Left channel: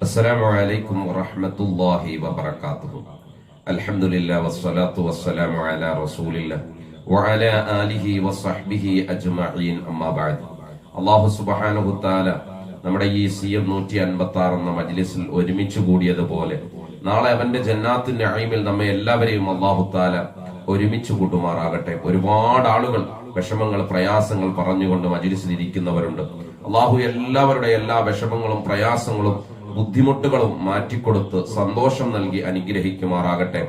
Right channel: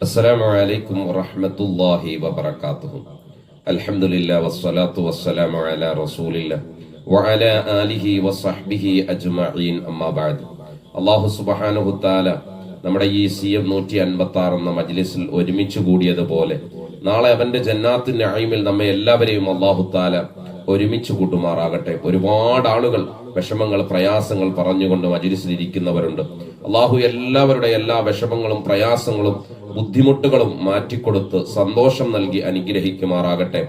السلام عليكم ورحمة الله وبركاته. الحمد لله والصلاة والسلام على رسول الله وعلى آله وصحبه أجمعين. أما بعد. അള്ളാഹു സുബ്ഹാനഹു തആല നമ്മുടെ ഈ CM 156 എന്ന മജ്ലിസിൽ ഒരുമിച്ച് കൂടിയതുപോലെ നാളെ അവന്റെ ജന്നാത്തുൻ നഈമിൽ നമ്മെ എല്ലാവരെയും അള്ളാഹു തആല ഒരുമിച്ച് കൂട്ടുമാറാകട്ടെ. ഒരുപാട് ആളുകൾ വിഷമങ്ങൾ, പ്രയാസങ്ങൾ പറഞ്ഞുകൊണ്ട് മജ്ലിസിൽ ഇരിക്കുന്നവരുണ്ട്. അള്ളാഹു എല്ലാവരുടെ എല്ലാ വിഷമങ്ങളും, പ്രയാസങ്ങളും, ബുദ്ധിമുട്ടുകളും മാറ്റിക്കൊടുത്ത് സന്തോഷം നൽകി അനുഗ്രഹിക്കുമാറാകട്ടെ.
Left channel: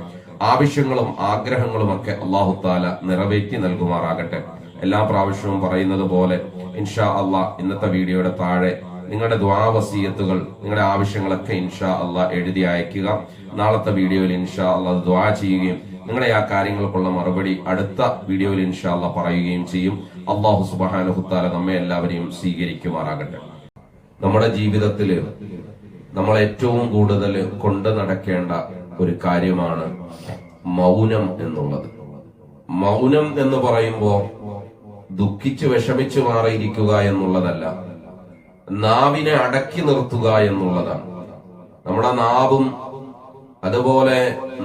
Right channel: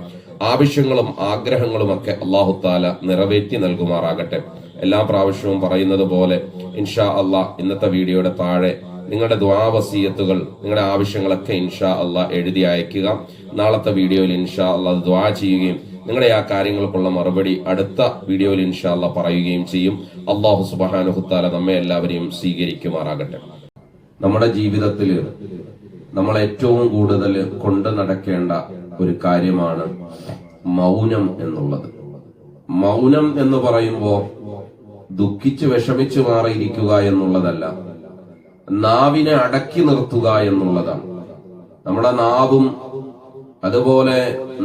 ആവശ്യങ്ങളും ആഗ്രഹങ്ങളും ഒക്കെ അള്ളാഹു താല നിറവേറ്റി നൽകുമാറാകട്ടെ. എല്ലാ പ്രാവശ്യവും പറയുന്നത് പോലെ ഇൻഷാ അള്ളാഹ് ഇന്നത്തെ വീഡിയോയുടെ താഴെ നിങ്ങളുടെ ദുആ വസിയത്തുകൾ, നിങ്ങളുടെ ആവശ്യങ്ങളൊക്കെ ഇൻഷാ അള്ളാഹ് എഴുതി അയക്കുക. നാളത്തെ വീഡിയോയിൽ ഇൻഷാ അള്ളാഹ് ദുആ ചെയ്യുകയും നിങ്ങളുടെ ആ കാര്യങ്ങൾക്കുള്ള മറുപടി അടുത്ത വീഡിയോയിൽ ഇൻഷാ അള്ളാഹ് പറയുകയും ചെയ്യും. അല്ലാഹു സുബ്ഹാനഹു തആല നമ്മെ എല്ലാവരെയും സ്വീകരിക്കുമാറാകട്ടെ. നമ്മുടെ ജീവിതത്തിൽ നമ്മൾ ഏറ്റവും കൂടുതൽ കൊണ്ടു നടക്കേണ്ട ഒരു കാര്യമാണ് മൗനം എന്നുള്ളത്. മൗനം എന്ന് പറയുമ്പോൾ ദുഃഖിച്ച് വിഷമിച്ചു മാറിയിരിക്കുക എന്നുള്ളതല്ല, നാവിനെ അടക്കി നിർത്തുക എന്നുള്ളതാണ്. നമ്മുടെ നാവും അതുപോലെ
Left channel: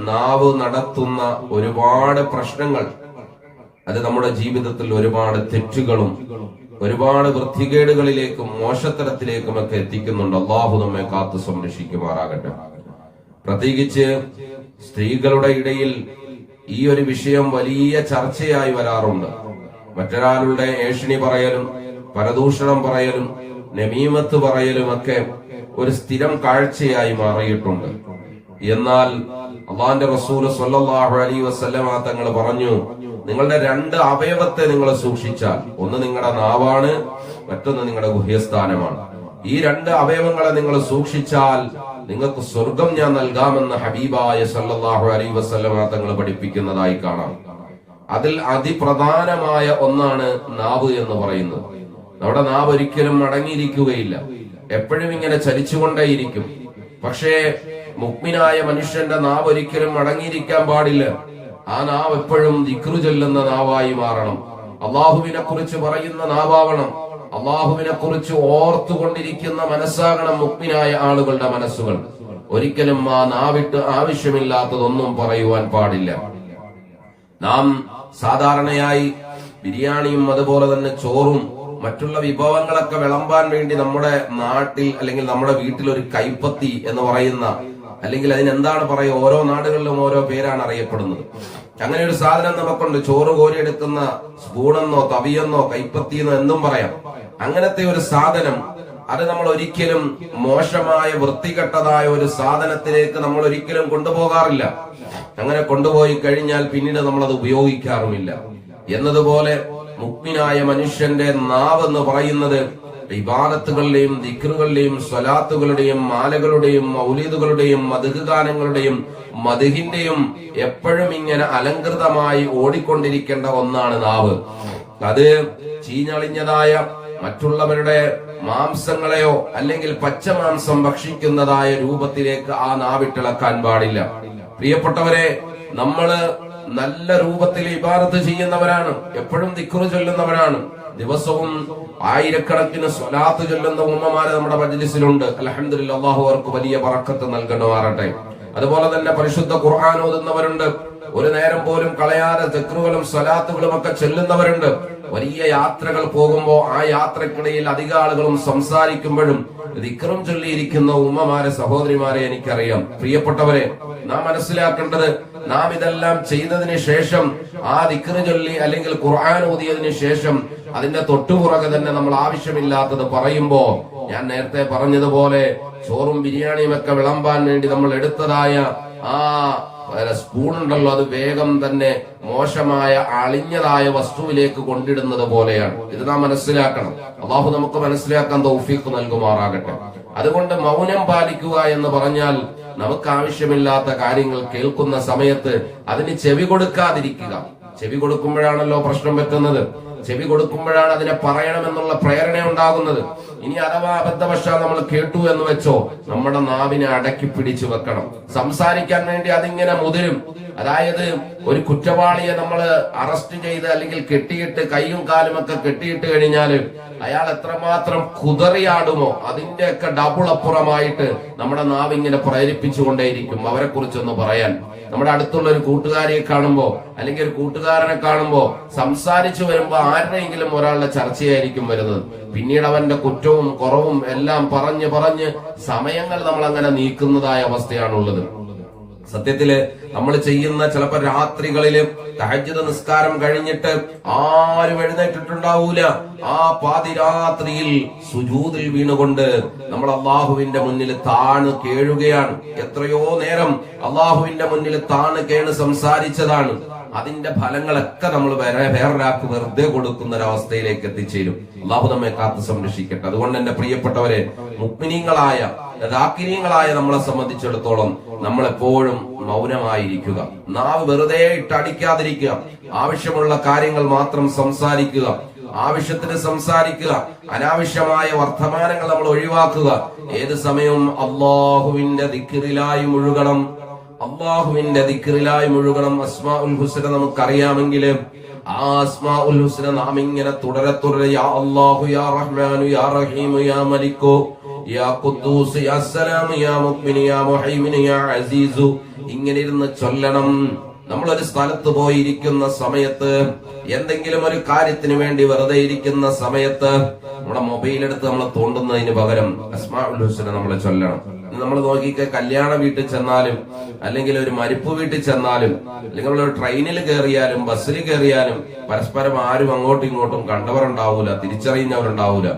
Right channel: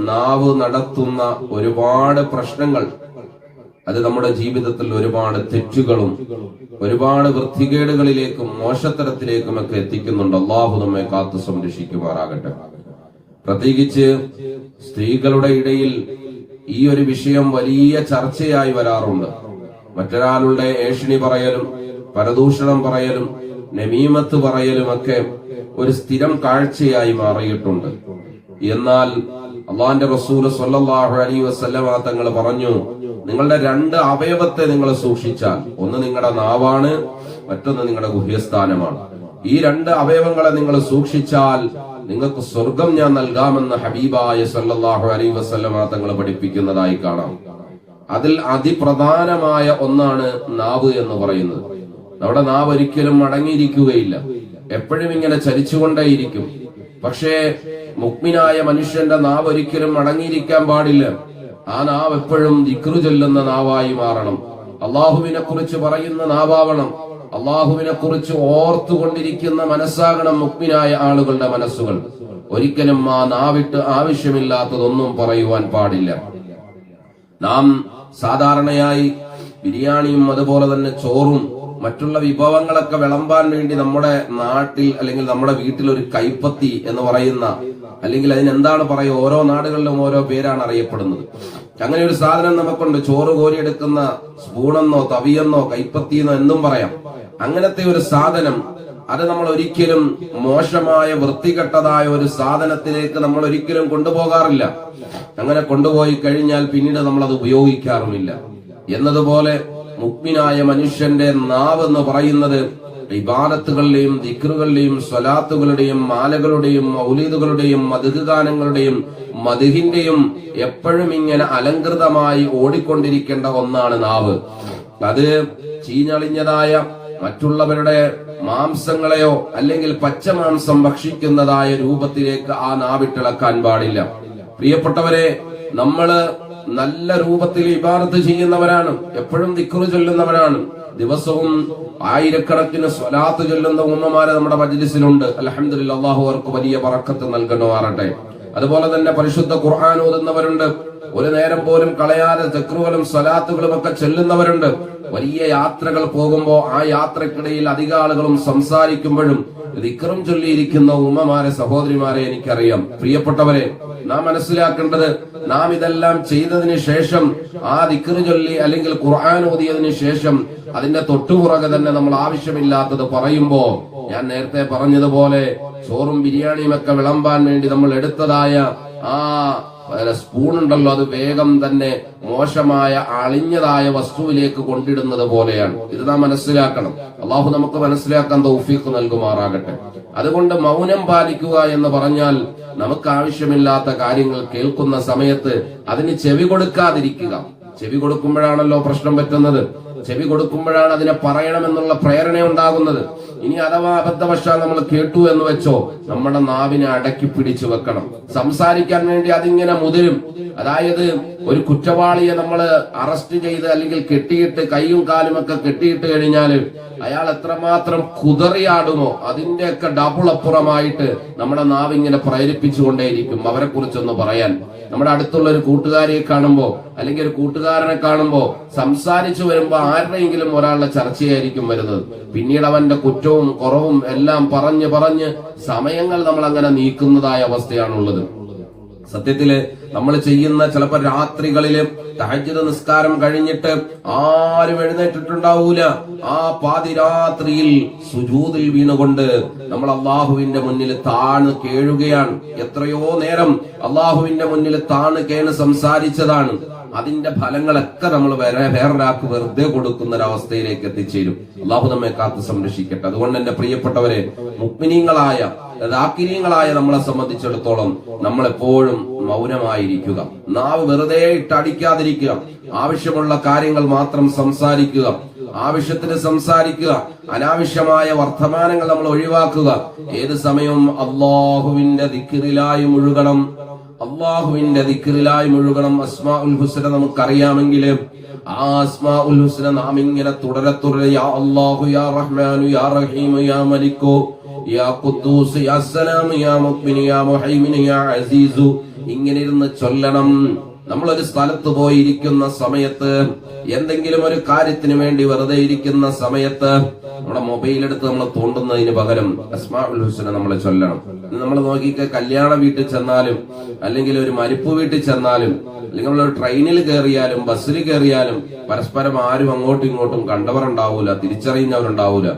നാവ് നടത്തുന്ന ഒരുപാട് പ്രശ്നങ്ങൾ, അത് നമ്മുടെ ജീവിതത്തിൽ ഒരുപാട് തെറ്റുകളും ഒരുപാട് വൃത്തികേടുകളിലേക്കും മോശത്തരത്തിലേക്കും ഒക്കെ എത്തിക്കുന്നുണ്ട്. അള്ളാഹു നമ്മെ കാത്തു സംരക്ഷിക്കുമാറാകട്ടെ. പ്രത്യേകിച്ച് സ്ത്രീകളുടെ ഇടയിൽ ഈ ഒരു വിഷയം വലിയ ചർച്ചയായി വരാറുണ്ട്. മറ്റൊരാളുടെ ഏഷണി പറയലും, പരദൂഷണം പറയലും, നമീമത്ത് പറയലും ഒക്കെ ഒരു സ്ഥിരം കാഴ്ചയായി മാറിയിട്ടുണ്ട്. എന്നാൽ അള്ളാന്റെ റസൂൽ സ്വല്ലല്ലാഹു അലൈഹി വസല്ലമ തങ്ങൾ പറഞ്ഞു, നിങ്ങളുടെ രണ്ട് അവയവത്തെ നിങ്ങൾ സൂക്ഷിച്ചാൽ, ഒന്ന് നിങ്ങളുടെ നാവാണ്, മറ്റൊന്ന് നിങ്ങളുടെ ഗുഹ്യസ്ഥാനമാണ്. ഈ രണ്ട് അവയവങ്ങളെ നിങ്ങൾ സൂക്ഷിച്ചാൽ നിങ്ങൾക്ക് സ്വർഗം ഞാൻ നൽകാമെന്ന് ഹബീബായ സല്ലല്ലാഹു അലൈഹി വസല്ലമ തങ്ങൾ പഠിപ്പിക്കുന്നതായി കാണാം. അതിൽ അതിപ്രധാനമായ ഒന്നാണ് നാവ് എന്ന് പറയുന്നത്. നമ്മുടെ നാവ് ഒരിക്കലും അടങ്ങിയിരിക്കുകയില്ല, എപ്പോഴും ഇങ്ങനെ ചലിച്ചുകൊണ്ടേയിരിക്കും. പക്ഷേ മുഅ്മിനായ മനുഷ്യന്റെ നാവ് ഒരിക്കലും അടങ്ങിയിരിക്കാൻ പാടില്ല. ആ നാവ് എപ്പോഴും ദിക്റ് ചൊല്ലുന്ന നാവായി മാറണം. അള്ളാഹുവിനെ കുറിച്ച് പറയുന്ന നാവാവണം. അള്ളാഹുവിനെ കുറിച്ച് ഓർത്തുകൊണ്ടിരിക്കുന്ന മനസ്സാകണം മുഅ്മിനായ ആളുകളുടെ മനസ്സുകൾ. ഒരിക്കലും ആ നാവിട്ട് ആവശ്യമില്ലാത്തതൊന്നും പറയുവാൻ പാടില്ല. നാം സാധാരണയായി ബിരിയാണിയും അതുപോലെ തന്നെ ചോറും മറ്റുള്ള വിഭവങ്ങളൊക്കെ വിളമ്പാൻ വേണ്ടി നമ്മുടെ നാട്ടിൽ അല്ലെങ്കിൽ നമ്മുടെ വീട്ടിൽ ഒരു കൈപ്പത്തി എന്ന് പറയുന്ന, അല്ലെങ്കിൽ അതിനെന്താണ് പറയുക, ഓരോ നാടുകളിലും ഓരോ പേരാണ് അറിയപ്പെടുന്നത്. അങ്ങനെ ഒരു സാധനം നമുക്കുണ്ട്. ചോറ് കോരിയെടുക്കുന്ന സ്പൂണെന്നോ തവിയെന്നോ കൈപ്പത്തിയെന്നോ എന്തും പറയാം. അങ്ങനത്തെ ഒരു സാധനം, അത് നമ്മൾ ഒരിക്കലും മോശമായ വൃത്തികെട്ടതായ ഒരു സാധനത്തിലേക്ക് നമ്മൾ ഒരിക്കലും കൊണ്ടുപോകാറില്ല. അങ്ങനെ കൊണ്ടുപോയി കഴിഞ്ഞാൽ പിന്നീട് നമ്മൾ അത് ഉപയോഗിക്കാറുമില്ല. എന്നതുപോലെ മുഅ്മിനായ മനുഷ്യന്റെ നാവ് എന്ന് പറയുന്നത് ഇബാദത്തുകളുടെയും ദിക്റുകളുടെയും സ്വലാത്തുകളുടെയും മാലകളുടെയും മൗലീദുകളുടെയും മദ്ഹ് ഗാനങ്ങളുടെയും മദ്ഹിന്റെയും എപ്പോഴും ഇങ്ങനെ അലങ്കൃതമായി ഓടിക്കൊണ്ടിരിക്കേണ്ട ഒന്നാണ് നാവ്. അത് ചീഞ്ഞളിഞ്ഞതായ മറ്റുള്ളവരുടെ മാംസങ്ങളെയോ അല്ലെങ്കിൽ പച്ചമാംസം ഭക്ഷിക്കുന്നതായ രൂപത്തിലേക്ക് ആ നാവിട്ടിളക്കാൻ പാടില്ല. പ്രിയപ്പെട്ടവരെ, നമ്മള് നല്ല രൂപത്തിൽ ഇബാദത്ത് ചെയ്യുന്നവരാണ്, എപ്പോഴും ദിക്റ് ചൊല്ലുന്നവരാണ്. ദിവസവും ആയിരക്കണക്കിന് സ്വലാത്ത് ചൊല്ലുന്ന ഉമ്മമാരെ നമ്മുടെ മജ്ലിസിലുണ്ട്. അൽഹംദുലില്ലാഹ്, അല്ലാഹു അവർക്ക് വലിയ ബറക്കത്ത് നൽകണമാറട്ടെ. അതുപോലെ തന്നെ പരിശുദ്ധ ഖുർആൻ ഓതുന്നവരുണ്ട്. ഒരു നേരം പോലും കളയാതെ ദിക്റുകളും സ്വലാത്തുകളും ഒക്കെ ചൊല്ലുന്നവരുണ്ട്. വലിയ യാത്രകൾ പോകുമ്പോ ആ യാത്രക്കിടയിൽ അധിക ആളുകളും സംസാരിക്കുമ്പോഴും ദിക്റും ചൊല്ലിയിരിക്കുന്ന ഉമ്മമാരെ, സഹോദരിമാരെ എനിക്കറിയാം. പ്രിയപ്പെട്ടവരെ, നാം മനസ്സിലാക്കേണ്ടത്, നാം ഇതെല്ലാം ചെയ്തതിന് ശേഷം, ആ ദിക്റ് ചൊല്ലി അല്ലെങ്കിൽ ഖുർആൻ ഓതിയതിനു ശേഷം അതിന്റെ തൊട്ടുപുറകെ തന്നെ നമ്മൾ ആവശ്യമില്ലാത്തത് പറയുമ്പോ, ഞാൻ നേരത്തെ പറഞ്ഞതുപോലെ ചോറും ബിരിയാണിയും ഒക്കെ വിളമ്പാൻ വേണ്ടി നമ്മൾ എടുത്തതായ ആ സ്പൂൺ ഉണ്ടല്ലോ, അത് വേഗം തന്നെ മോശമായ അളിഞ്ഞതായ വസ്തുവിലേക്ക് കൊണ്ടിടുന്നത് പോലെയാണ്. ഇത് നാം മനസ്സിലാക്കണം. അള്ളാഹു നമുക്ക് മനസ്സിലാക്കാൻ തൗഫീഖ് നൽകുമാറാകട്ടെ. അതുകൊണ്ട് മൗനം പാലിക്കുക എന്ന് പറഞ്ഞാൽ നമുക്ക് ആവശ്യമില്ലാത്ത കാര്യങ്ങൾ കേൾക്കുന്ന സമയത്ത് അതിന് ചെവി കൊടുക്കാതിരിക്കുക. ചെവി കൊടുക്കുമ്പോഴാണല്ലോ പ്രശ്നം പറ്റുന്നത്. ചെവി കൊടുക്കുമ്പോഴാണ് അതിനെ പറയണമെന്നുള്ള പ്രേരണ ഉണ്ടാകുന്നത്. ഇനി അഥവാ അബദ്ധവശാൽ നമ്മൾ കേട്ടു എന്ന് വെച്ചോ, നമ്മുടെ നാവിനെ അടക്കി പിടിച്ചു വെക്കണം. സംസാരിക്കാൻ വേണ്ടി അതിങ്ങനെ മുതിരും. അതായത് ഒരു കുറ്റവാളിയെ നമ്മൾ അറസ്റ്റ് ചെയ്ത് അല്ലെങ്കിൽ കെട്ടിയിട്ട് കൈയും കാലും ഒക്കെ കെട്ടിയിട്ട് കഴിഞ്ഞാൽ അയാൾ എത്രമാത്രം കുതറിയാടുമോ അതിന്റെയൊക്കെ ഡബിൾ അപ്പുറമായിട്ട് നമ്മുടെ നാവ് ഇങ്ങനെ പ്രേരിപ്പിച്ചുകൊണ്ടേയിരിക്കും അവരെ കുറിച്ചൊന്ന് പറയാൻ. നമ്മുടെ അടുത്തുള്ള ഒരു കൂട്ടുകാരിയെ കാണുമ്പോ അല്ലെങ്കിൽ ഒരു കൂട്ടുകാരനെ കാണുമ്പോ സംസാരിച്ചു വരുമ്പോ ആരുടെയെങ്കിലും ഒരാളുടെ ചർച്ചയായിരിക്കും വരുന്നത്. പിന്നീട് അവന്റെ കുറ്റവും കുറവും എല്ലാം പറഞ്ഞ് സമയങ്ങൾ നമ്മൾ അങ്ങനെ നീക്കുന്നതായ അവസ്ഥയാണുള്ളത്. സത്യത്തില് നമ്മൾ ചെയ്യുന്ന ചിലപ്പോ രാത്രികളില് തഹജ്ജുദ് നിസ്കാരം കഴിഞ്ഞിട്ട് ആരും എഴുന്നേറ്റിട്ടുണ്ടാവൂല. ആ പാതിരാത്രിയിൽ സുജൂദിൽ വീണുകൊണ്ട് നമ്മൾ അള്ളാഹുവിന്റെ മുന്നിൽ താണു കേഴുകയാണ്. എത്രയോ നേരം അള്ളാഹുവിന്റെ മുന്നിൽ താണു കേണ് സംസാരിച്ചതാണ്. അതിന്റെ ഫലങ്ങളൊക്കെ നമ്മൾ വേറൊരാൾക്ക് വെറുതെ കൊടുക്കുന്ന ഒരവസ്ഥയിലേക്ക് എത്തിച്ചേരും. അള്ളാഹു നമ്മെ കാത്തു സംരക്ഷിക്കട്ടെ. അതുകൊണ്ട് എന്റെ പ്രിയപ്പെട്ടവരെ, മുഅ്മിനീങ്ങളായ ദാക്കിരീങ്ങളായ നമ്മളെ സംബന്ധിച്ചിടത്തോളം നമ്മൾ എപ്പോഴും മൗനമായിരിക്കുക. നാവ് വെറുതെ ഇട്ടടിക്കാതിരിക്കുക. ആവശ്യമുള്ള കാര്യങ്ങൾ മാത്രം സംസാരിക്കുക. ആവശ്യത്തിന് സംസാരിക്കുക. അനാവശ്യമായ വർത്തമാനങ്ങൾ നമ്മൾ ഒഴിവാക്കുക. ഏത് സമയവും അള്ളാഹുവിന്റെ ദിക്റിലായി മുഴുകണം. അള്ളാഹുവിന്റെ ദിക്റിലായി മുഴുകണം. അസ്മാഉൽ ഹുസ്ന നമുക്കറിയാമെങ്കിൽ ആ അസ്മാഉൽ ഹുസ്ന നാം ഇങ്ങനെ തുടരെ യാ അല്ലാഹു യാ റഹ്മാനു യാ റഹീമു യാ മലിക്കു യാ ഖുദ്ദൂസ് യാ സലാമു യാ മുഅ്മിനു യാ മുഹൈമിനു യാ അസീസു ഇങ്ങനെ ഇരുന്ന് ചൊല്ലണം. നമ്മളൊരു സ്ഥലത്ത് പോയിരിക്കുന്ന സമയത്ത്, എന്തെങ്കിലും ഒരു കാര്യത്തിന് വേണ്ടി വെറുതെ ഇരിക്കുന്ന സമയത്ത് നമ്മുടെ മൊബൈൽ എടുത്ത് നമ്മൾ തോണ്ടുന്നതിന് പകരം അസ്മാഉൽ ഹുസ്ന നമ്മൾ ചൊല്ലണം. നമ്മൾ നോക്കിക്ക, കല്യാണ വീട്ടിൽ ചെന്നാലും അല്ലെങ്കിൽ ഒരു മരിപ്പ് വീട്ടിൽ ചെന്നാലും അല്ലെങ്കിൽ നമ്മളൊരു ട്രെയിനിൽ കയറിയാലും ബസ്സിൽ കയറിയാലും പരസ്പരം ആരും അങ്ങോട്ടും ഇങ്ങോട്ടും കണ്ടവരുണ്ടാവൂല, തിരിച്ചറിയുന്നവരുണ്ടാവൂല.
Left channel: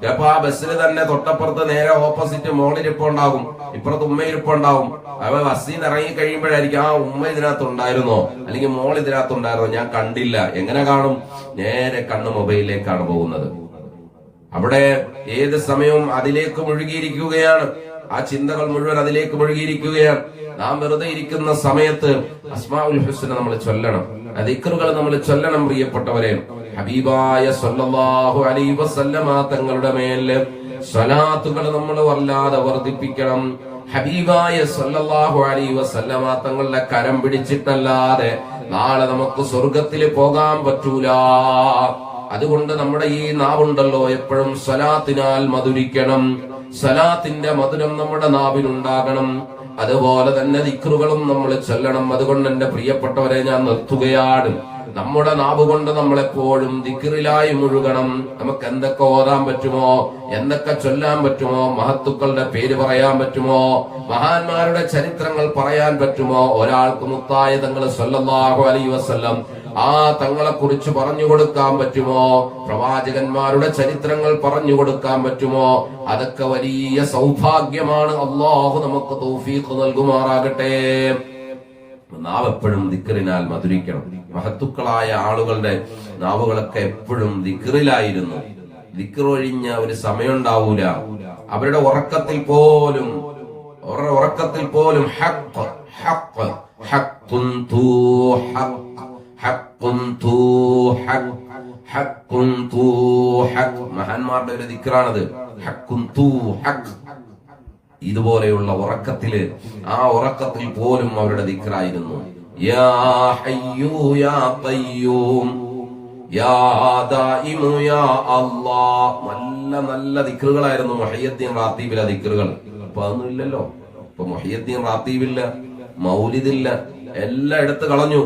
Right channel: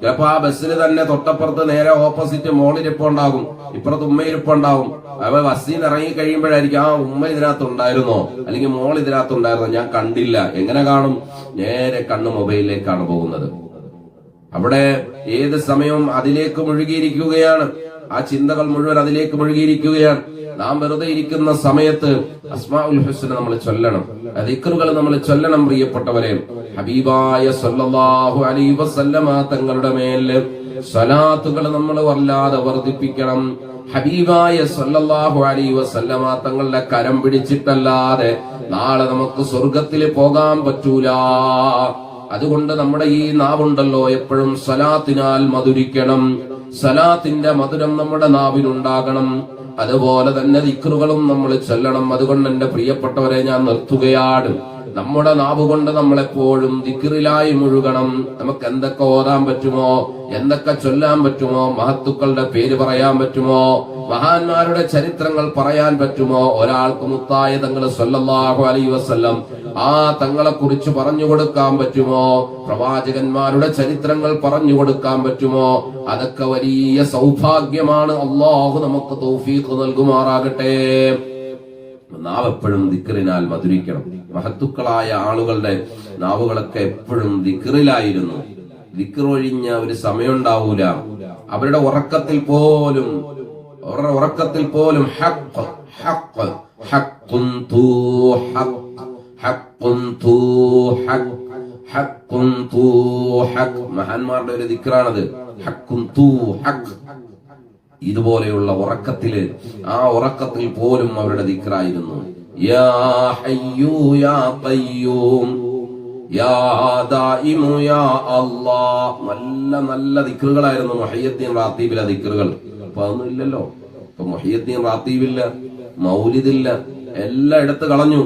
ചിലപ്പോ ആ ബസ്സിൽ തന്നെ തൊട്ടപ്പുറത്ത് നേരെ ഓപ്പോസിറ്റ് മോളിരിപ്പുണ്ടാകും, ഇപ്പുറത്ത് ഉമ്മയിരിപ്പുണ്ടാവും. അവ ബസ്സിൽ നിന്ന് ഇറങ്ങി കഴിയുമ്പോഴായിരിക്കും ആ ഉമ്മ ഇതിനകത്ത് ഉണ്ടായിരുന്നോ അല്ലെങ്കിൽ മോൾ ഇതിനകത്ത് ഉണ്ടായിരുന്നോ, ഞാൻ കണ്ടില്ല. എങ്ങനെ കാണും? നേരെ കണ്ണ് മൊബൈലിലേക്കാണ് പോകുന്നത്. അവിടെ ഏത് സമയവും അതിലേക്ക് മുഴുകിയിരിക്കുകയാണ്. ആ ചിന്തകൾ മുഴുവൻ അതിലേക്ക് മുഴുകിയിരിക്കുകയാണ്. നാം വെറുതെ ഇരിക്കുന്ന സമയത്ത് അസ്മാഉൽ ഹുസ്ന നമ്മൾ ചൊല്ലണം. ദിക്റുകൾ നമ്മൾ ചൊല്ലണം. പ്രിയപ്പെട്ടവരെ, ഹബീബായ സല്ലല്ലാഹു അലൈഹി വസല്ലമ തങ്ങളുടെ മേൽ സ്വലാത്തുകൾ നമ്മൾ വല്ലാതെ വർദ്ധിപ്പിക്കണം. ഹബീബായ സല്ലല്ലാഹു അലൈഹി വസല്ലമ തങ്ങളുടെ കരം പിടിച്ചിട്ടല്ലാതെ നാളെ നമുക്ക് സ്വർഗത്തിൽ പോകാൻ പറ്റൂല. അതുകൊണ്ട് നമ്മുടെ ഈ നാവുണ്ടല്ലോ എപ്പോഴും സ്വലാത്തിനാൽ മധുരിക്കണം. സ്വലാത്തിന്റെ മധുരം നമ്മുടെ നാവിലുണ്ടാകണം. അതുപോലെ തന്നെ ദിക്റുകളും നമ്മൾ ചൊല്ലണം. അതുകൊണ്ട് എന്റെ പ്രിയപ്പെട്ടവരെ, ഞാൻ നിർത്തുകയാണ്. നമ്മുടെ നാവ് കൊണ്ട് നമ്മളെപ്പോഴും ദിക്റിലായി മുഴുകണം. നമുക്ക് എന്തൊക്കെ ഓതാൻ പറ്റുമോ, എന്തൊക്കെ ചൊല്ലാൻ പറ്റുമോ, മഹത്തുക്കളുടെ പേര് പറയാൻ പറ്റുമോ, മഹാന്മാരുടെ ചരിത്രങ്ങൾ പറയാൻ പറ്റുമോ, ഒരാൾക്ക് മുത്തായ തങ്ങൾ സല്ലല്ലാഹു അലൈഹി വസല്ലം ആ തങ്ങളെ കുറിച്ച് പറഞ്ഞു കൊടുക്കാൻ പറ്റുമോ, പ്രവാചകന്മാരുടെ ചരിത്രങ്ങൾ പറഞ്ഞു കൊടുക്കാൻ പറ്റുമോ, അതൊക്കെ വലിയ സൗഭാഗ്യമാണ്. അല്ലാഹു നമുക്ക് തൗഫീഖ് നൽകുമാറാകട്ടെ. നാവ് എപ്പോഴും ദിക്റിനാൽ മധുരിക്കണം. മഹത്തുക്കളായ ആളുകളുടെ നാവുകളൊക്കെ എപ്പോഴും ദിക്റിലായിരുന്നു. ദിക്റൊഴിഞ്ഞ ഒരു സമയം ഉണ്ടാവൂല. അവരുടെ ഉറക്കത്തിൽ പോലും ഹഖ് ഹഖ് ഹഖ്ഖുൻ തു ഹഖ് ഹഖ്ഖുൻ തു ഹഖ് ഹഖ്ഖുൻ തു ഹഖ്. മഹാന്മാരുടെ ഒരു ദിക്റാണത്. ഹഖ്ഖുൻ തു ഹഖ്. ഇതുപോലെയുള്ള ഉറക്കത്തില്, ആ ഉറക്കത്തിൽ പോലും അവരുടെ ദിക്റായിരുന്നു. യാ ഹയ്യു യാ ഖയ്യൂം യാ ദായിമു യാ അല്ലാഹ്. നല്ല നല്ല ദിക്റുകളായിരുന്നു മുഹയ്യദ്ദീൻ റാത്തീബിലെ ദിക്റുകൾ. ഇപ്പൊ അതൊന്നും ഇല്ലല്ലോ. ഇപ്പൊ മുഹയ്യദ്ദീൻ റാത്തീബില്ല, മൗലിദില്ല, എല്ലാം എടുത്തു കളഞ്ഞു.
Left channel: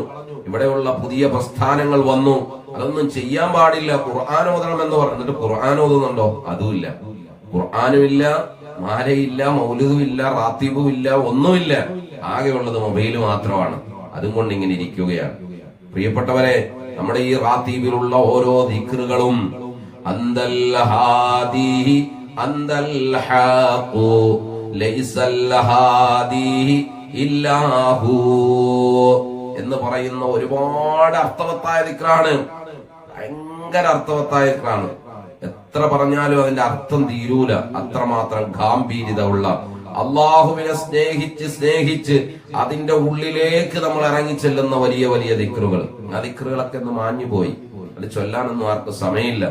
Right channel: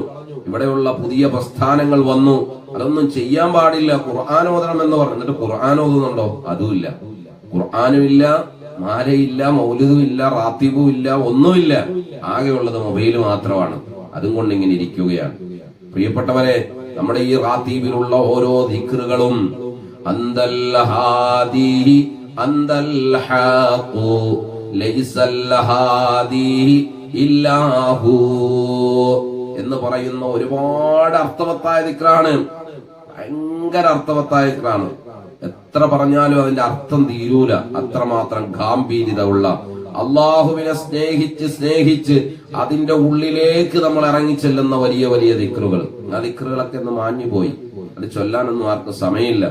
ഇവിടെയുള്ള പുതിയ പ്രസ്ഥാനങ്ങൾ വന്നു. അതൊന്നും ചെയ്യാൻ പാടില്ല. ഖുർആൻ ഓതണം എന്ന് പറഞ്ഞു. എന്നിട്ട് ഖുർആൻ ഓതുന്നുണ്ടോ? അതുമില്ല. ഖുർആനുമില്ല, മാലയില്ല, മൗലിദും ഇല്ല, റാത്തീബും ഇല്ല, ഒന്നുമില്ല. ആകെയുള്ളത് മൊബൈല് മാത്രമാണ്. അതും കൊണ്ട് ഇങ്ങനെ ഇരിക്കുകയാണ്. പ്രിയപ്പെട്ടവരെ, നമ്മുടെ ഈ റാത്തീബിലുള്ള ഓരോ ദിക്റുകളും അന്തൽ ഹാദി അന്തൽ ഹഖു ലൈസൽ ഹാദി ഇല്ലാഹു എന്ന് പറയുന്ന ഒരുപാട് അർത്ഥവത്തായ ദിക്റാണ്. ഭയങ്കര അർത്ഥവത്തായ ദിക്റാണ്. എത്ര പറഞ്ഞാലും അതിന്റെ അർത്ഥം തീരൂല. അത്രമാത്രം ഗാംഭീര്യതയുള്ള, അള്ളാഹുവിനെ സ്നേഹിച്ച് അതിന്റെ ഉള്ളിലേക്ക് നമ്മൾ ഇറങ്ങിച്ചെല്ലുന്ന വലിയ വലിയ ദിക്റുകൾ. ആ ദിക്റുകളൊക്കെ ഒന്ന് മാഞ്ഞുപോയി. അത് ചൊല്ലാനൊന്നും ആർക്കും സമയമില്ല.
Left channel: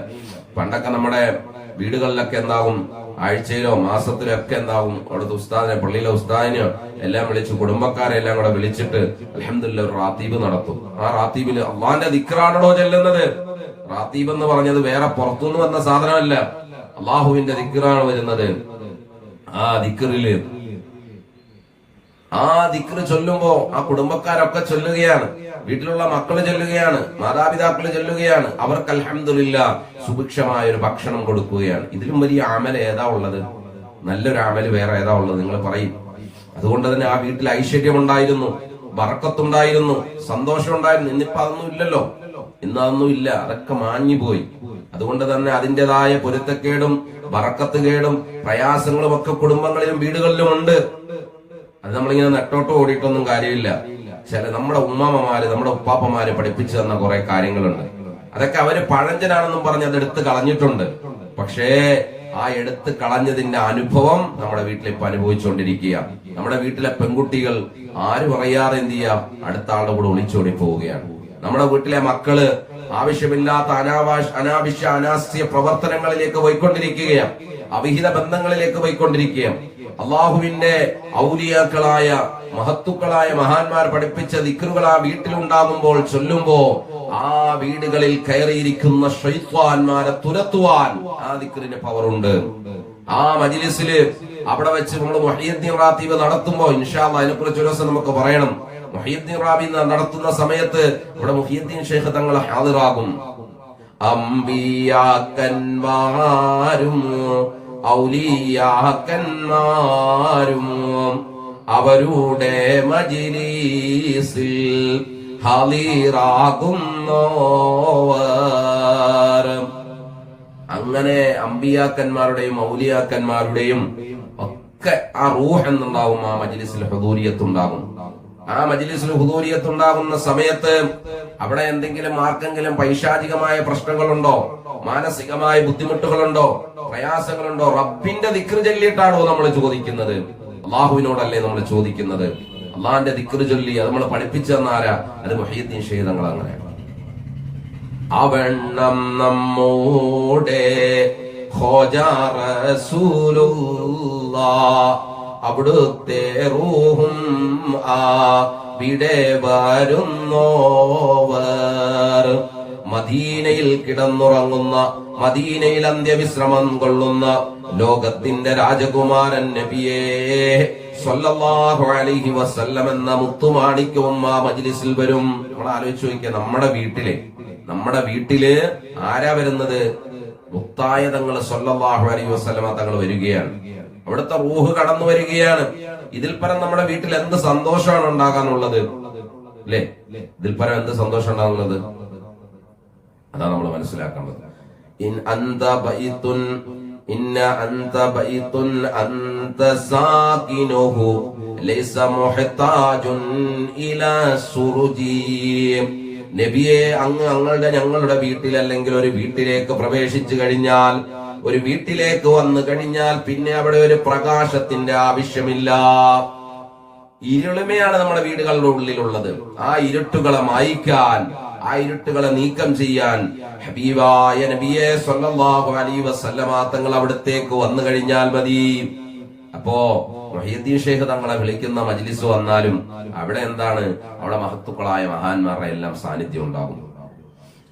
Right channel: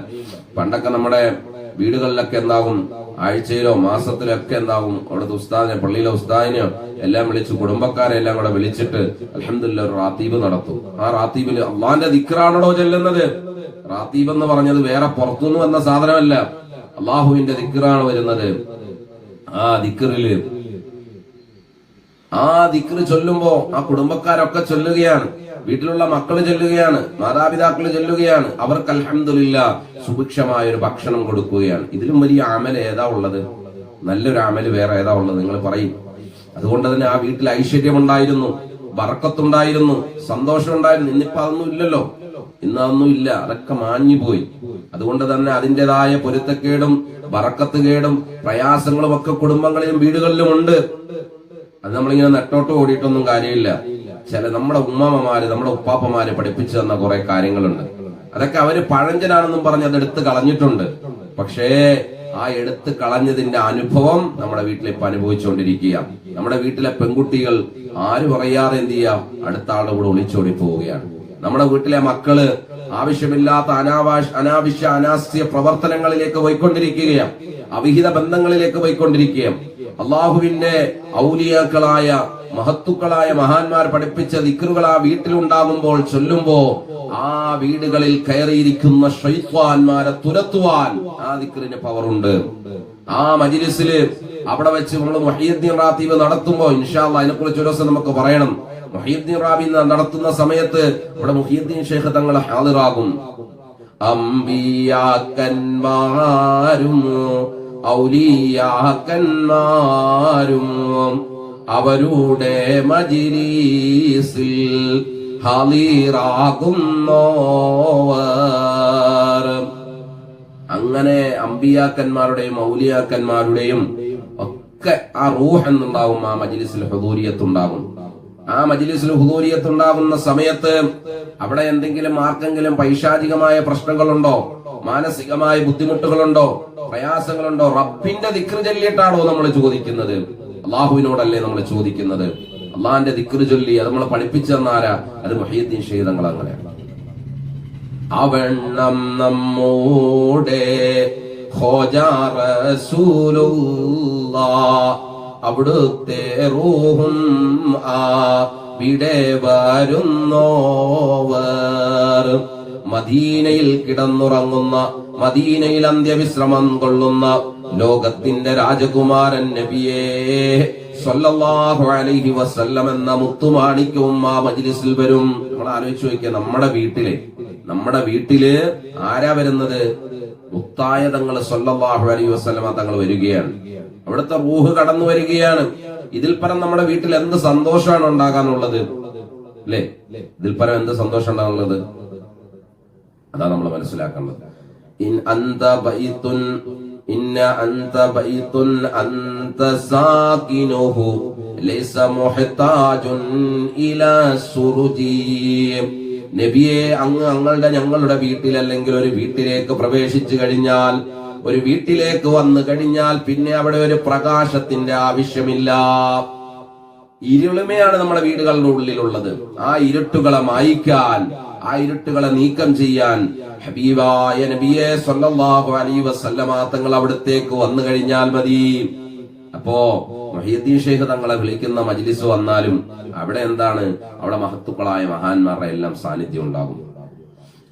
പണ്ടൊക്കെ നമ്മുടെ വീടുകളിലൊക്കെ എന്താകും, ആഴ്ചയിലോ മാസത്തിലോ ഒക്കെ എന്താകും, അവിടുത്തെ ഉസ്താദിനെ, പള്ളിയിലെ ഉസ്താദിനെയോ എല്ലാം വിളിച്ച്, കുടുംബക്കാരെ എല്ലാം കൂടെ വിളിച്ചിട്ട് അൽഹംദുലില്ലാഹ് ഒരു റാത്തീബ് നടത്തും. ആ റാത്തീബില് അള്ളാന്റെ ദിക്റാണോ ചെല്ലുന്നത്? റാത്തീബ് എന്ന് പറഞ്ഞത് വേറെ പുറത്തുനിന്ന് വന്ന സാധനമല്ല, അള്ളാഹുവിന്റെ ദിക്റാണ് വരുന്നത്. ആ ദിക്റ് ചൊല്ലുമ്പോ ആ കുടുംബക്കാരൊക്കെ ചൊല്ലുകയാണ്, വീട്ടിലുള്ള മക്കള് ചൊല്ലുകയാണ്, മാതാപിതാക്കള് ചൊല്ലുകയാണ്. അവർക്ക് അൽഹംദുലില്ലാ സുഭിക്ഷമായ ഒരു ഭക്ഷണം കൊടുക്കുകയാണ്. ഇതിലും വലിയ അമൽ ഏതാ ഉള്ളത്? നല്ലൊരു അമൽ വേറെ ഏതാ ഉള്ളത്? നിങ്ങൾ പറയും. അതുകൊണ്ട് തന്നെ ആ വീട്ടിൽ ഐശ്വര്യമുണ്ടായിരുന്നു, ബർക്കത്തുണ്ടായിരുന്നു, സന്തോഷമുണ്ടായിരുന്നു. ഇന്നിപ്പോ അതൊന്നും ഇല്ലല്ലോ, ഇന്ന് അതൊന്നും ഇല്ല, അതൊക്കെ മാഞ്ഞുപോയി. അതുകൊണ്ട് തന്നെ അതിൻ്റെതായ പൊരുത്തക്കേടും ബറക്കത്ത് കേടും പ്രയാസങ്ങളും ഒക്കെ കുടുംബങ്ങളിലും വീടുകളിലും ഉണ്ട്. അത് നമ്മളിങ്ങനെ നെട്ടോട്ട് ഓടിയിട്ടൊന്നും കാര്യമില്ല. നമ്മുടെ ഉമ്മാമ്മമാര് നമ്മുടെ ഉപ്പാപ്പമാര് പഠിപ്പിച്ചു തന്ന കുറെ കാര്യങ്ങളുണ്ട്. അതൊക്കെ അവര് പഴഞ്ചനാണെന്നും പറഞ്ഞ് അതെടുത്ത് കളഞ്ഞിട്ടുണ്ട്. പക്ഷേ ആ എടുത്ത് കളഞ്ഞതിന്റെ അനുഭവം നമ്മുടെ വീട്ടിൽ ഇപ്പൊ അനുഭവിച്ചുകൊണ്ടിരിക്കുക. നമ്മുടെ വീട്ടിലെ പെൺകുട്ടികൾ ആരും അറിയാതെ എന്ത് ചെയ്യാം, അടുത്ത ആളുടെ കൂടെ ഒളിച്ചോടി പോവുകയാണ്. നമ്മുടെ വീട്ടിലെ മക്കള് ആവശ്യമില്ലാത്ത അനാവശ്യ പ്രവർത്തനങ്ങളിലേക്ക് പോയിക്കൊണ്ടിരിക്കുകയാണ്, അവിഹിത ബന്ധങ്ങളിലേക്ക് പോയിക്കൊണ്ടിരിക്കുകയാണ്. അള്ളാഹുവിന്റെ ഔലിയാക്കളായ മഹത്തുക്കളായ മഹാന്മാർ പഠിപ്പിച്ച ദിക്റുകൾ ആ വീട്ടിലുണ്ടാകുമ്പോൾ ചൊല്ലുമ്പോ ആ വീടുകളിൽ കയറിയിരിക്കുന്ന ശൈത്വാന്മാരെ തുരത്തുവാൻ ആ ദിക്റിന്റെ പവറുണ്ട്. ആ മജ്ലിസില് അവിടെ വെച്ച് നമ്മൾ മുഹയ്യിദ്ദീൻ റാത്തീബ് നടത്തുമ്പോ ഇൻഷാ അല്ലാഹ് അതിനെക്കുറിച്ച് ഒരു ദിവസം നമുക്ക് പറയണം. മുഹയ്യിദ്ദീൻ റാത്തീബ് നടത്തുന്ന സമയത്ത് ഇവിടെ മുഹയ്യിദ്ദീൻ ശൈഖ് തങ്ങൾ ഹാദിറാകും. അംബിയാക്കന്മാരും ഔലിയാക്കന്മാരും അവരുടെ മജ്ലിസിൽ ഹാദിറാകുന്നവർ. അങ്ങനെ അമ്പിയാക്കന്മാരുടെയും ഔലിയാക്കന്മാരുടെയും ഒക്കെ ആ റൂഹ് എന്നുണ്ടാവും. ആ മജ്ലിസിൽ ഹുദൂരിയത്തുണ്ടാകും. ആ മജ്ലിസിൽ ഹുദൂരിയത്തുണ്ടാകുന്ന സമയത്ത് അവിടെ എന്തെങ്കിലും ആർക്കെങ്കിലും പൈശാചികമായ പ്രശ്നങ്ങളുണ്ടോ, മാനസികമായ ബുദ്ധിമുട്ടുകളുണ്ടോ, പ്രയാസങ്ങളുണ്ടോ, റബ്ബിന്റെ ദിക്ർ ചൊല്ലിയിട്ടാണോ നമ്മൾ ചോദിക്കുന്നത്? അള്ളാഹുവിനോടല്ലേ നമ്മൾ ചോദിക്കുന്നത്? അള്ളാഹിന്റെ ദിക്ർ ചൊല്ലി അത് നമ്മൾ പഠിപ്പിച്ചു തന്നാരാ? അത് മുഹയ്യിദ്ദീൻ ശൈഖ് തങ്ങൾ അങ്ങനെയാണ്. അവണ്ണം നമ്മൂടെ ഖോജാ റസൂലുള്ളാഹ് അവിടുത്തെ റൂഹും അവിടെ വരുന്നോവർ. മദീനയിൽ കിടന്നുറങ്ങുന്ന, മദീനയിൽ അന്ത്യവിശ്രമം കൊള്ളുന്ന ലോകത്തിന്റെ രാജകുമാരൻ നബിയേ സ്വല്ലല്ലാഹു അലൈഹി വസല്ലം എന്ന മുത്തുമാണിക്യവും ആ മജ്ലിസിൽ വരും. നമ്മൾ ആലോചിച്ച് നോക്കിയാൽ നമ്മുടെ വീട്ടില് ആരാ വരുന്നത്? മുത്തായ തങ്ങൾ സ്വല്ലല്ലാഹു അലൈഹി വസല്ലം തങ്ങൾ വരികയാണ്. അവിടുത്തെ റൂഹ് കടന്നു വരികയാണ്. ഇതിൽ പരം നമ്മുടെ വീട്ടിൽ എന്ത് സന്തോഷമാണ് ഉണ്ടാകാനുള്ളത്? അല്ലേ? ഇതിൽ പരം എന്ത് സന്തോഷം ഉണ്ടാകുന്നത്? അതാണ് നമ്മൾ മനസ്സിലാക്കേണ്ടത്. ഇന്ന അന്ത ബൈതുൻ അന്ത സാകിനുഹു ലൈസ മുഹ്താജുൻ ഇലാ സുറുജി. നബിയെ, ഞങ്ങളുടെ വീട്ടിൽ അല്ലെങ്കിൽ ഒരു വീട്ടിലേക്ക് പ്രവേശിച്ചു കഴിഞ്ഞാൽ, ഒരു വീട്ടിലേക്ക് വന്നു കഴിഞ്ഞാൽ പിന്നെ അവിടെ ഒരു പ്രകാശത്തിന്റെ ആവശ്യമില്ല. ഇരുളിമയാണ് നമ്മുടെ വീടുകളുടെ ഉള്ളിലുള്ളത്. ആ ഇരുട്ടുകളെ മായ്ക്കാൻ, ആ ഇരുട്ടുകളെ നീക്കം ചെയ്യാൻ ഹബീബായ നബിയെ സ്വല്ലല്ലാഹു അലൈഹി വസല്ലമ തങ്ങൾ അവിടത്തേക്ക് വന്നു കഴിഞ്ഞാൽ മതി. അപ്പോ മുഹയ്യിദ്ദീൻ ശൈഖ് തങ്ങളെ വിളിക്കുന്ന മജ്ലിസ് വന്നാലും അവിടെ എന്താണ്? അവിടെ മഹത്തുക്കളായ മഹാന്മാരുടെ എല്ലാം സാന്നിധ്യം ഉണ്ടാകും.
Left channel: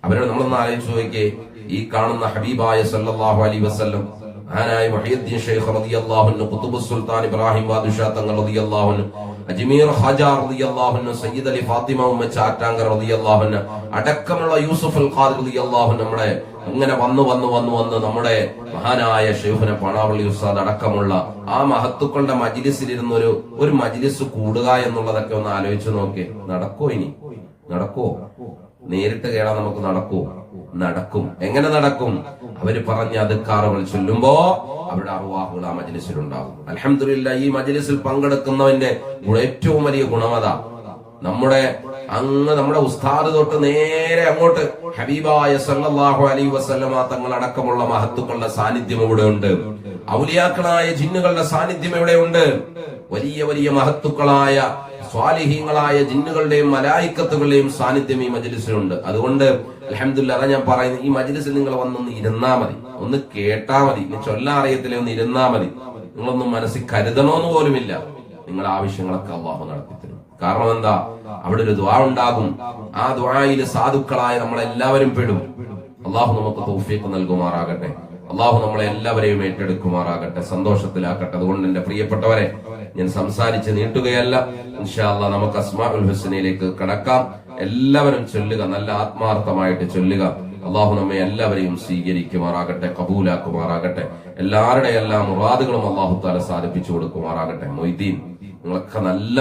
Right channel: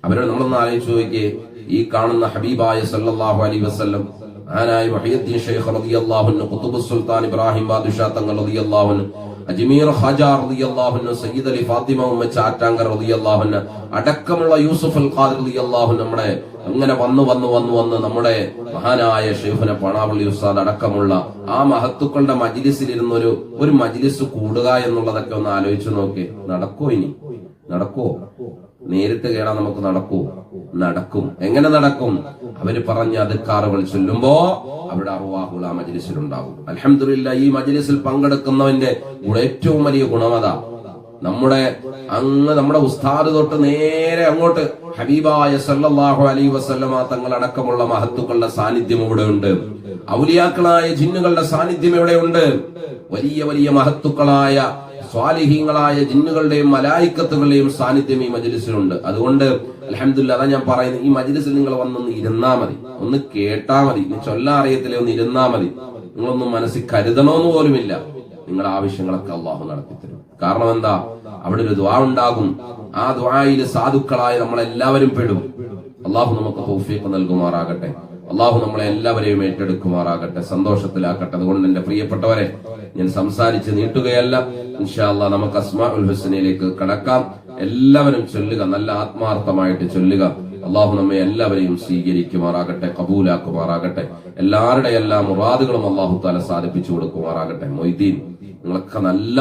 അവരോട് നമ്മളൊന്ന് ആലോചിച്ച് നോക്കിയേ. ഈ കാണുന്ന ഹബീബായ സല്ലല്ലാഹു അലൈഹി വസല്ലം മഹാനായ മുഹയ്യിദ്ദീൻ ശൈഖ് റളിയല്ലാഹു അൻഹു, ഖുതുബുസ് സുൽത്താൻ ഇബ്രാഹിം ബാദുഷാ തങ്ങൾ റളിയല്ലാഹു അൻഹു, അജ്മീർ ഖാജ റളിയല്ലാഹു അൻഹു, സയ്യിദ് അലി ഫാത്തിമ ഉമ്മ ചാറ്റാങ്കർ റളിയല്ലാഹു അൻഹു അടക്കമുള്ള യൂസുഫ് അൽ ഖാദിർ റളിയല്ലാഹു അൻഹു നമ്മുടെ അങ്ങനെ വന്ന് നമ്മുടെ മഹാനായ ശൈഖുന പാണാവള്ളി ഉസ്താദ് അടക്കമുള്ള ആ മഹത്തുക്കളുടെ മജ്ലിസിലിരുന്ന് ഒരു മജ്ലിസ് കൂടുക എന്നുള്ളതൊക്കെ ഒന്ന് ആലോചിച്ച് നോക്കി. നടക്കോ? ഇനി നടക്കോ? നേരിട്ട് കേടാൻ നമുക്ക് നടക്കും. എങ്ങനെ നടക്കും? അവര് പറഞ്ഞ അദ്കാറുകൾ ചൊല്ലുമ്പോ അവരുടെ അർവാഹുകൾ ആ മജ്ലിസിലുണ്ടാവും. അൽഹംദുലില്ലാഹ്, ഈ മജ്ലിസിൽ പങ്കെടുക്കുന്നവന്റെ ഏറ്റവും വലിയ ഗുണമത നമ്മുടെ ഉസ്താദ് തൊട്ട് നേരെ അങ്ങോട്ട് ഹബീബായ സല്ലല്ലാഹു അലൈഹി വസല്ലമ തങ്ങൾ അടക്കമുള്ള മഹത്തുക്കളുടെ സാന്നിധ്യം ഇവിടെ ഉണ്ട്. ഔലിയാക്കളായ ജിന്നുകളുടെ സാന്നിധ്യം ഇവിടെ ഉണ്ട്. വലിയ വലിയ മഹത്തുക്കളായ സ്വാലിഹീങ്ങളായ ജിന്നുകളുടെയും മലായിക്കത്തുകളുടെയും സാന്നിധ്യം ഈ മജ്ലിസിലുണ്ട്. അതുകൊണ്ട് അൽഹംദുലില്ലാഹ്, അതാ ഞാൻ പറയുന്നത്, ഈ മജ്ലിസിൽ നിങ്ങൾ വന്നൊന്ന് ഇരുന്നാ മതി, ഒന്ന് കേട്ടാ മതി. ഇനി ചൊല്ലാൻ അറിയത്തില്ലേ, ഒന്ന് ഇരുന്നാ മതി. നിങ്ങളൊന്നും മനസ്സിൽ കരുതണമെന്ന് പോലുമില്ല. നിങ്ങളുടെ ആവശ്യങ്ങളൊക്കെ അള്ളാഹു നടത്തിത്തരും. കാരണം എന്താ? അവിടെ ഒരു ദുആ ഉണ്ടാകും. ആ ദുആയിൽ സാധുക്കളായ നമ്മളെല്ലാവരും പെടും. അള്ളാഹു നമുക്ക് തൗഫീഖ് നൽകുമാറാകട്ടെ. അള്ളാഹു നമ്മളെ എല്ലാവരെയും ഏറ്റെടുക്കുമാറാകട്ടെ, സന്തോഷത്തിലാക്കട്ടെ. അതുകൊണ്ട് എന്റെ പ്രിയപ്പെട്ടവരെ, ഞാൻ സംസാരിച്ച് നീട്ടുകയല്ല. ഇൻഷാ അല്ലാഹ് നമുക്ക് അസ്മാഉൽ ഹുസ്നയിലേക്ക് കടക്കാം. എല്ലാവരും ചൊല്ലുക, നല്ല ആത്മാർത്ഥമായിട്ട് ചൊല്ലുക. അള്ളാഹു നമ്മെ എല്ലാവരെയും സ്വീകരിക്കുമാറാകട്ടെ, കബൂലാക്കുമാറാകട്ടെ. എല്ലാവരുടെ എല്ലാ മുറാദുകളും അള്ളാഹു താല സാധിപ്പിച്ചു കൊടുക്കുമാറാകട്ടെ. മൊയ്തീൻ, നിങ്ങളൊക്കെ നല്ല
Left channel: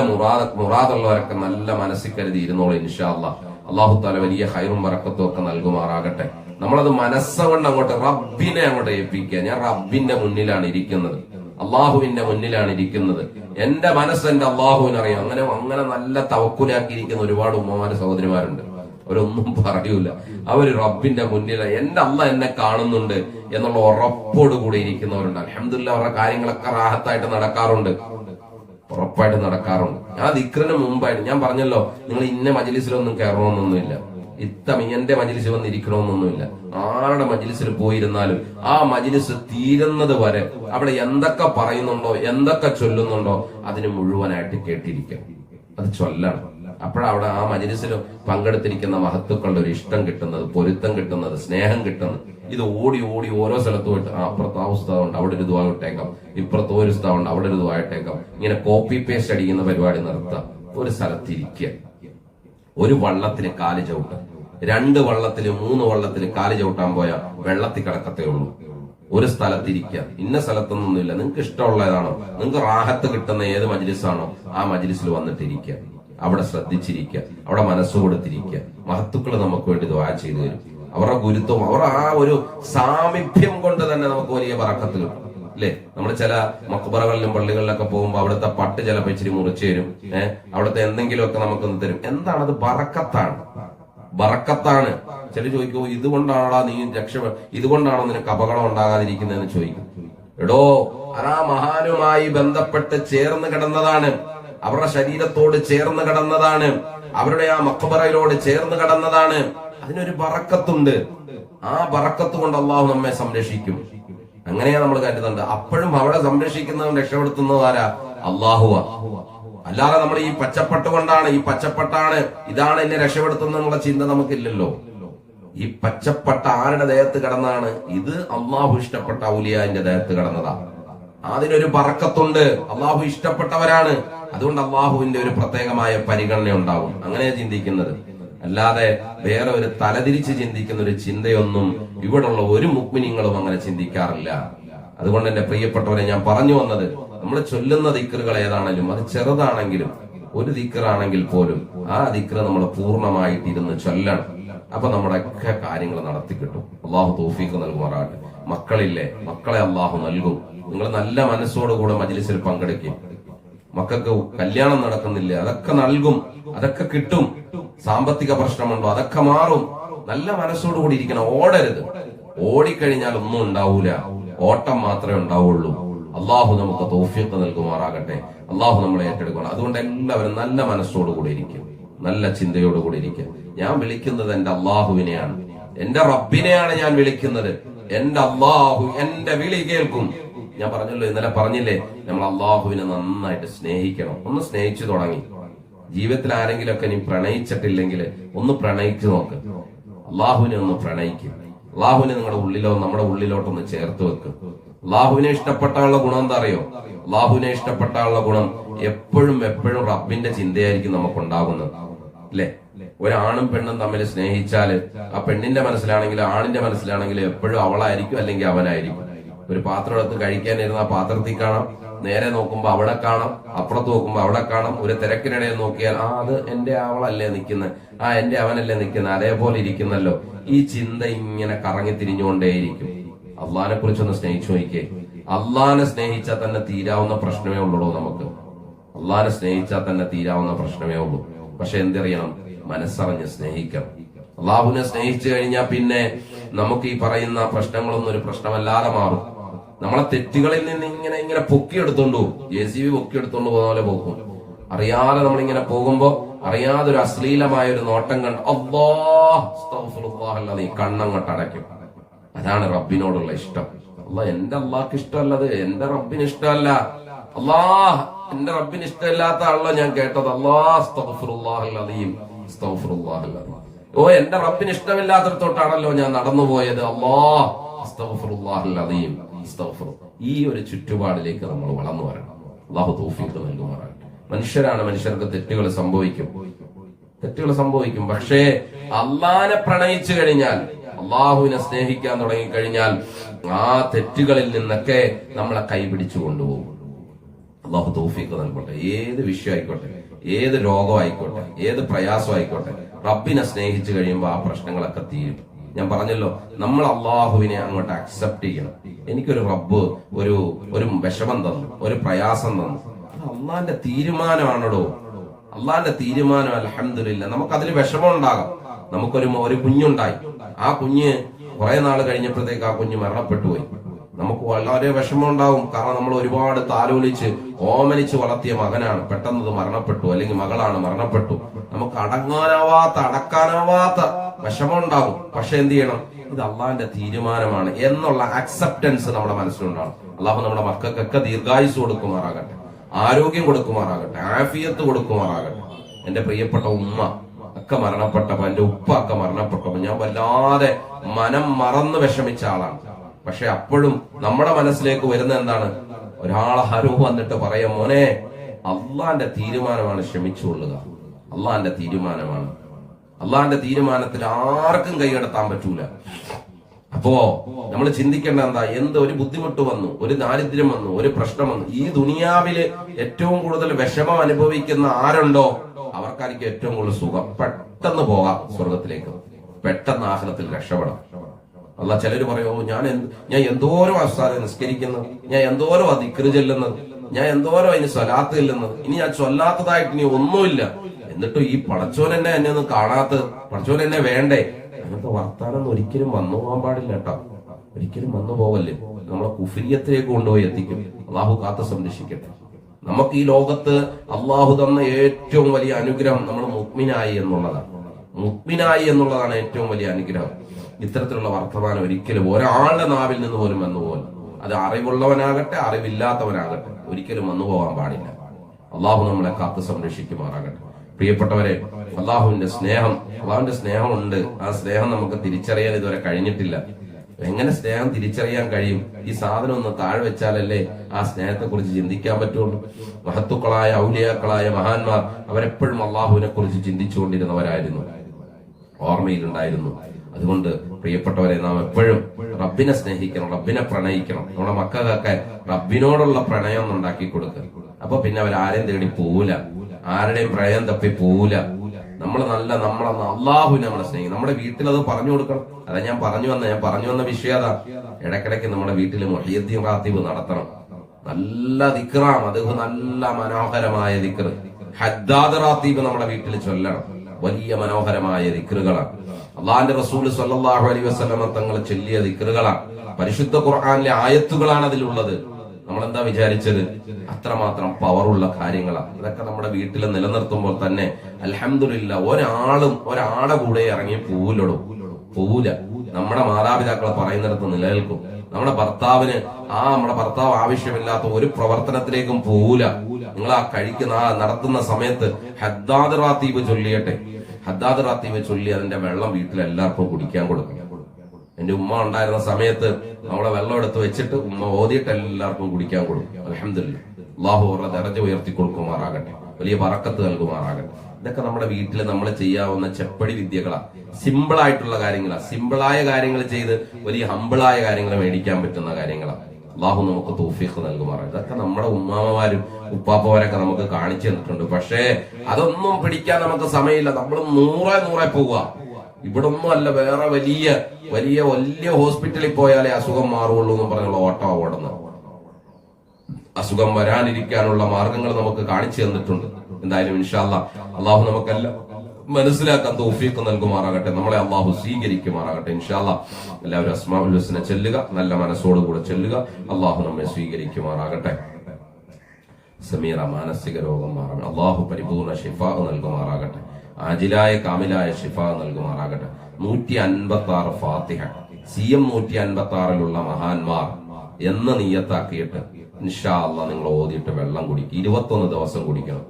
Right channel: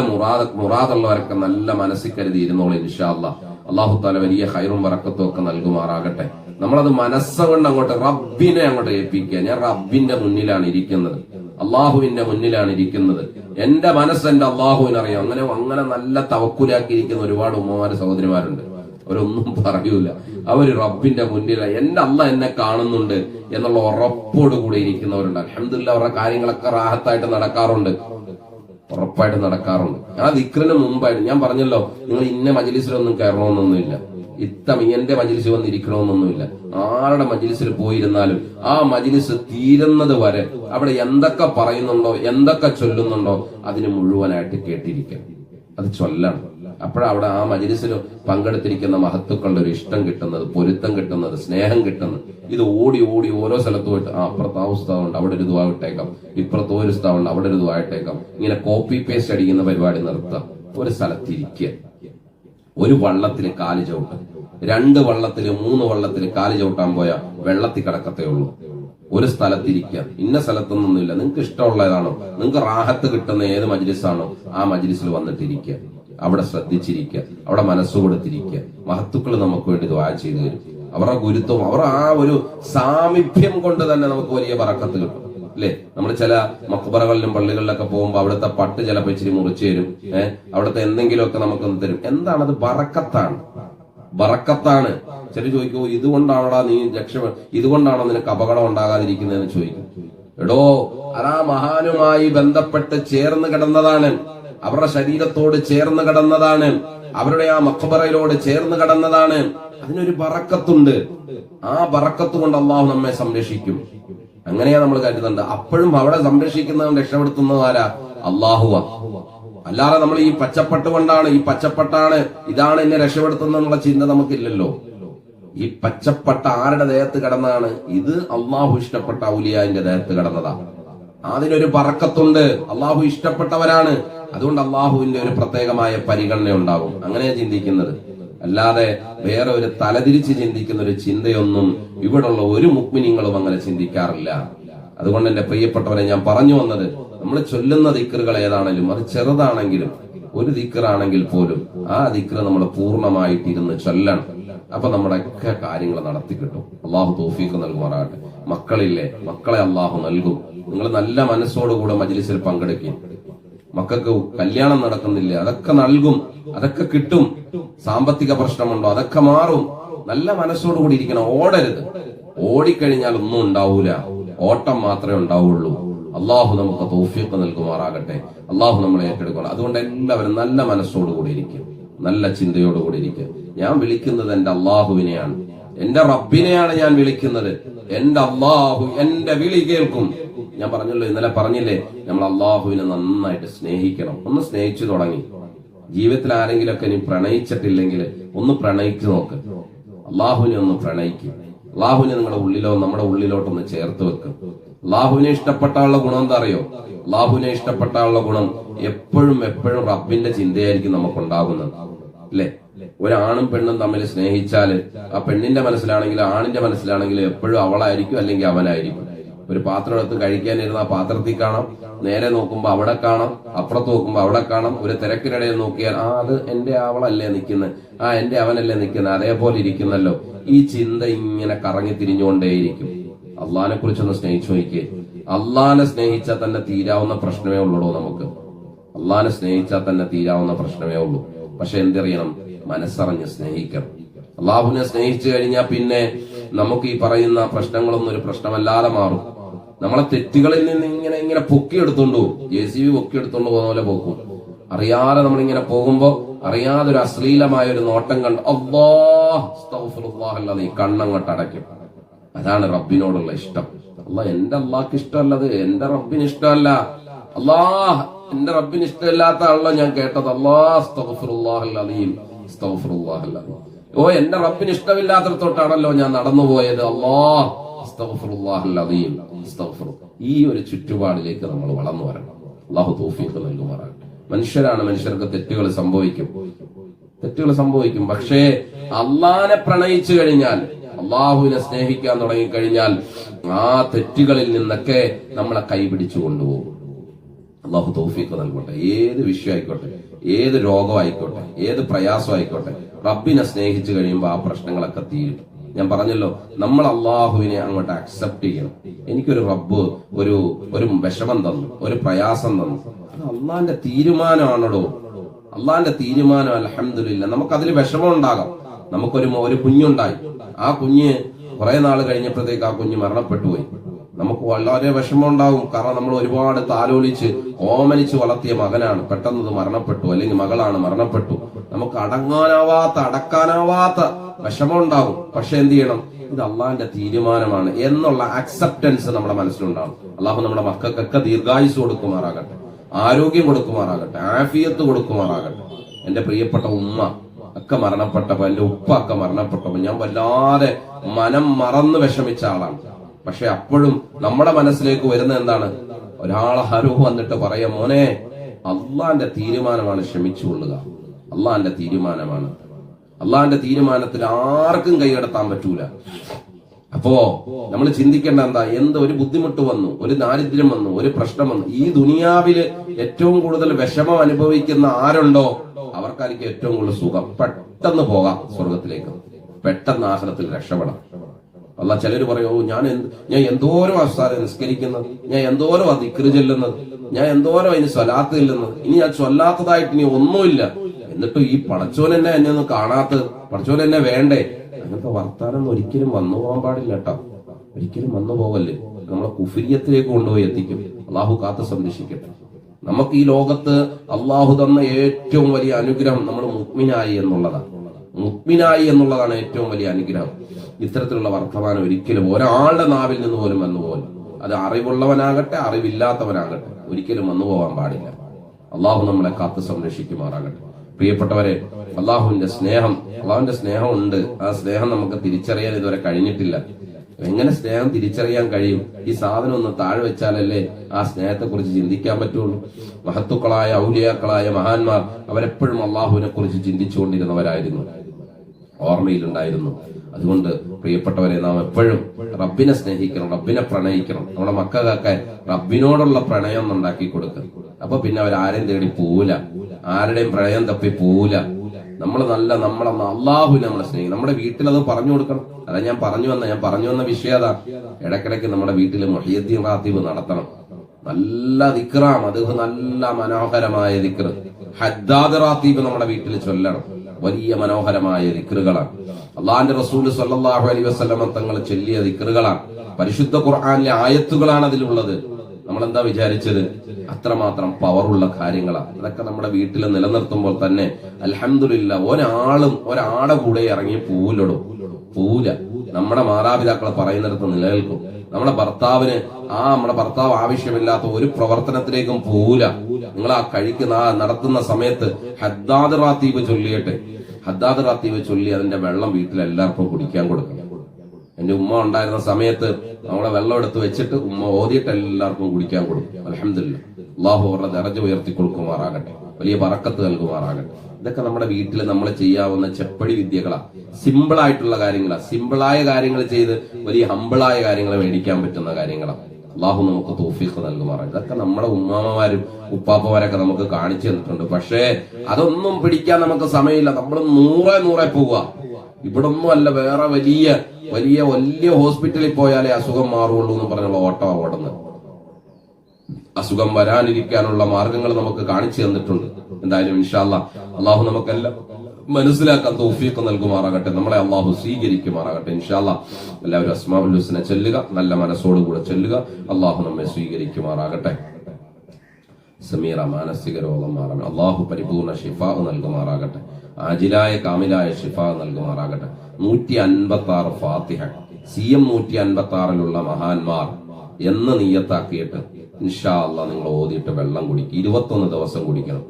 മുറാദുള്ളവരൊക്കെ നല്ല മനസ്സിൽ കരുതി ഇരുന്നോളൂ. ഇൻഷാ അല്ലാഹ് അള്ളാഹു താല വലിയ ഹൈറും ബറക്കത്തും ഒക്കെ നൽകുമാറാകട്ടെ. നമ്മളത് മനസ്സുകൊണ്ട് റബ്ബിനെ അങ്ങോട്ട് ഏൽപ്പിക്കുക. ഞാൻ റബ്ബിന്റെ മുന്നിലാണ് ഇരിക്കുന്നത്, അള്ളാഹുവിന്റെ മുന്നിലാണ് ഇരിക്കുന്നത്. എന്റെ മനസ്സ് എന്റെ അള്ളാഹുവിനറിയാം. അങ്ങനെ നല്ല തവക്കുലാക്കിയിരിക്കുന്ന ഒരുപാട് ഉമ്മമാര് സഹോദരിമാരുണ്ട്. അവരൊന്നും പറയൂല, അവര് റബ്ബിന്റെ മുന്നിലാണ്. എന്റെ അള്ളാഹ് എന്നെ കാണുന്നുണ്ട് എന്നുള്ള ഉറപ്പോട് കൂടി ഇരിക്കുന്നവരുണ്ട്. അൽഹംദുലില്ലാഹ് അവരുടെ കാര്യങ്ങളൊക്കെ റാഹത്തായിട്ട് നടക്കാറുണ്ട്, ഉറപ്പായിട്ട് നടക്കാറുണ്ട്. ആ ദിക്റിന് മുമ്പായിട്ട് ഞാൻ പറഞ്ഞല്ലോ, നിങ്ങൾ ഇന്ന മജ്ലിസിലൊന്നും കയറണമെന്നൊന്നുമില്ല, എന്റെ മജ്ലിസ് വന്നിരിക്കണമെന്നൊന്നുമില്ല. ആരുടെ മജ്ലിസിൽ പോയിരുന്നാലും ആ മജ്ലിസ് തീരുന്നത് വരെ അവിടെ എന്തൊക്കെ പറയുന്നുണ്ടോ, എന്തൊക്കെ ചൊല്ലുന്നുണ്ടോ അതിന് മുഴുവനായിട്ട് കേട്ടിരിക്കാം. അത് ചൊല്ലണം. അപ്പോഴവിടെ ആ മജ്ലിസിൽ പങ്കെടുത്തിരിക്കുന്ന മഹത്തുക്കളുടെ ഒരു ഇഷ്ടം കിട്ടുന്നത്, പൊരുത്തം കിട്ടുന്നത്, സ്നേഹം കിട്ടുന്നത്. ഇത് ഓടി ഓടി ഓരോ സ്ഥലത്ത് പോയിട്ട് അപ്പുറത്ത് ആ ഉസ്താവുണ്ട്, അവിടെ ഒരു ദുആ ഇട്ടേക്കാം, ഇപ്പുറത്ത് ഒരു ഉസ്താവുണ്ട്, അവിടെ ഒരു ദുആ ഇട്ടേക്കാം. ഇങ്ങനെ കോപ്പി പേസ്റ്റ് അടിക്കുന്ന പരിപാടി നിർത്താം. ഒരു സ്ഥലത്തിരിക്കുക. ഒരു വള്ളത്തിൽ കാല് ചവിട്ടും, 2 വള്ളത്തില് 3 വള്ളത്തില് കാല് ചവിട്ടാൻ പോയാൽ വെള്ളത്തിൽ കിടക്കത്തേ ഉള്ളൂ. ഒരു സ്ഥലത്തിരിക്കുക. ഇന്ന സ്ഥലത്തൊന്നുമില്ല, നിങ്ങൾക്ക് ഇഷ്ടമുള്ള ഏതാണോ, നിങ്ങൾക്ക് റാഹത്ത് കിട്ടുന്ന ഏത് മജ്ലിസാണോ ആ മജ്ലിസിൽ വന്നിട്ടിരിക്കുക. അവിടെ ശ്രദ്ധിച്ചിരിക്കുക, അവിടെ മനസ്സു കൊടുത്തിരിക്കുക. മഹത്തുക്കൾ നമുക്ക് വേണ്ടി ദുആ ചെയ്തു തരും. അവരുടെ ഗുരുത്വം, അവർ ആ ഒരു സാമീപ്യം കൊണ്ട് തന്നെ നമുക്ക് വലിയ ബറക്കത്ത് കിട്ടും. അല്ലെ, നമ്മൾ ചില മക്ബറകളിലും പള്ളികളിലൊക്കെ പോകുമ്പോൾ അവിടുത്തെ പട്ട് ചിലപ്പോൾ ഇച്ചിരി മുറിച്ചു തരും. അവിടുത്തെ എന്തെങ്കിലുമൊക്കെ നമുക്കൊന്ന് തരും. എന്താണത്? ബറക്കത്താണ്, ബറക്കത്താണ്. ചില ചോദിക്കുമോ, ഇതുകൊണ്ടാണോടാ നീ ഇതുകൊണ്ടാണോ നിനക്ക് അപകടം ഉണ്ടാകാതിരിക്കുന്നതെന്ന് ചോദിക്കും. എടോ, അതാ മഹാനുമായി ബന്ധപ്പെട്ട് ചേർന്ന് കിടന്നതാണ്, അവരുടെ ശരീരത്തോട് ചേർന്ന് കിടന്നതാണ്, അവരുടെ ആ മഖബറയിലോട് ചേർന്ന് കിടന്നതാണ്. അതിനൊരു ബറക്കത്തുണ്ട്. ആ ബറക്കത്ത് കൊണ്ട് അള്ളാഹു നമ്മെ സംരക്ഷിക്കും. അങ്ങനെയാ നമ്മൾ കരുതുന്നത്. അപ്പോഴും അവിടെ സംരക്ഷിക്കുന്നവൻ രക്ഷപ്പെടുത്തുന്നത് ആരാ? അള്ളാഹുവ. അല്ലാതെ നമ്മൾ ഈ പച്ചപ്പട്ട് കൊണ്ടാണ്, ഈ പച്ചപ്പട്ടാണ് ഇതാണ് എന്നെ രക്ഷപ്പെടുത്തുന്നത് എന്നുള്ള ചിന്ത നമുക്കില്ലല്ലോ. ഈ പച്ചപ്പട്ട ആരുടെ ദേഹത്ത് കിടന്നതാണ്? ഇത് അള്ളാഹു ഇഷ്ടപ്പെട്ട ഔലിയാന്റെ ദേഹത്ത് കിടന്നതാ. അതിനൊരു ബറക്കത്തുണ്ട്. അള്ളാഹു ഇഷ്ടപ്പെട്ടവരാണ്, അതുകൊണ്ട് അള്ളാഹുവിന്റെ ഒരു പ്രത്യേകമായ പരിഗണന ഉണ്ടാവും. അങ്ങനെ ചിന്തിക്കുന്നത്. അല്ലാതെ വേറെ ഒരു തലതിരിച്ച് ചിന്തിക്കുന്ന ഒരു ചിന്തയൊന്നും ഇവിടെയുള്ള ഒരു മുഅ്മിനീങ്ങളും അങ്ങനെ ചിന്തിക്കാറില്ല. അതുകൊണ്ട് എന്റെ പ്രിയപ്പെട്ടവരെ, ഞാൻ പറഞ്ഞു വന്നത്, നമ്മൾ ചൊല്ലുന്ന ദിക്റുകൾ ഏതാണെങ്കിലും അത് ചെറുതാണെങ്കിലും ഒരു ദിക്റാണെങ്കിൽ പോലും ആ ദിക്റ് നമ്മൾ പൂർണ്ണമായിട്ട് ഇരുന്ന് ചൊല്ലണം. അപ്പൊ നമ്മുടെ ഒക്കെ കാര്യങ്ങൾ നടത്തി കിട്ടും. അള്ളാഹു തൗഫീഖ് നൽകുമാറാകട്ടെ. മക്കളില്ലേ, മക്കളെ അള്ളാഹു നൽകും. നിങ്ങൾ നല്ല മനസ്സോടുകൂടെ മജ്ലിസിൽ പങ്കെടുക്കും. മക്കൾക്ക് കല്യാണം നടക്കുന്നില്ല, അതൊക്കെ നൽകും, അതൊക്കെ കിട്ടും. സാമ്പത്തിക പ്രശ്നമുണ്ടോ, അതൊക്കെ മാറും. നല്ല മനസ്സോടുകൂടി ഇരിക്കണം. ഓടരുത്. ഓടിക്കഴിഞ്ഞാൽ ഒന്നും ഉണ്ടാവൂല, ഓട്ടം മാത്രമേ ഉണ്ടാവുള്ളൂ. അള്ളാഹു നമുക്ക് തൗഫീഖ് നൽകുമാറാകട്ടെ. അള്ളാഹു നമ്മളെ ഏറ്റെടുക്കണം. അതുകൊണ്ട് എല്ലാവരും നല്ല മനസ്സോടുകൂടി ഇരിക്കും, നല്ല ചിന്തയോടുകൂടി ഇരിക്കും. ഞാൻ വിളിക്കുന്നത് എന്റെ അള്ളാഹുവിനെയാണ്, എന്റെ റബ്ബിനെയാണ് ഞാൻ വിളിക്കുന്നത്. എന്റെ അള്ളാഹു എന്റെ വിളി കേൾക്കും. ഞാൻ പറഞ്ഞല്ലോ, ഇന്നലെ പറഞ്ഞില്ലേ, നമ്മൾ അള്ളാഹുവിനെ നന്നായിട്ട് സ്നേഹിക്കണം. ഒന്ന് സ്നേഹിച്ചു തുടങ്ങി. ജീവിതത്തിൽ ആരെങ്കിലുമൊക്കെ നീ പ്രണയിച്ചിട്ടില്ലെങ്കിൽ ഒന്ന് പ്രണയിച്ചു നോക്ക്. അള്ളാഹുവിനെ ഒന്ന് പ്രണയിക്കും. അള്ളാഹുവിനെ നിങ്ങളുടെ ഉള്ളിലോ നമ്മുടെ ഉള്ളിലോട്ടൊന്ന് ചേർത്ത് വെക്കും. അള്ളാഹുവിനെ ഇഷ്ടപ്പെട്ടാനുള്ള ഗുണം എന്താ അറിയോ? അള്ളാഹുവിനെ ഇഷ്ടപ്പെട്ടാനുള്ള ഗുണം എപ്പോഴും റബ്ബിന്റെ ചിന്തയായിരിക്കും നമുക്കുണ്ടാകുന്നത്. അല്ലെ, ഒരാണും പെണ്ണും തമ്മിൽ സ്നേഹിച്ചാല് ആ പെണ്ണിന്റെ മനസ്സിലാണെങ്കിൽ ആണിന്റെ മനസ്സിലാണെങ്കിൽ എപ്പോഴും അവളായിരിക്കും അല്ലെങ്കിൽ അവനായിരിക്കും. ഒരു പാത്രം എടുത്ത് കഴിക്കാനിരുന്ന ആ പാത്രത്തിൽ കാണാം, നേരെ നോക്കുമ്പോ അവിടെ കാണാം, അപ്പുറത്ത് നോക്കുമ്പോ അവിടെ കാണാം. ഒരു തിരക്കിനിടയിൽ നോക്കിയാൽ അത് എന്റെ അവളല്ലേ നിൽക്കുന്നത്, എന്റെ അവനല്ലേ നിൽക്കുന്നത്, അതേപോലെ ഇരിക്കുന്നല്ലോ. ഈ ചിന്ത ഇങ്ങനെ കറങ്ങി തിരിഞ്ഞുകൊണ്ടേയിരിക്കും. അള്ളാഹിനെ കുറിച്ചൊന്ന് സ്നേഹിച്ചു നോക്കിയേ. അള്ളാഹിനെ സ്നേഹിച്ചാൽ തന്നെ തീരാവുന്ന പ്രശ്നമേ ഉള്ളൂ നമുക്ക്. അള്ളാഹിനെ സ്നേഹിച്ചാൽ തന്നെ തീരാവുന്ന പ്രശ്നമേ ഉള്ളൂ. പക്ഷെ എന്തറിയണം? മനസ്സറിഞ്ഞ് സ്നേഹിക്കണം. അള്ളാഹുവിനെ സ്നേഹിച്ചു കഴിഞ്ഞാൽ പിന്നെ നമുക്ക് ഈ പറയുന്ന പ്രശ്നങ്ങളൊന്നും ഒരു പ്രശ്നമല്ലാതെ മാറും. നമ്മളെ തെറ്റുകളിൽ നിന്ന് ഇങ്ങനെ പൊക്കിയെടുത്തോണ്ടു JCB പൊക്കിയെടുത്തോണ്ട് പോകുന്ന പോലെ പോക്കും. അറിയാതെ നമ്മളിങ്ങനെ പോകുമ്പോ അറിയാതെ ഒരു അശ്ലീലമായ ഒരു നോട്ടം കണ്ട് അല്ലാഹ് ഈ കണ്ണങ്ങോട്ട് അടയ്ക്കും. അതാണ് റബ്ബിനോടുള്ള ഇഷ്ടം. എന്റെ അള്ളാഹ്ക്ക് ഇഷ്ടമല്ലത്, എന്റെ റബ്ബിന് ഇഷ്ടമല്ല. എന്റെ റബ്ബിന് ഇഷ്ടമില്ലാത്ത ആണല്ലോ ഞാൻ കേട്ടത്. എന്റെ റബ്ബിന് ഇഷ്ടമില്ലാത്തടത്തോട്ടാണല്ലോ ഞാൻ നടന്നുപോയത്. അസ്തഗ്ഫിറുല്ലാഹൽ അദീം. ഈ ഒരു ചുറ്റുപാടിലേക്ക് നമ്മൾ വളർന്നു വരണം. അല്ലാഹു തൗഫീഖ് നൽകുമാറാകട്ടെ. മനുഷ്യരാണ്, മനുഷ്യർക്ക് തെറ്റുകൾ സംഭവിക്കും. പക്ഷേ അള്ളാനെ പ്രണയിച്ചു കഴിഞ്ഞാൽ, അള്ളാഹുവിനെ സ്നേഹിക്കാൻ തുടങ്ങിക്കഴിഞ്ഞാൽ ആ തെറ്റുകളിൽ നിന്നൊക്കെ നമ്മളെ കൈപിടിച്ചു കൊണ്ടുപോകും. അള്ളാഹു തൗഫീഖ് നൽകട്ടെ. ഏത് വിഷയമായിക്കോട്ടെ, ഏത് രോഗമായിക്കോട്ടെ, ഏത് പ്രയാസമായിക്കോട്ടെ, റബ്ബിനെ സ്നേഹിച്ചു കഴിയുമ്പോൾ ആ പ്രശ്നങ്ങളൊക്കെ തീരും. ഞാൻ പറഞ്ഞല്ലോ, നമ്മൾ അള്ളാഹുവിനെ അങ്ങോട്ട് അക്സെപ്റ്റ് ചെയ്യണം. എനിക്കൊരു റബ്ബ് ഒരു വിഷമം തന്നു, ഒരു പ്രയാസം തന്നു, അത് അള്ളാന്റെ തീരുമാനമാണോ? അള്ളാന്റെ തീരുമാനം. അൽഹംദുലില്ലാ. നമുക്കതിൽ വിഷമം ഉണ്ടാകാം. നമുക്കൊരു കുഞ്ഞുണ്ടായി, ആ കുഞ്ഞ് കുറെ നാൾ കഴിഞ്ഞപ്പോഴത്തേക്ക് ആ കുഞ്ഞ് മരണപ്പെട്ടു പോയി. നമുക്ക് വളരെ വിഷമം ഉണ്ടാവും. കാരണം നമ്മൾ ഒരുപാട് താലോലിച്ച് ഓമനിച്ച് വളർത്തിയ മകനാണ്, പെട്ടെന്നത് മരണപ്പെട്ടു, അല്ലെങ്കിൽ മകളാണ് മരണപ്പെട്ടു. നമുക്ക് അടക്കാനാവാത്ത വിഷമം ഉണ്ടാവും. പക്ഷെ എന്ത് ചെയ്യണം? ഇത് അള്ളാന്റെ തീരുമാനമാണ് എന്നുള്ള അക്സെപ്റ്റൻസ് നമ്മുടെ മനസ്സിലുണ്ടാവും. അള്ളാഹു നമ്മുടെ മക്കൾക്കൊക്കെ ദീർഘായുസ് കൊടുക്കുമാറാകട്ടെ, ആരോഗ്യം കൊടുക്കുമാറാകട്ടെ, ആഫിയത്ത് കൊടുക്കുമാറാകട്ടെ. എന്റെ പ്രിയപ്പെട്ട ഉമ്മ ഒക്കെ മരണപ്പെട്ടപ്പോ, എന്റെ ഉപ്പ ഒക്കെ മരണപ്പെട്ടപ്പോ ഞാൻ വല്ലാതെ മനം മറന്ന് വിഷമിച്ച ആളാണ്. പക്ഷെ അപ്പോഴും നമ്മുടെ മനസ്സിലേക്ക് വരുന്ന എന്താണ്? ഒരാളെ ആരോ വന്നിട്ട് പറയാം, മോനെ അള്ളാന്റെ തീരുമാനമാണ്, ക്ഷമിച്ചുകൊള്ളുക. അള്ളാന്റെ തീരുമാനമാണ്. അള്ളാന്റെ തീരുമാനത്തിൽ ആർക്കും കൈകടത്താൻ പറ്റൂല. അപ്പോ നമ്മൾ ചിന്തിക്കേണ്ട എന്താ? ഒരു ബുദ്ധിമുട്ട് വന്നു, ഒരു ദാരിദ്ര്യം വന്നു, ഒരു പ്രശ്നം വന്നു, ഈ ദുനിയാവില് ഏറ്റവും കൂടുതൽ വിഷമം അനുഭവിക്കുന്ന ആരുണ്ടോ അവർക്കായിരിക്കും ഏറ്റവും കൂടുതൽ സുഖം. പെട്ടെന്ന് പോകാം സ്വർഗത്തിലേക്ക്, പെട്ടെന്ന് ആഖിറത്തിൽ രക്ഷപ്പെടാം. അല്ല, ചിലര് പറയോ, ഞാൻ എന്തോരം അവസാനം നിസ്കരിക്കുന്നത്, ഞാൻ എന്തോരം ദിക്ർ ചെല്ലുന്നത്, ഞാൻ എന്തോരം അതിന് സ്വലാത്ത് ചെല്ലുന്നത്, ഇനി ഞാൻ ചൊല്ലാത്തതായിട്ട് ഇനി ഒന്നുമില്ല, എന്നിട്ടും ഈ പടച്ചോൻ എന്നെ ഒന്നും കാണാത്ത, പടച്ചോൻ എന്നെ വേണ്ടേ? അങ്ങനത്തെ വർത്താനം ഒരിക്കലും വന്നു പോകാൻ പാടില്ല കേട്ടോ. ഒരിക്കലും വന്നു പോകല്ലേ, നമ്മളെ കുഫിരിയത്തിലേക്ക് കൊണ്ടുപോയി എത്തിക്കും. അള്ളാഹു കാത്ത് സംരക്ഷിക്കട്ടെ. നമുക്ക് ഈ ലോകത്ത് അള്ളാഹു തന്ന ഏറ്റവും വലിയ അനുഗ്രഹം നമ്മൾ മുഅ്മിനായി എന്നുള്ളതാണ് ഏറ്റവും വലിയ അനുഗ്രഹം. ഇത്തരത്തിലുള്ള വർത്തമാനം ഒരിക്കലും ഒരാളുടെ നാവിൽ നിന്ന് പോലും വന്നുപോലും, അത് അറിവുള്ളവനാകട്ടെ അറിവില്ലാത്തവനാകട്ടെ, ഒരിക്കലും വന്നുപോകാൻ പാടില്ല. അള്ളാഹു നമ്മളെ കാത്ത് സംരക്ഷിക്കുമാറാകട്ടെ. പ്രിയപ്പെട്ടവരെ, അള്ളാഹുവിന്റെ സ്നേഹം ഉണ്ട്. ആ സ്നേഹം നമുക്ക് തിരിച്ചറിയാൻ ഇതുവരെ കഴിഞ്ഞിട്ടില്ല. എങ്ങനെ സ്നേഹം തിരിച്ചറിയാൻ കഴിയും? ഈ സാധനം ഒന്ന് താഴെ വെച്ചാലല്ലേ ആ സ്നേഹത്തെ കുറിച്ച് ചിന്തിക്കാൻ പറ്റുള്ളൂ. മഹത്തുക്കളായ ഔലിയാക്കളായ മഹാന്മാർ അവരെപ്പോഴും അള്ളാഹുവിനെ കുറിച്ച് ചിന്തിച്ചുകൊണ്ടിരുന്നവരായിരുന്നു, ഓർമ്മയിലുണ്ടായിരുന്നു. അതുകൊണ്ട് പ്രിയപ്പെട്ടവരെ, നാം എപ്പോഴും റബ്ബിനെ സ്നേഹിക്കണം, റബ്ബിനെ പ്രണയിക്കണം. നമ്മുടെ മക്കൾക്കൊക്കെ റബ്ബിനോടുള്ള പ്രണയം ഉണ്ടാക്കി കൊടുക്കുക. അപ്പൊ പിന്നെ അവരാരെയും തേടി പോവില്ല, ആരുടെയും പ്രണയം തപ്പി പോവില്ല. നമ്മളെ അള്ളാഹുവിനെ നമ്മളെ സ്നേഹിക്കും. നമ്മുടെ വീട്ടിൽ അത് പറഞ്ഞു കൊടുക്കണം. അതാ ഞാൻ പറഞ്ഞു വന്ന വിഷയം അതാ. ഇടയ്ക്കിടയ്ക്ക് നമ്മുടെ വീട്ടിൽ മുഹയ്യദ്ദീൻ റാത്തീബ് നടത്തണം. നല്ല ദിക്റാം, അത് നല്ല മനോഹരമായ ദിക്ർ. ഹദ്ദാദ് റാത്തീബ് നമ്മുടെ വീട്ടിൽ ചൊല്ലണം. വലിയ മനോഹരമായ ദിക്റുകളാണ്. അള്ളാന്റെ റസൂൽ സ്വല്ലല്ലാഹു അലൈഹി വസല്ലം തങ്ങൾ ചൊല്ലിയ ദിക്റുകളാണ്. പരിശുദ്ധ ഖുർആനിലെ ആയത്തുകളാണ് അതിലുള്ളത്. നമ്മളെന്താ വിചാരിച്ചത്? അത്രമാത്രം പവറുള്ള കാര്യങ്ങളാണ്. അതൊക്കെ നമ്മുടെ വീട്ടിൽ നിലനിർത്തുമ്പോൾ തന്നെ അൽഹംദുലില്ലാ ഒരാടെ കൂടെ ഇറങ്ങി പോവില്ല. നമ്മുടെ മാതാപിതാക്കൾ പറയുന്നിടത്ത് നിലനിൽക്കും. നമ്മുടെ ഭർത്താവ് ആവശ്യമില്ലാത്ത ഒരു പ്രവർത്തനത്തിലേക്കും പോവില്ല. നിങ്ങൾ ആ നടത്തുന്ന സമയത്ത് ഹദ്ദാദ് റാത്തീബ് ചൊല്ലിയട്ടെ. ഹദ്ദാദ് റാത്തീബ് ചൊല്ലി അതിന്റെ വെള്ളം വീട്ടിലെല്ലാവർക്കും കുടിക്കാൻ കൊടുക്കണം. എന്റെ ഉമ്മ ഉണ്ടായിരുന്ന സമയത്ത് നമ്മളെ വെള്ളം എടുത്ത് വെച്ചിട്ട് ഉമ്മ ഓതിയിട്ട് എല്ലാവർക്കും കുടിക്കാൻ കൊടുക്കും. അൽഹംദുലില്ലാ, അല്ലാഹു അവരുടെ ദറജ ഉയർത്തി കൊടുക്കുമാറാകട്ടെ, വലിയ ബറക്കത്ത് നൽകുമാറാകട്ടെ. ഇതൊക്കെ നമ്മുടെ വീട്ടിൽ നമ്മൾ ചെയ്യാവുന്ന ചെപ്പടി വിദ്യകളാണ്. സിമ്പിളായിട്ടുള്ള കാര്യങ്ങളാണ്. സിമ്പിളായ കാര്യങ്ങൾ ചെയ്ത് വലിയ ഹമ്പിളായ കാര്യങ്ങൾ മേടിക്കാൻ പറ്റുന്ന കാര്യങ്ങളാണ്. അള്ളാഹു നമുക്ക് തൗഫീഖ് നൽകുമാറാണ്. ഇതൊക്കെ നമ്മുടെ ഉമ്മാമ്മമാരും ഉപ്പാപ്പമാരൊക്കെ നമുക്ക് കാണിച്ചു തന്നിട്ടുണ്ട്. പക്ഷേ അതൊന്നും പിടിക്കാൻ നമുക്ക് സമയമില്ല. നമ്മൾ നൂറെ പോവുക. ഇവിടൊന്നും അല്ല, വേറെ വലിയ ഹോസ്പിറ്റലിൽ പോയാലേ അസുഖം മാറുള്ളൂ എന്ന് പറഞ്ഞുള്ള ഓട്ടം ഓടുന്നത്. അസുഖം വരാനിരിക്കാനുള്ള മാർഗങ്ങൾ നമുക്ക് കാണിച്ചു തന്നിട്ടുണ്ട്. എന്തായാലും ഇൻഷാ അല്ലാഹ് അള്ളാഹു നമുക്കെല്ലാം മനസ്സിലാക്കാൻ തൗഫീഖ് നൽകുമാറാകട്ടെ. നമ്മളെ അള്ളാഹു സ്വീകരിക്കുമാറാകട്ടെ. ഇൻഷാ അല്ലാഹ് എല്ലാവരും അസ്മാഉൽ ഹുസ്ന ചൊല്ലുക, നല്ല മനസ്സോടുകൂടെ ചൊല്ലുക. അള്ളാഹു നമ്മെ സ്വീകരിക്കുമാറാകട്ടെ. സമീറ മാനസിക രോഗം മാറാൻ അള്ളാഹു പരിപൂർണ ഷിഫാ നൽകുമാറാകട്ടെ. ആജിലായ കാമിലായ ഷിഫാ നൽകുമാറാകട്ടെ. 156 ഫാത്തിഹ CM 156 മഹാന്മാർ എന്ന് നിയ്യത്താക്കിയിട്ട് ഇൻഷാ അല്ലാഹ് നിങ്ങൾ ഓതിയിട്ട് വെള്ളം കുടിക്കുക. 21 ദിവസം കുടിക്കണം.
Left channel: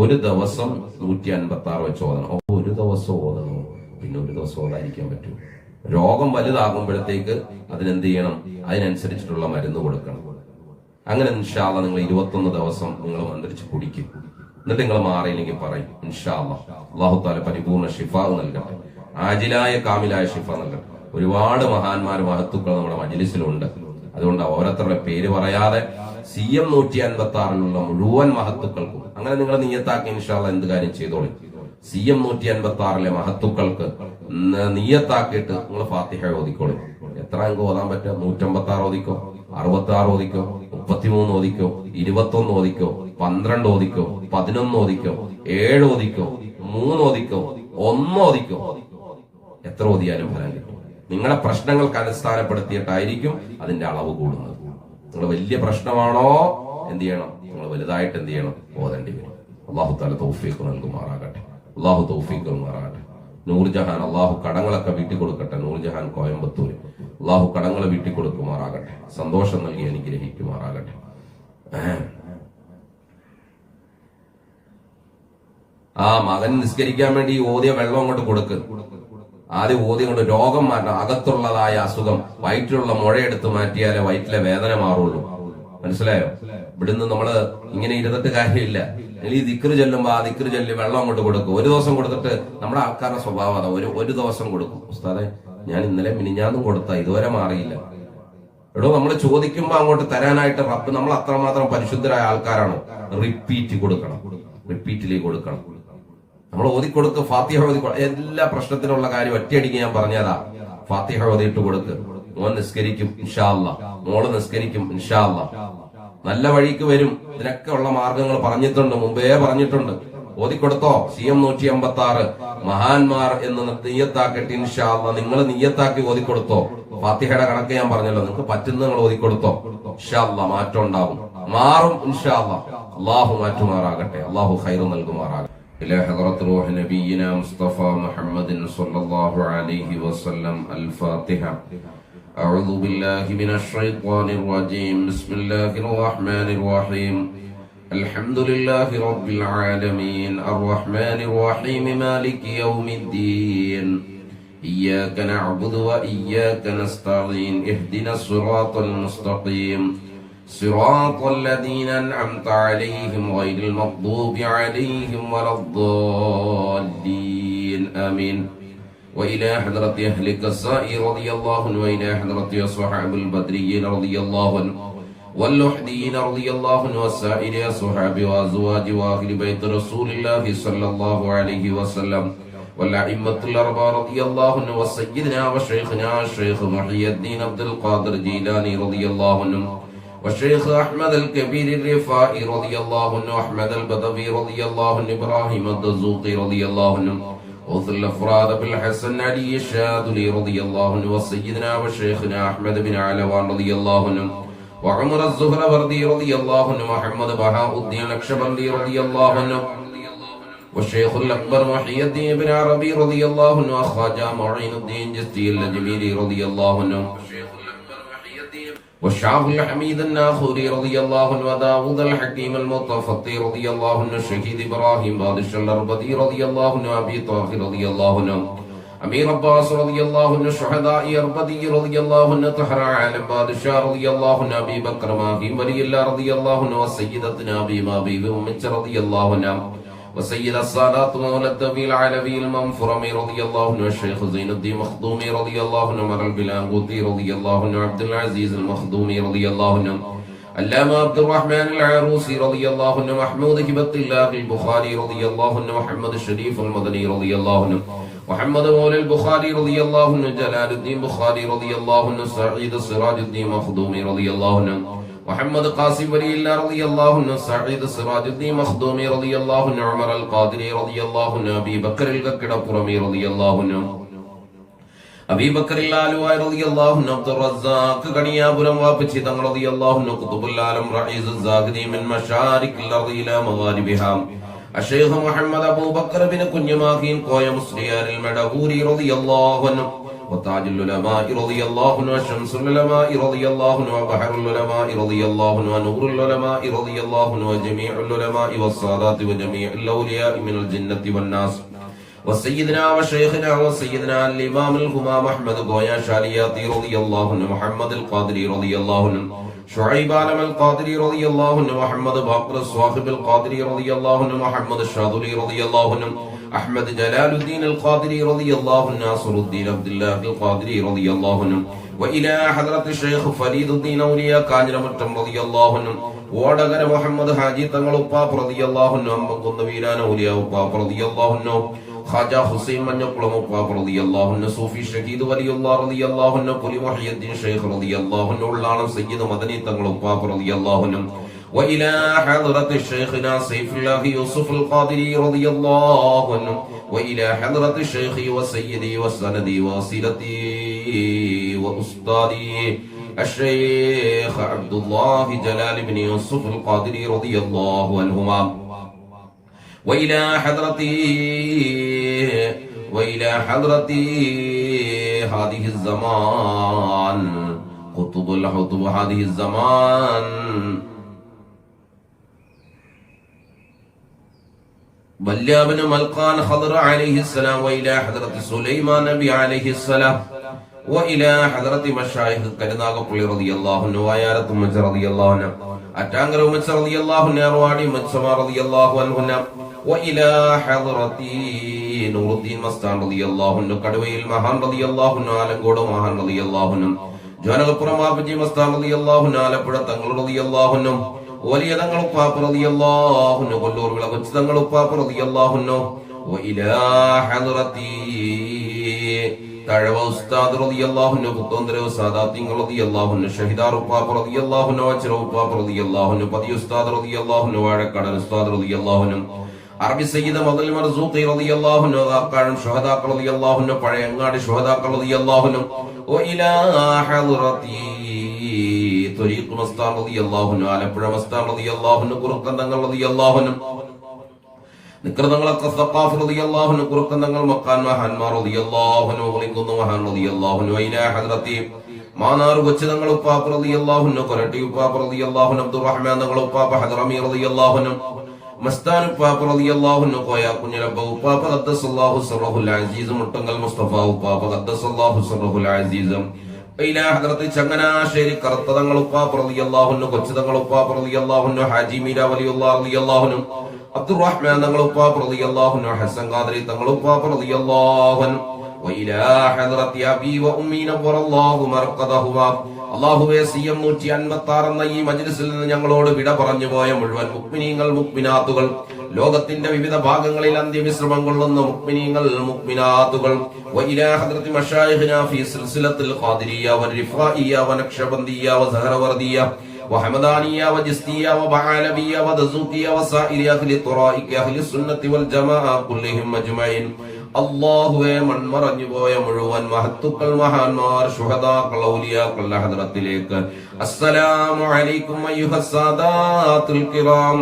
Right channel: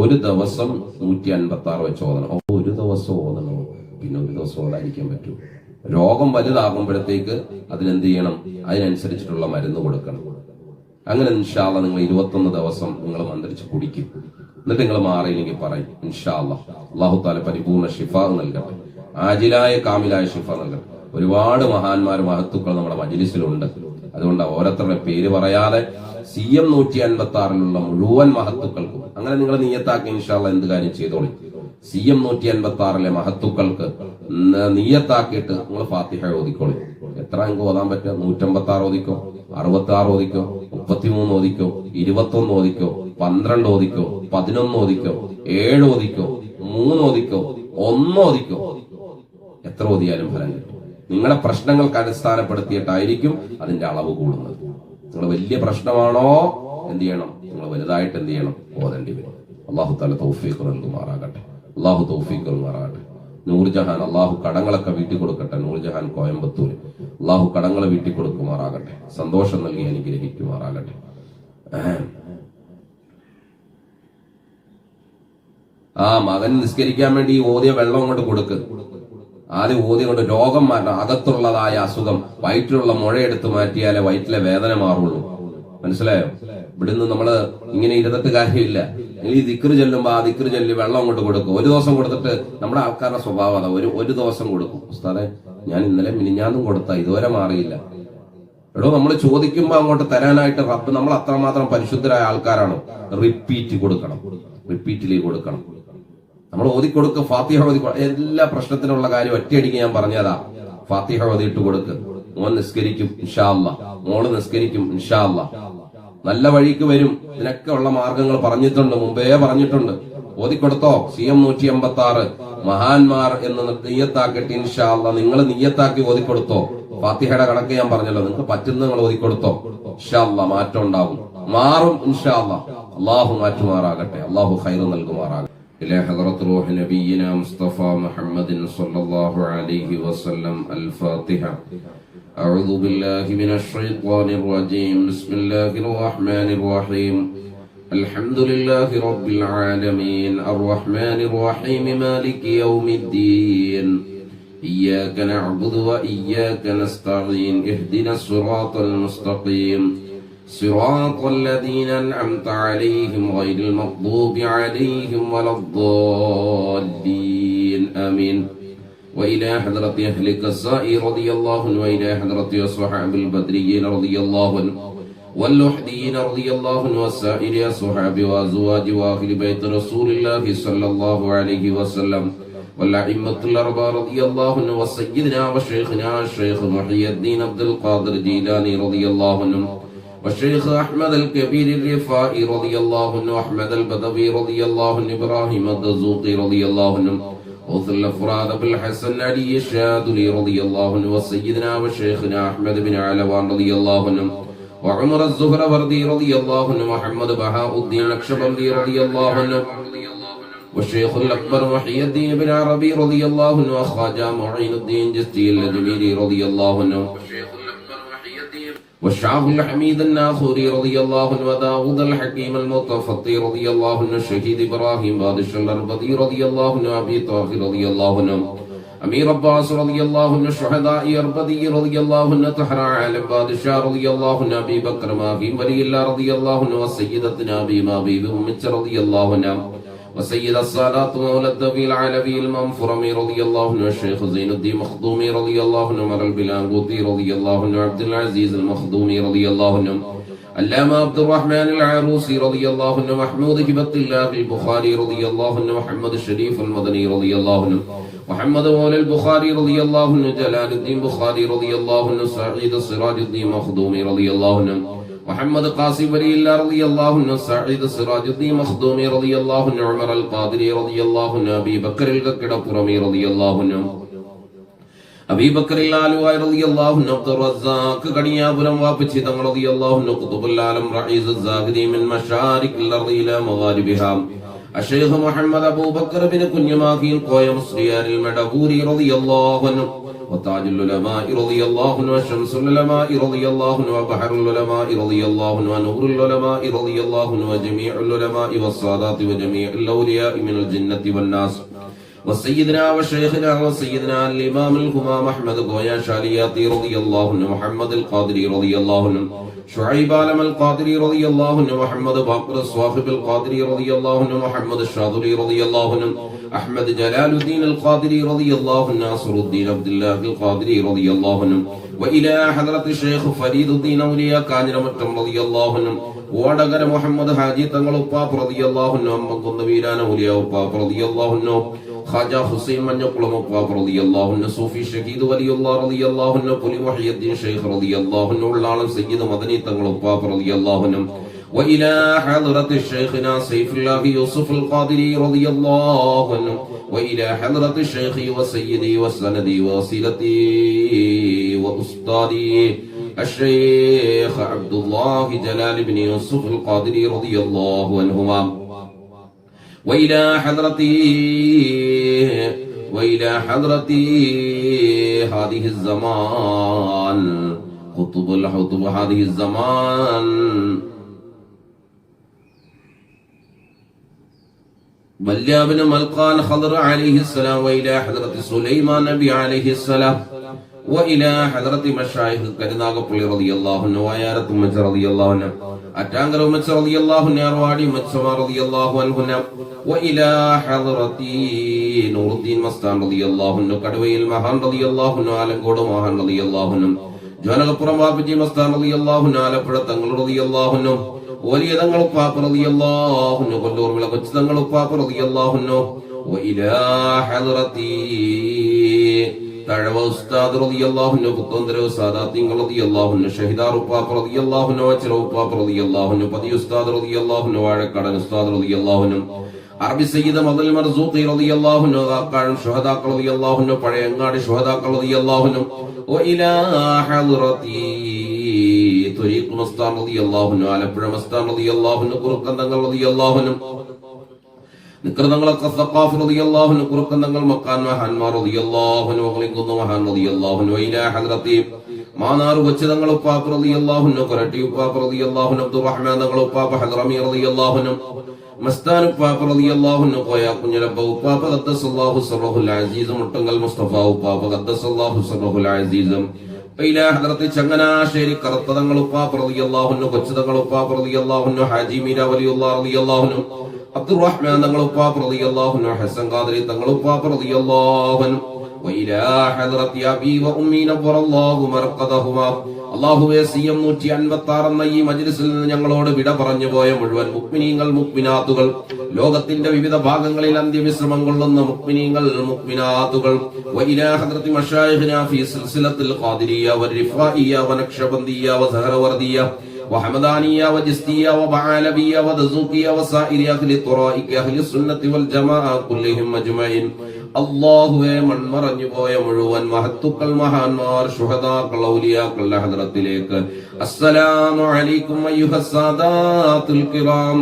ഒരു ദിവസം 156 വെച്ച് ഓതണം. ഒരു ദിവസം ഓതണോ? പിന്നെ ഒരു ദിവസം ഉണ്ടായിരിക്കാൻ പറ്റൂ. രോഗം വലുതാകുമ്പോഴത്തേക്ക് അതിനെന്ത് ചെയ്യണം? അതിനനുസരിച്ചിട്ടുള്ള മരുന്ന് കൊടുക്കണം. അങ്ങനെ ഇൻഷാ അല്ലാഹ് നിങ്ങൾ 21 ദിവസം നിങ്ങൾ മന്ത്രിച്ച് കുടിക്കും. എന്നിട്ട് നിങ്ങൾ മാറിയില്ലെങ്കിൽ പറയും ഇൻഷാ അല്ലാഹ് അല്ലാഹു തആല പരിപൂർണ്ണ ശിഫാ നൽകട്ടെ, ആജിലായ കാമിലായ ശിഫ നൽകട്ടെ. ഒരുപാട് മഹാന്മാർ മഹത്തുക്കൾ നമ്മുടെ മജ്ലിസിലുണ്ട്. അതുകൊണ്ട് ഓരോരുത്തരുടെ പേര് പറയാതെ CM 156 മുഴുവൻ മഹത്തുക്കൾക്കും അങ്ങനെ നിങ്ങൾ നിയ്യത്താക്കി ഇൻഷാ അല്ലാഹ് എന്ത് കാര്യം ചെയ്തോളി. CM 156 മഹത്തുക്കൾക്ക് നിയ്യത്താക്കിയിട്ട് നിങ്ങൾ ഫാത്തിഹ ഓതിക്കോളി. എത്ര അംഗം ഓതാൻ പറ്റുക? 156 ഓതിക്കോ, 66 ഓതിക്കോ, 33 ഓതിക്കോ, 21 ഓതിക്കോ, 12 ഓതിക്കോ, 11 ഓതിക്കോ, 7 ഓതിക്കോ, 3 ഓതിക്കോ, 1 ഓതിക്കോ. എത്ര ഓതിയാലും ഫലം കിട്ടും. നിങ്ങളെ പ്രശ്നങ്ങൾക്ക് അടിസ്ഥാനപ്പെടുത്തിയിട്ടായിരിക്കും അതിന്റെ അളവ് കൂടുന്നത്. നിങ്ങളുടെ വലിയ പ്രശ്നമാണോ, എന്ത് ചെയ്യണം? നിങ്ങൾ വലുതായിട്ട് എന്ത് ചെയ്യണം? ഓതേണ്ടി വരും. അല്ലാഹു തആല തൗഫീഖ് നൽകുമാറാകട്ടെ. അല്ലാഹു തൗഫീഖ് നൽകുമാറാകട്ടെ. നൂർജഹാൻ അല്ലാഹു കടങ്ങളൊക്കെ വീട്ടിൽ കൊടുക്കട്ടെ. നൂർജഹാൻ കോയമ്പത്തൂർ അല്ലാഹു കടങ്ങൾ വീട്ടിൽ കൊടുക്കുമാറാകട്ടെ. സന്തോഷം നൽകി അനുഗ്രഹിക്കുമാറാകട്ടെ. ആ മകൻ നിസ്കരിക്കാൻ വേണ്ടി ഓതിയ വെള്ളം കൊണ്ട് കൊടുക്ക്. ആദ്യം ഓതി കൊണ്ട് രോഗം മാറ്റണം. അകത്തുള്ളതായ അസുഖം, വയറ്റിലുള്ള മുഴയെടുത്ത് മാറ്റിയാലേ വയറ്റിലെ വേദന മാറുള്ളൂ. മനസ്സിലായോ? ഇവിടുന്ന് നമ്മള് ഇങ്ങനെ ഇരുന്നിട്ട് കാര്യമില്ല. ഈ ദിക്റ് ചെല്ലുമ്പോ ആ ദിക്റ് ചൊല്ലി വെള്ളം കൊണ്ട് കൊടുക്കും. ഒരു ദിവസം കൊടുത്തിട്ട് നമ്മുടെ ആൾക്കാരുടെ സ്വഭാവം അതാ, ഒരു ദിവസം കൊടുക്കും. ഉസ്താദെ ഞാൻ ഇന്നലെ മിനിഞ്ഞാന്നും കൊടുത്ത ഇതുവരെ മാറിയില്ല. എടോ, നമ്മൾ ചോദിക്കുമ്പോ അങ്ങോട്ട് തരാനായിട്ട് റബ്ബ് നമ്മൾ അത്രമാത്രം പരിശുദ്ധരായ ആൾക്കാരാണ്. റിപ്പീറ്റ് കൊടുക്കണം, റിപ്പീറ്റിലേക്ക് കൊടുക്കണം. നമ്മൾ ഓതിക്കൊടുക്ക്. ഫാത്തിഹ ഓതി. എല്ലാ പ്രശ്നത്തിനുള്ള കാര്യം ഒറ്റയടിക്ക് ഞാൻ പറഞ്ഞതാ. ഫാത്തിഹ ഓതിയിട്ട് കൊടുക്ക്. മോൻ നിസ്കരിക്കും ഇൻഷാ അല്ലാഹ്, മോള് നിസ്കരിക്കും ഇൻഷാ അല്ലാഹ്. നല്ല വഴിക്ക് വരും. ഇതിനൊക്കെ ഉള്ള മാർഗങ്ങൾ പറഞ്ഞിട്ടുണ്ട്, മുമ്പേ പറഞ്ഞിട്ടുണ്ട്. ഓതിക്കൊടുത്തോ? CM 156 മഹാന്മാർ എന്ന് നിയ്യത്താക്കിയിട്ട് ഇൻഷാ അല്ലാഹ് നിങ്ങൾ നിയ്യത്താക്കി ഓതിക്കൊടുത്തോ? ഫാത്തിഹയുടെ കണക്ക് ഞാൻ പറഞ്ഞല്ലോ. നിങ്ങൾക്ക് പറ്റുന്ന നിങ്ങൾ ഓതിക്കൊടുത്തോ? ഇൻഷാ അല്ലാഹ് മാറ്റം ഉണ്ടാകും, മാറും ഇൻഷാ അല്ലാഹ്. അല്ലാഹു മാറ്റുമാറാകട്ടെ, അല്ലാഹു ഖൈർ നൽകുമാറാകട്ടെ. إلى حضرة روح نبينا مصطفى محمد صلى الله عليه وسلم. الفاتحة. أعوذ بالله من الشيطان الرجيم. بسم الله الرحمن الرحيم. الحمد لله رب العالمين الرحمن الرحيم مالك يوم الدين إياك نعبد وإياك نستعين اهدنا الصراط المستقيم صراط الذين أنعمت عليهم غير المغضوب عليهم ولا الضالين آمين. وإلى حضرة أهل كساء رضي الله عنه وإلى حضرة أصحاب البدريين رضي الله عنه واللحديين رضي الله عنه وسائر أصحاب وأزواج وأهل بيت رسول الله صلى الله عليه وسلم والأئمة الأربعة رضي الله عنه وسيدنا وشيخنا الشيخ محي الدين عبد القادر جيلاني رضي الله عنه والشيخ أحمد الكبير الرفائي رضي الله عنه أحمد البدوي رضي الله عنه إبراهيم الدزوقي رضي الله عنه وثل الأفراد بالحسن علي الشاذلي رضي الله عنه وسيدنا وشيخنا أحمد بن علوان رضي الله عنه وعمر الزهروردي رضي الله عنه ومحمد بهاء الدين النقشبندي رضي الله عنه والشيخ الأكبر محي الدين بن عربي رضي الله عنه وخواجة معين الدين جستي الأجميري رضي الله عنه والشعب الحميد الناخوري رضي الله عنه وداود الحكيم المتفطي رضي الله عنه الشهيد إبراهيم بادشاه الأربدي رضي الله عنه أبي طاهر رضي الله عنه أمير عباس رضي الله عنه الشهداء أربدي رضي الله عنه طهر عالم بادشاه رضي الله عنه أبي بكر ماهي ولي الله رضي الله عنه وسيدتنا أبي مابي بأمة رضي الله عنه وسيد السادات مولى الدوي العلوي المنفرمي رضي الله عنه الشيخ زين الدين مخدومي رضي الله عنه عمر البلانقوطي رضي الله عنه عبد العزيز المخدومي رضي الله عنه علامة عبد الرحمن العروسي رضي الله عنه محمود هبة الله البخاري رضي الله عنه محمد الشريف المدني رضي الله عنه محمد مولى البخاري رضي الله عنه جلال الدين بخاري رضي الله عنه سعيد السراج الدين مخدومي رضي الله عنه محمد قاسم ولي الله رضي الله عنه سعيد السراج الدين مخدومي رضي الله عنه عمر القادري رضي الله عنه أبي بكر الككرمي رضي الله عنه أبي بكر العلوي رضي الله عنه عبد الرزاق كنيابرم وابتشيطن رضي الله عنه قطب العالم رئيس الزاهدي من مشارق الأرض إلى مغاربها الشيخ محمد أبو بكر بن كنيماخي القوي مصريار المدهوري رضي الله عنه وتاج العلماء رضي الله عنه وشمس العلماء رضي الله عنه وبحر العلماء رضي الله عنه ونور العلماء رضي الله عنه وجميع العلماء والسادات وجميع الأولياء من الجنة والناس وسيدنا وشيخنا وسيدنا الإمام الهمام أحمد قويا شالياتي رضي الله عنه، محمد القادري رضي الله عنه، شعيب عالم القادري رضي الله عنه، محمد باقر الصاحب القادري رضي الله عنه، محمد الشاذلي رضي الله عنه، أحمد جلال الدين القادري رضي الله عنه، ناصر الدين عبد الله القادري رضي الله عنه، وإلى حضرة الشيخ فريد الدين أولياء കാഞ്ഞിരമറ്റം رضي الله عنه، വടകര മുഹമ്മദ് ഹാജി തങ്ങൾ ഉപ്പാപ്പ റളിയല്ലാഹു അൻഹു, അമ്പകുന്ന വീരാന ഔലിയാ ഉപ്പാപ്പ റളിയല്ലാഹു അൻഹു, ഖാജ ഹുസൈൻ മഞ്ഞക്കുളം ഉപ്പാപ്പ റളിയല്ലാഹു അൻഹു, സൂഫി ഷഹീദ് വലിയുല്ലാഹ് റളിയല്ലാഹു അൻഹു, പുലി മുഹയ്യിദ്ദീൻ ഷൈഖ് റളിയല്ലാഹു അൻഹു, ഉള്ളാളം സയ്യിദ് മദനി തങ്ങൾ ഉപ്പാപ്പ റളിയല്ലാഹു അൻഹു, وإلى حضرة شيخنا سيف الله يوسف القادري رضي الله عنه، وإلى حضرة الشيخ وسيدي وسندي ووسيلتي وأستاذي الشيخ عبد الله جلال بن يوسف القادري رضي الله عنهما، وإلى حضرة هذه الزمان قطب الحطب هذه الزمان بليا بن ملقان خضر عليه السلام، وإلى حضرة سليمان نبي عليه السلام، وإلى حضرة مشايخ كرناغپള്ളി رضي الله عنه، وآيارة مچ رضي الله عنه، أتانغر مچ رضي الله عنه، أروادي مچ رضي الله عنه، وإلى حضرة نور الدين مستان رضي الله عنه، കടവയിൽ മഹാൻ رضي الله عنه، ആലങ്കോട് മഹാൻ رضي الله عنه، ജോനകപ്പുറം വാപ്പജി മസ്താൻ رضي الله عنه, ആലപ്പുഴ തങ്ങൾ رضي الله عنه, വലിയ തങ്ങൾ ഉപ്പാപ്പ റളിയല്ലാഹു അൻഹു, കൊല്ലൂർ വിള കൊച്ചു തങ്ങൾ ഉപ്പാപ്പ റളിയല്ലാഹു അൻഹു, وإلى حضرتي തഴവ ഉസ്താദ് റളിയല്ലാഹു അൻഹു, പുത്തോന്തര സാദാത്തിങ്ങൾ റളിയല്ലാഹു അൻഹു, ഷഹിദാർ ഉപ്പാപ്പ റളിയല്ലാഹു അൻഹു, അച്ചറ ഉപ്പാപ്പ റളിയല്ലാഹു അൻഹു, പതി ഉസ്താദ് റളിയല്ലാഹു അൻഹു, വാഴക്കാടൻ ഉസ്താദ് റളിയല്ലാഹു അൻഹു, അറബി സയ്യിദ് മദൽ മർസൂഖി റളിയല്ലാഹു അൻഹു, ആക്കാഴം ശുഹദാക്കൾ റളിയല്ലാഹു അൻഹു, പഴയങ്ങാടി ശുഹദാക്കൾ റളിയല്ലാഹു അൻഹു, وإلى حضرتي ത്വരീഖ് മസ്താൻ റളിയല്ലാഹു അൻഹു, ആലപ്പുഴ മസ്താൻ റളിയല്ലാഹു അൻഹു, കുറുക്കന്തങ്ങൾ റളിയല്ലാഹു അൻഹു, നിക്രതങ്ങളൊക്കെ സഖാഫ് റളിയല്ലാഹു അൻഹു, കുറുക്കന്തങ്ങൾ മക്കാൻ മഹാന്മാർ റളിയല്ലാഹു അൻഹു, മുഗ്ലിംകുന്ന് മഹാൻ റളിയല്ലാഹു അൻഹു, وإلى حضرتي മാനാർ വച്ചതങ്ങൾ ഉപ്പാപ്പ റളിയല്ലാഹു അൻഹു, കൊരട്ടി ഉപ്പാപ്പ റളിയല്ലാഹു അൻഹു, അബ്ദുറഹ്മാൻ തങ്ങൾ ഉപ്പാപ്പ ഹദ്റമി റളിയല്ലാഹു അൻഹു, മസ്താൻ ഉപ്പാപ്പ റളിയല്ലാഹു അൻഹു, കോയ കുഞ്ഞലബ്ബ ഉപ്പാപ്പ ഖദ്ദസല്ലാഹു സിറഹുൽ അസീസ്, മുട്ടങ്കൽ മുസ്തഫ ഉപ്പാപ്പ ഖദ്ദസല്ലാഹു സിറഹുൽ അസീസ്, إلى حضرة ചങ്ങനാശ്ശേരി കറുത്ത തങ്ങൾ ഉപ്പാപ്പ റളിയല്ലാഹു അൻഹു, കൊച്ചു തങ്ങൾ ഉപ്പാപ്പ റളിയല്ലാഹു അൻഹു, ഹാജി മീര വലിയുല്ലാഹ് റളിയല്ലാഹു അൻഹു, അബ്ദുറഹ്മാൻ തങ്ങൾ ഉപ്പാപ്പ റളിയല്ലാഹു അൻഹു, ഹസൻ ഖാദരി തങ്ങൾ ഉപ്പാപ്പ റളിയല്ലാഹു അൻഹു, وإلى حضرة أبي وأمي نور الله مرقدهما. അല്ലാഹുവേ, സിയം 156 എന്ന ഈ മജ്ലിസിൽ നിന്ന് ഞങ്ങളോട് വിട പറഞ്ഞു പോയ മുഴുവൻ മുഅ്മിനീങ്ങൾ മുഅ്മിനാത്തുകൾ, ലോകത്തിന്റെ വിവിധ ഭാഗങ്ങളിൽ അന്ത്യവിശ്രമം കൊള്ളുന്ന മുഅ്മിനീങ്ങൾ മുഅ്മിനാത്തുകൾ, وإلى حضرة مشايخنا في سلسلة القادرية والرفائية ونقشبندية وزهروردية وحمدانية وجستية وبعالبية ودزوقية وسائر أهل الطرائق أهل السنة والجماعة كلهم أجمعين. അല്ലാഹുവേ, മൺമറഞ്ഞു പോയ മുഴുവൻ മഹത്തുക്കൾ, മഹാന്മാർ, ശുഹദാക്കൾ, ഔലിയാക്കളുടെ ഹദ്റത്തിലേക്ക് അസ്സലാമു അലൈക്കും അയ്യുഹസ്സാദാത്തുൽ കിറാം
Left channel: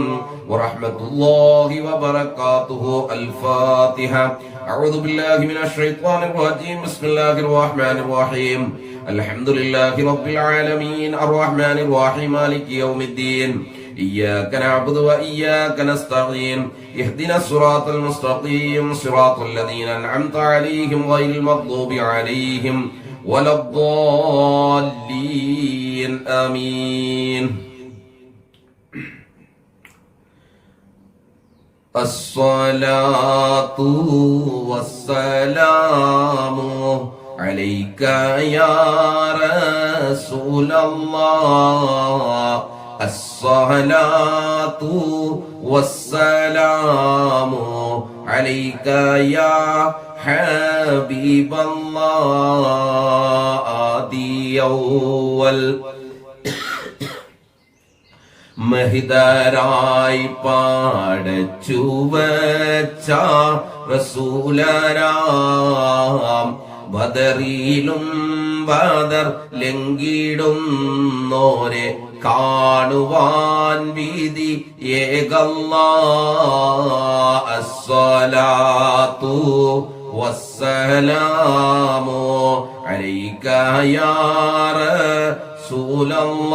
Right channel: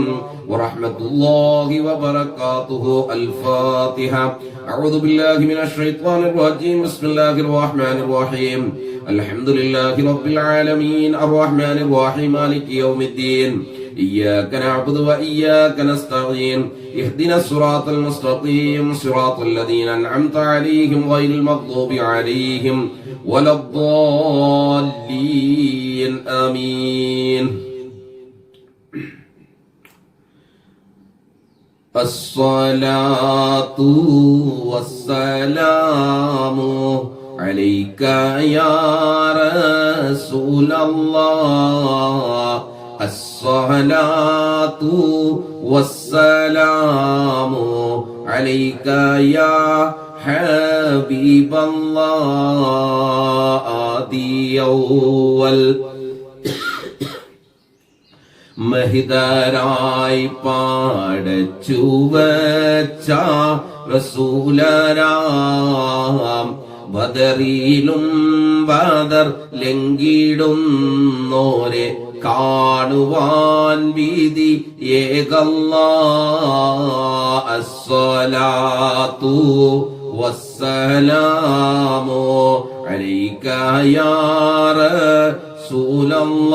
വറഹ്മത്തുള്ളാഹി വബറകാതുഹു. അൽ-ഫാത്തിഹ. അഊദു ബില്ലാഹി മിനശ് ശൈത്വാനിർ റജീം. ബിസ്മില്ലാഹിർ റഹ്മാനിർ റഹീം. അൽഹംദുലില്ലാഹി റബ്ബിൽ ആലമീൻ അർറഹ്മാനിർ റഹീം മാലികി യൗമിദ്ദീൻ. إياك نعبد وإياك نستعين اهدنا الصراط المستقيم صراط الذين أنعمت عليهم غير المغضوب عليهم ولا الضالين آمين. الصلاة والسلام عليك يا رسول الله. الصلاة والسلام عليك يا حبيب الله. آدي أول മഹിതരായി പാടച്ചു വച്ച റസൂലരാം, ബദറിലും ബദർ ലംഘിടുന്നോരെ കാണുവാൻ വിധി ഏകല്ലാഹ്. അസ്സലാത്തു വസ്സലാമു അലൈക യാ റസൂലല്ലാഹ്.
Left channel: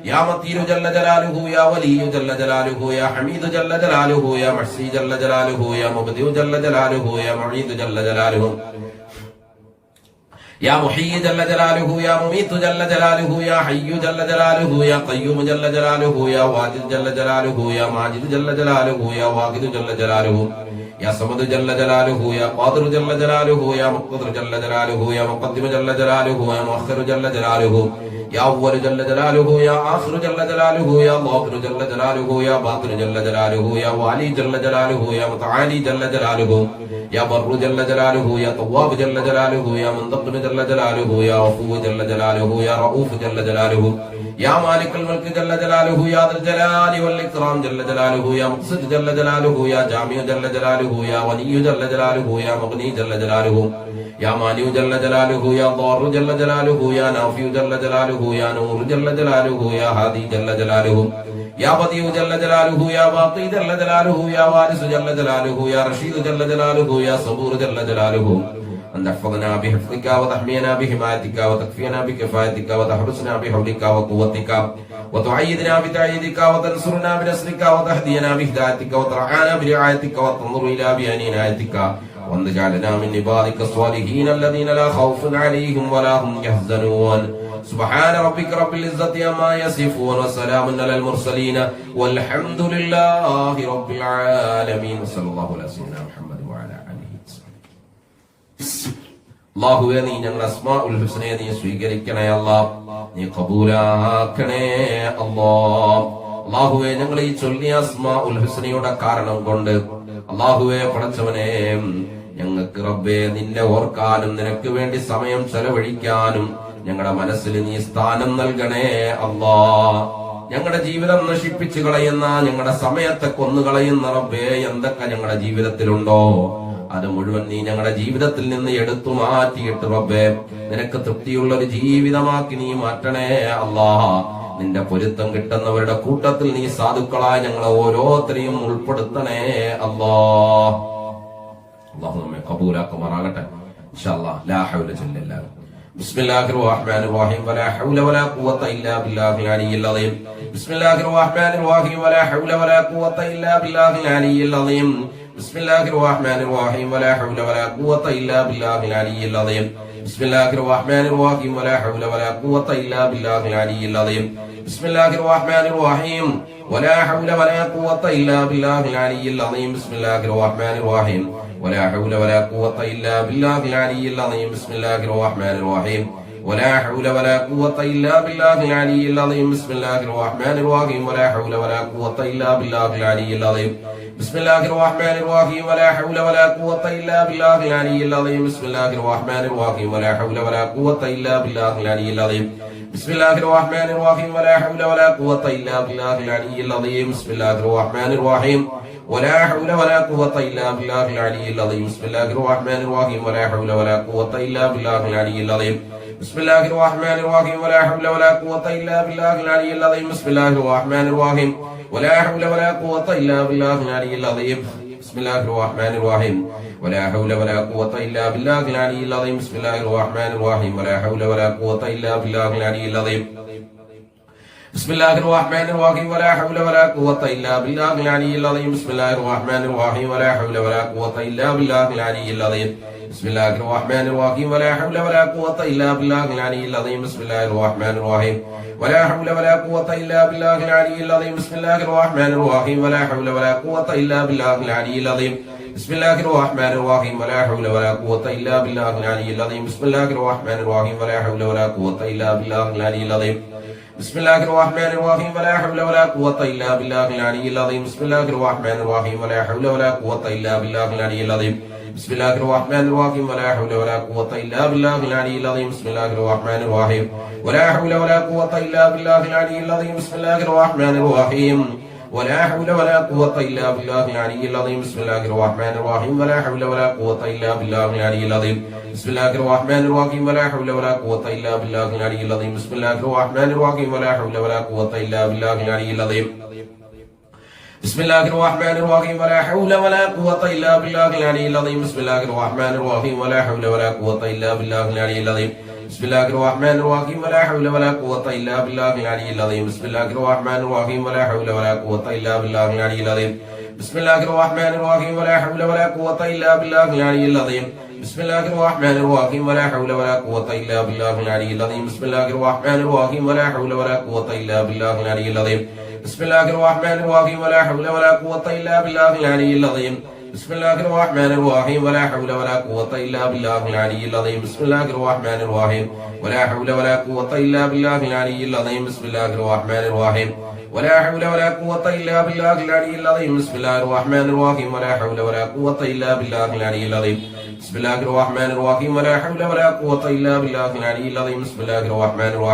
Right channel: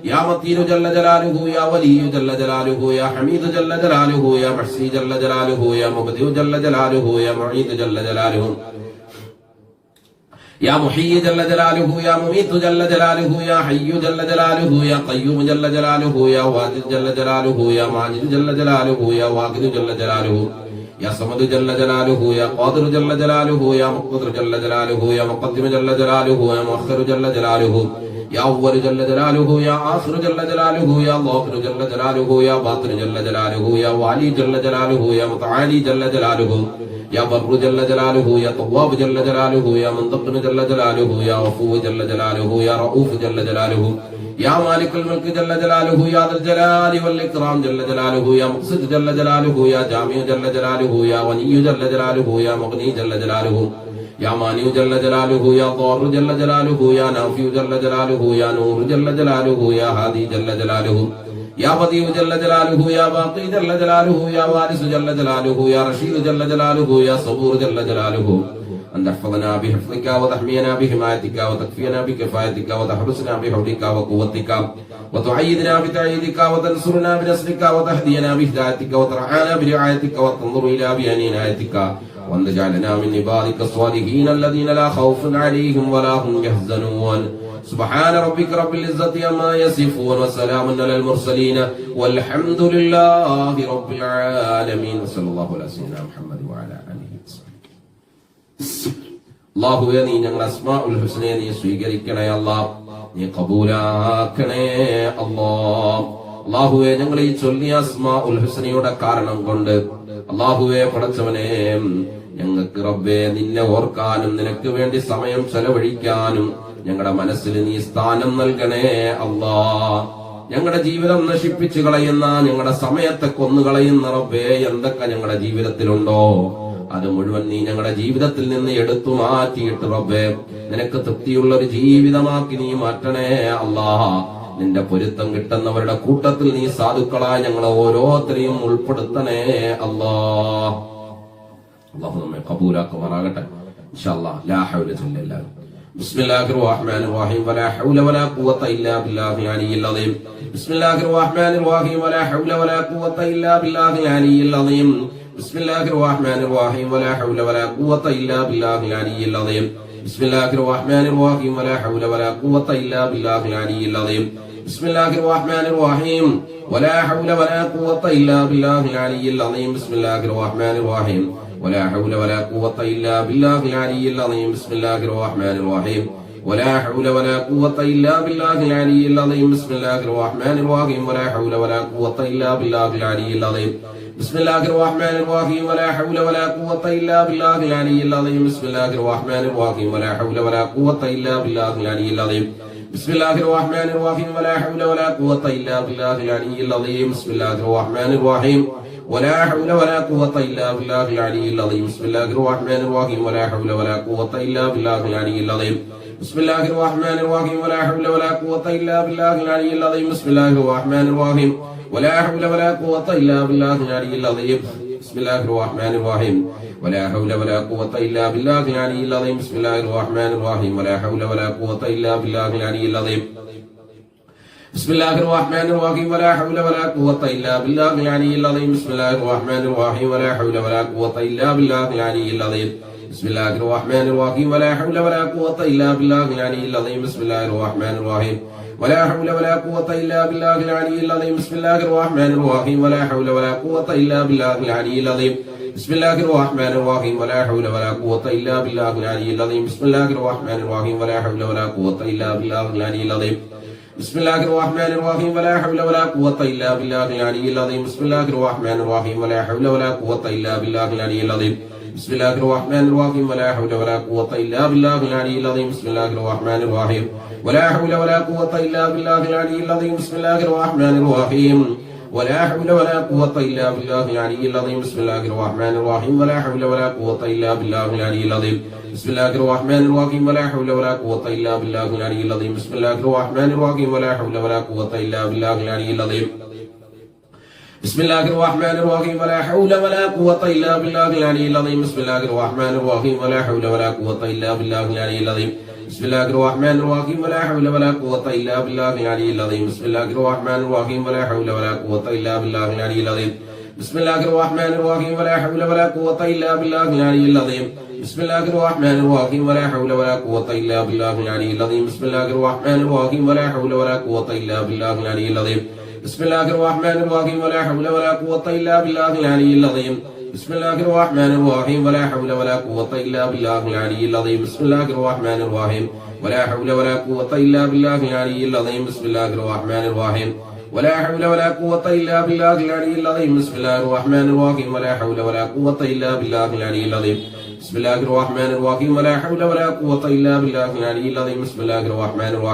يا متين جل جلاله يا ولي جل جلاله يا حميد جل جلاله يا محصي جل جلاله يا مبدئ جل جلاله يا معيد جل جلاله يا محيي جل جلاله يا مميت جل جلاله يا حي جل جلاله يا قيوم جل جلاله يا واجد جل جلاله يا ماجد جل جلاله يا واقد جل جلاله يا صمد جل جلاله يا قادر جل جلاله يا مقتدر جل جلاله يا مقدم جل جلاله يا مؤخر جل جلاله يا أول جل جلاله يا آخر جل جلاله يا ظاهر جل جلاله يا باطن جل جلاله يا والي جل جلاله يا متعالي جل جلاله يا بر جل جلاله يا طواب جل جلاله يا منتقم جل جلاله يا عفو جل جلاله يا رؤوف جل جلاله يا مالك الملك جل جلاله يا ذا الجلال والإكرام جل جلاله يا مقصد جل جلاله يا جامع جل جلاله يا غني جل جلاله يا مغني جل جلاله يا مانع جل جلاله يا ضار جل جلاله يا نافع جل جلاله يا نور جل جلاله يا هادي جل جلاله يا بديع جل جلاله يا باقي جل جلاله يا وارث جل جلاله يا رشيد جل جلاله يا صبور جل جلاله أن تحفظنا بحفظك وتحمينا بحمايتك وتكفينا بكفايتك وتحرسنا بحولك وقوتك وتعيدنا بتعييدك وتنصرنا بنصرك وتهدينا بهدايتك وترعانا برعايتك وتنظر إلى بعنايتك وأن تجعلنا من عبادك الصالحين الذين لا خوف عليهم ولا هم يحزنون سبحان ربك رب العزة عما يصفون وسلام على المرسلين والحمد لله رب العالمين وصلى الله على سيدنا محمد وعلى آله وصحبه അല്ലാഹുവേ നീ ഞങ്ങളുടെ അസ്മാഉൽ ഹുസ്നയെ നീ സ്വീകരിക്കണേ അല്ലാഹ് നീ ഖബൂലാക്കണേ അല്ലാഹ് അല്ലാഹുവേ ഞങ്ങൾ ഈ ചൊല്ലിയ അസ്മാഉൽ ഹുസ്നയുടെ കാരണം കൊണ്ട് അല്ലാഹുവേ പടച്ചവനെ ഞങ്ങൾക്ക് റബ്ബേ നിന്നെ ഓർക്കാനും നിനക്ക് വേണ്ടി സമയം ചെലവഴിക്കാനും ഞങ്ങളുടെ മനസ്സിൽ നീ സ്ഥാനം നൽകണേ അല്ലാഹ് ഞങ്ങളുടെ ജീവിതം നശിപ്പിച്ചു കളയുന്ന ഞങ്ങളുടെ സമയത്തെ കൊന്നുകളയുന്ന റബ്ബേ എന്തൊക്കെ ഞങ്ങളുടെ ജീവിതത്തിലുണ്ടോ അത് മുഴുവൻ നീ ഞങ്ങളുടെ ജീവിതത്തിൽ നിന്ന് എടുത്തു മാറ്റിയിട്ട് റബ്ബേ നിനക്ക് തൃപ്തിയുള്ള ഒരു ജീവിതമാക്കി നീ മാറ്റണേ അല്ലാഹ് നിന്റെ പൊരുത്തം കിട്ടുന്നവരുടെ കൂട്ടത്തിൽ നീ സാധുക്കളായി ഞങ്ങളെ ഓരോരുത്തരെയും ഉൾപ്പെടുത്തണേ അല്ലാഹ് അല്ലാഹു നമ്മെ ഖബൂലാക്കുമാറാകട്ടെ ഇൻഷാ അല്ലാഹ് ലാ ഹൗല ഇല്ലാ بسم الله الرحمن الرحيم ولا حول ولا قوة إلا بالله العلي العظيم بسم الله الرحمن الرحيم ولا حول ولا قوة إلا بالله العلي العظيم بسم الله الرحمن الرحيم ولا حول ولا قوة إلا بالله العلي العظيم بسم الله الرحمن الرحيم ولا حول ولا قوة إلا بالله العلي العظيم بسم الله الرحمن الرحيم ولا حول ولا قوة إلا بالله العلي العظيم بسم الله الرحمن الرحيم ولا حول ولا قوة إلا بالله العلي العظيم بسم الله الرحمن الرحيم ولا حول ولا قوة إلا بالله العلي العظيم بسم الله الرحمن الرحيم ولا حول ولا قوة إلا بالله العلي العظيم بسم الله الرحمن الرحيم ولا حول ولا قوة إلا بالله العلي العظيم بسم الله الرحمن الرحيم ولا حول ولا قوة إلا بالله العلي العظيم بسم الله الرحمن الرحيم ولا حول ولا قوة إلا بالله العلي العظيم بسم الله الرحمن الرحيم ولا حول ولا قوة إلا بالله العلي العظيم بسم الله الرحمن الرحيم ولا حول ولا قوة إلا بالله العلي العظيم بسم الله الرحمن الرحيم ولا حول ولا قوة إلا بالله العلي العظيم بسم الله الرحمن الرحيم ولا حول ولا قوة إلا بالله العلي العظيم بسم الله الرحمن الرحيم ولا حول ولا قوة إلا بالله العلي العظيم بسم الله الرحمن الرحيم ولا حول ولا قوة إلا بالله العلي العظيم بسم الله الرحمن الرحيم ولا حول ولا قوة إلا بالله العلي العظيم بسم الله الرحمن الرحيم ولا حول ولا قوة إلا بالله العلي العظيم بسم الله الرحمن الرحيم ولا حول ولا قوة إلا بالله العلي العظيم بسم الله الرحمن الرحيم ولا حول ولا قوة إلا بالله العلي العظيم بسم الله الرحمن الرحيم ولا حول ولا قوة إلا بالله العلي العظيم بسم الله الرحمن الرحيم ولا حول ولا قوة إلا بالله العلي العظيم بسم الله الرحمن الرحيم ولا حول ولا قوة إلا بالله العلي العظيم بسم الله الرحمن الرحيم ولا حول ولا قوة إلا بالله العلي العظيم بسم الله الرحمن الرحيم ولا حول ولا قوة إلا بالله العلي العظيم بسم الله الرحمن الرحيم ولا حول ولا قوة إلا بالله العلي العظيم بسم الله الرحمن الرحيم ولا حول ولا قوة إلا بالله العلي العظيم بسم الله الرحمن الرحيم ولا حول ولا قوة إلا بالله العلي العظيم بسم الله الرحمن الرحيم ولا حول ولا قوة إلا بالله العلي العظيم بسم الله الرحمن الرحيم ولا حول ولا قوة إلا بالله العلي العظيم بسم الله الرحمن الرحيم ولا حول ولا قوة إلا بالله العلي العظيم بسم الله الرحمن الرحيم ولا حول ولا قوة إلا بالله العلي العظيم بسم الله الرحمن الرحيم ولا حول ولا قوة إلا بالله العلي العظيم بسم الله الرحمن الرحيم ولا حول ولا قوة إلا بالله العلي العظيم بسم الله الرحمن الرحيم ولا حول ولا قوة إلا بالله العلي العظيم بسم الله الرحمن الرحيم ولا حول ولا قوة إلا بالله العلي العظيم بسم الله الرحمن الرحيم ولا حول ولا قوة إلا بالله العلي العظيم بسم الله الرحمن الرحيم ولا حول ولا قوة إلا بالله العلي العظيم بسم الله الرحمن الرحيم ولا حول ولا قوة إلا بالله العلي العظيم بسم الله الرحمن الرحيم ولا حول ولا قوة إلا بالله العلي العظيم بسم الله الرحمن الرحيم ولا حول ولا قوة إلا بالله العلي العظيم بسم الله الرحمن الرحيم ولا حول ولا قوة إلا بالله العلي العظيم بسم الله الرحمن الرحيم ولا حول ولا قوة إلا بالله العلي العظيم بسم الله الرحمن الرحيم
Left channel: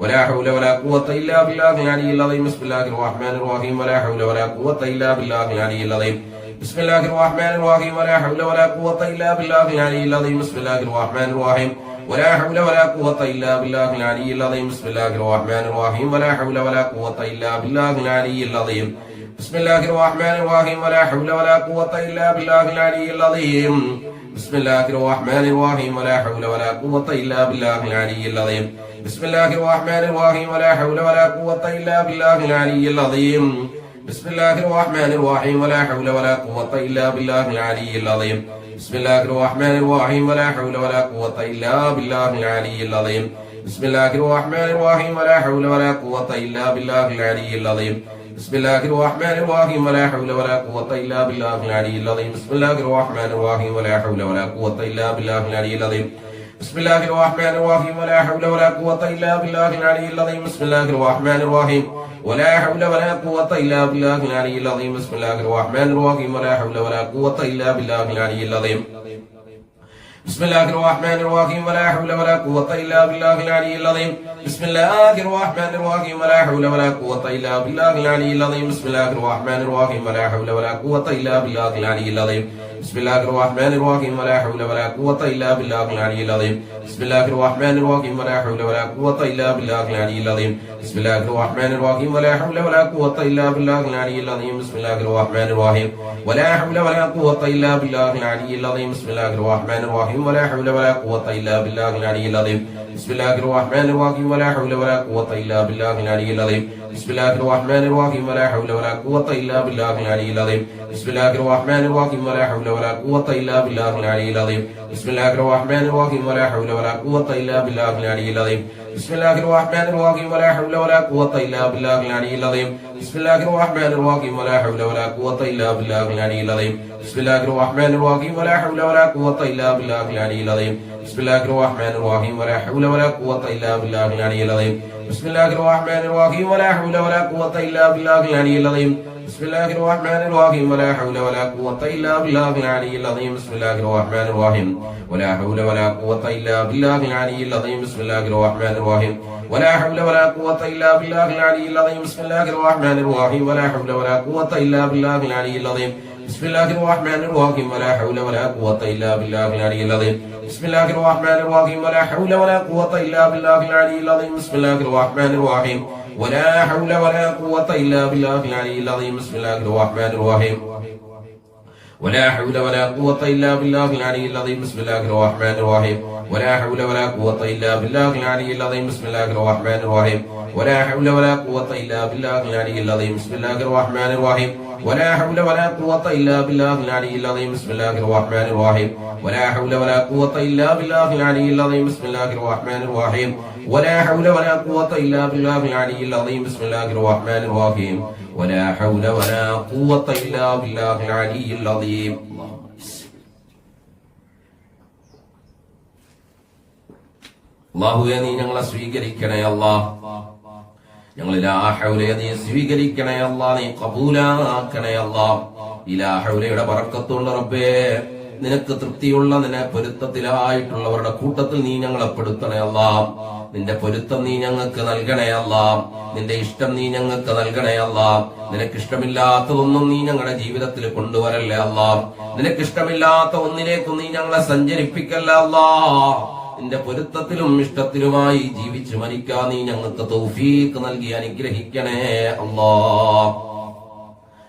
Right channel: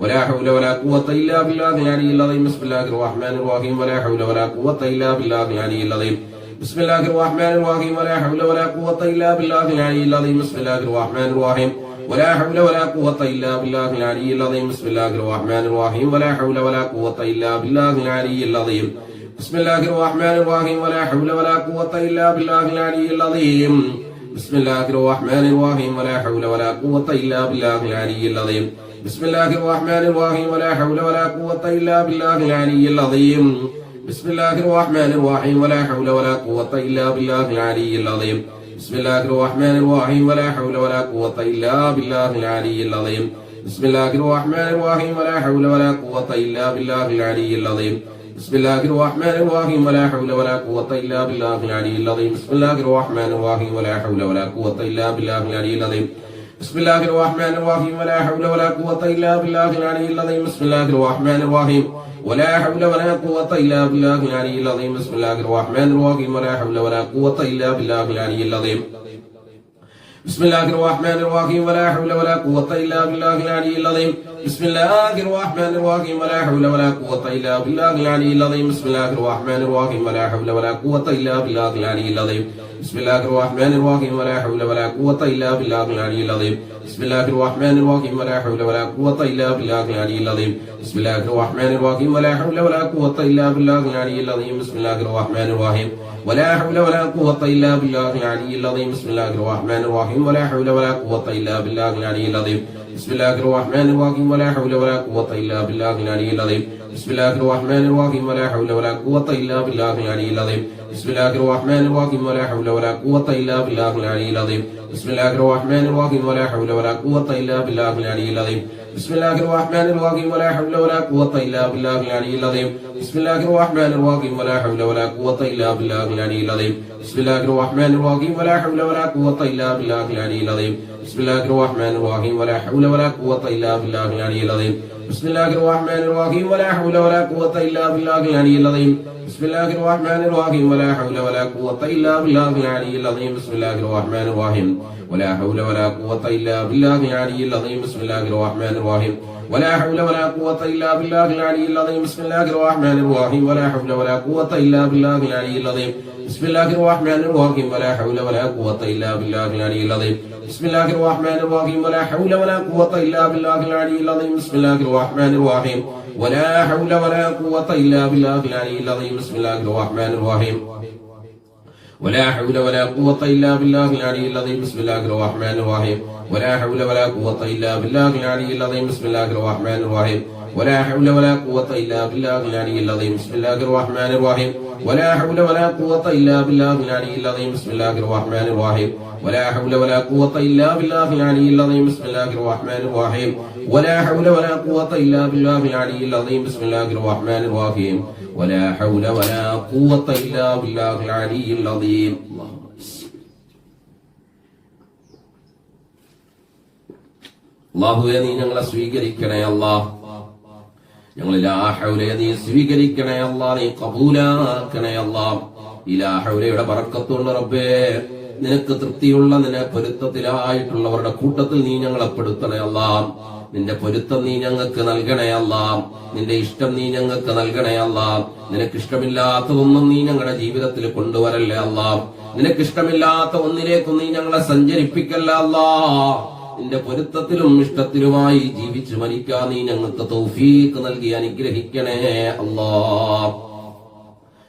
ولا حول ولا قوة إلا بالله العلي العظيم بسم الله الرحمن الرحيم ولا حول ولا قوة إلا بالله العلي العظيم بسم الله الرحمن الرحيم ولا حول ولا قوة إلا بالله العلي العظيم بسم الله الرحمن الرحيم ولا حول ولا قوة إلا بالله العلي العظيم بسم الله الرحمن الرحيم ولا حول ولا قوة إلا بالله العلي العظيم بسم الله الرحمن الرحيم ولا حول ولا قوة إلا بالله العلي العظيم بسم الله الرحمن الرحيم ولا حول ولا قوة إلا بالله العلي العظيم بسم الله الرحمن الرحيم ولا حول ولا قوة إلا بالله العلي العظيم بسم الله الرحمن الرحيم ولا حول ولا قوة إلا بالله العلي العظيم بسم الله الرحمن الرحيم ولا حول ولا قوة إلا بالله العلي العظيم بسم الله الرحمن الرحيم ولا حول ولا قوة إلا بالله العلي العظيم بسم الله الرحمن الرحيم ولا حول ولا قوة إلا بالله العلي العظيم بسم الله الرحمن الرحيم ولا حول ولا قوة إلا بالله العلي العظيم بسم الله الرحمن الرحيم ولا حول ولا قوة إلا بالله العلي العظيم بسم الله الرحمن الرحيم ولا حول ولا قوة إلا بالله العلي العظيم بسم الله الرحمن الرحيم ولا حول ولا قوة إلا بالله العلي العظيم بسم الله الرحمن الرحيم ولا حول ولا قوة إلا بالله العلي العظيم بسم الله الرحمن الرحيم ولا حول ولا قوة إلا بالله العلي العظيم بسم الله الرحمن الرحيم ولا حول ولا قوة إلا بالله العلي العظيم بسم الله الرحمن الرحيم ولا حول ولا قوة إلا بالله العلي العظيم بسم الله الرحمن الرحيم ولا حول ولا قوة إلا بالله العلي العظيم بسم الله الرحمن الرحيم ولا حول ولا قوة إلا بالله العلي العظيم بسم الله الرحمن الرحيم ولا حول ولا قوة إلا بالله العلي العظيم بسم الله الرحمن الرحيم ولا حول ولا قوة إلا بالله العلي العظيم بسم الله الرحمن الرحيم ولا حول ولا قوة إلا بالله العلي العظيم بسم الله الرحمن الرحيم ولا حول ولا قوة إلا بالله العلي العظيم بسم الله الرحمن الرحيم ولا حول ولا قوة إلا بالله العلي العظيم بسم الله الرحمن الرحيم ولا حول ولا قوة إلا بالله العلي العظيم بسم الله الرحمن الرحيم ولا حول ولا قوة إلا بالله العلي العظيم بسم الله الرحمن الرحيم ولا حول ولا قوة إلا بالله العلي العظيم بسم الله الرحمن الرحيم ولا حول ولا قوة إلا بالله العلي العظيم بسم الله الرحمن الرحيم ولا حول ولا قوة إلا بالله العلي العظيم بسم الله الرحمن الرحيم ولا حول ولا قوة إلا بالله العلي العظيم بسم الله الرحمن الرحيم ولا حول ولا قوة إلا بالله العلي العظيم بسم الله الرحمن الرحيم ولا حول ولا قوة إلا بالله العلي العظيم بسم الله الرحمن الرحيم ولا حول ولا قوة إلا بالله العلي العظيم بسم الله الرحمن الرحيم ولا حول ولا قوة إلا بالله العلي العظيم بسم الله الرحمن الرحيم ولا حول ولا قوة إلا بالله العلي العظيم بسم الله الرحمن الرحيم ولا حول ولا قوة إلا بالله العلي العظيم بسم الله الرحمن الرحيم ولا حول ولا قوة إلا بالله العلي العظيم بسم الله الرحمن الرحيم ولا حول ولا قوة إلا بالله العلي العظيم بسم الله الرحمن الرحيم ولا حول ولا قوة إلا بالله العلي العظيم بسم الله الرحمن الرحيم ولا حول ولا قوة إلا بالله العلي العظيم بسم الله الرحمن الرحيم ولا حول ولا قوة إلا بالله العلي العظيم بسم الله الرحمن الرحيم ولا حول ولا قوة إلا بالله العلي العظيم بسم الله الرحمن الرحيم ولا حول ولا قوة إلا بالله العلي العظيم بسم الله الرحمن الرحيم ولا حول ولا قوة إلا بالله العلي العظيم بسم الله الرحمن الرحيم ولا حول ولا قوة إلا بالله العلي العظيم അല്ലാഹുവേ നീ ഞങ്ങളെ സ്വീകരിക്കണേ അല്ലാഹ് ഞങ്ങൾ ലാ ഹൗല നീ സ്വീകരിക്കണേ അല്ലാഹ് നീ ഖബൂലാക്കണേ അല്ലാഹ് ഇലാ ഹൗലയുടെ ബറക്കത്തുണ്ട് റബ്ബേ നിനക്ക് തൃപ്തിയുള്ള നിന്നെ പൊരുത്തത്തിലായിട്ടുള്ളവരുടെ കൂട്ടത്തിൽ നീ ഞങ്ങളെ പെടുത്തണേ അല്ലാഹ് നിന്റെ പൊരുത്തം നീ ഞങ്ങൾക്ക് നൽകണേ അല്ലാഹ് നിന്റെ ഇഷ്ടം നീ ഞങ്ങൾക്ക് നൽകണേ അല്ലാഹ് നിനക്ക് ഇഷ്ടമില്ലാത്തതൊന്നും നീ ഞങ്ങളുടെ ജീവിതത്തിൽ കൊണ്ടുവരല്ലേ അല്ലാഹ് നിനക്ക് ഇഷ്ടമില്ലാത്ത ഒന്നിലേക്കും നീ ഞങ്ങളെ സഞ്ചരിപ്പിക്കല്ലേ അല്ലാഹ് നിന്റെ പൊരുത്തത്തിലും ഇഷ്ടത്തിലുമായി ജീവിച്ചു മരിക്കാൻ നീ ഞങ്ങൾക്ക് തൗഫീഖ് നൽകി അനുഗ്രഹിക്കണേ അല്ലാഹ്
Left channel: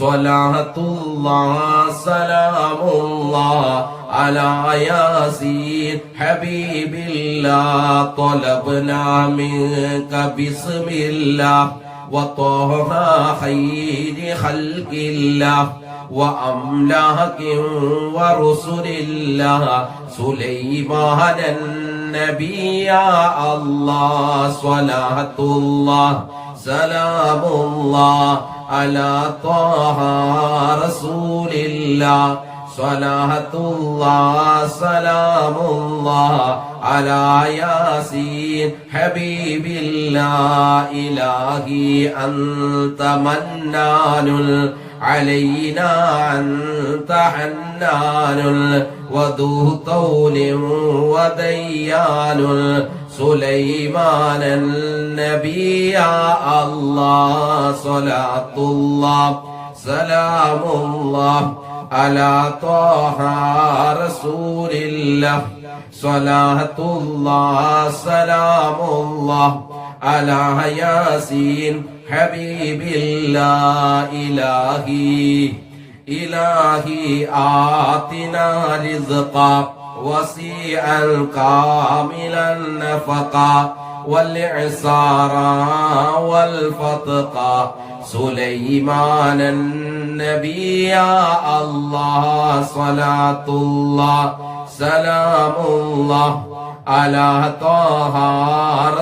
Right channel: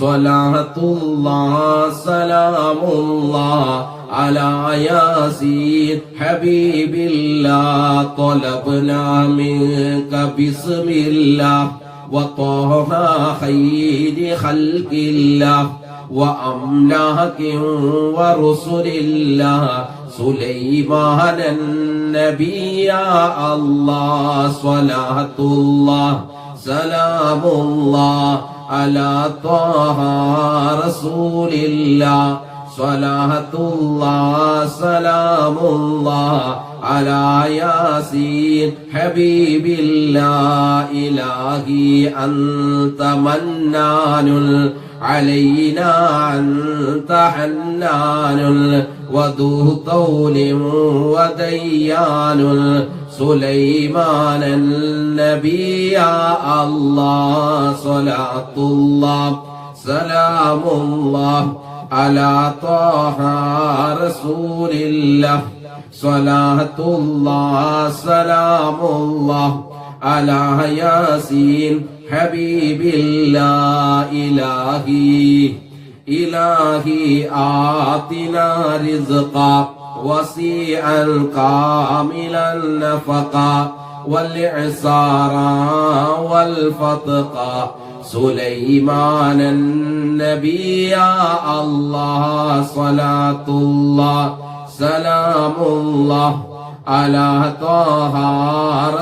സ്വലാത്തുല്ലാഹ് സലാമുല്ലാഹ് അലാ യാസീൻ ഹബീബില്ലാഹ് ത്വലബ്നാ മിൻക ബിസ്മില്ലാഹ് വത്വഹ ഖൈരി ഖൽഖില്ലാഹ് وأملاك ورسل الله سليمان النبي يا الله صلاة الله سلام الله على طه رسول الله صلاة الله سلام الله على ياسين حبيب الله إلهي أنت منان علينا أنت حنان وذو طول وديان سليمان النبي يا الله صلاة الله سلام الله على طه رسول الله صلاة الله سلام الله على ياسين حبيب الله إلهي آتنا رزقا وسيعا كاملا نفقا والإعسارا والفتقا سليمان النبي يا الله صلاة الله سلام الله على طه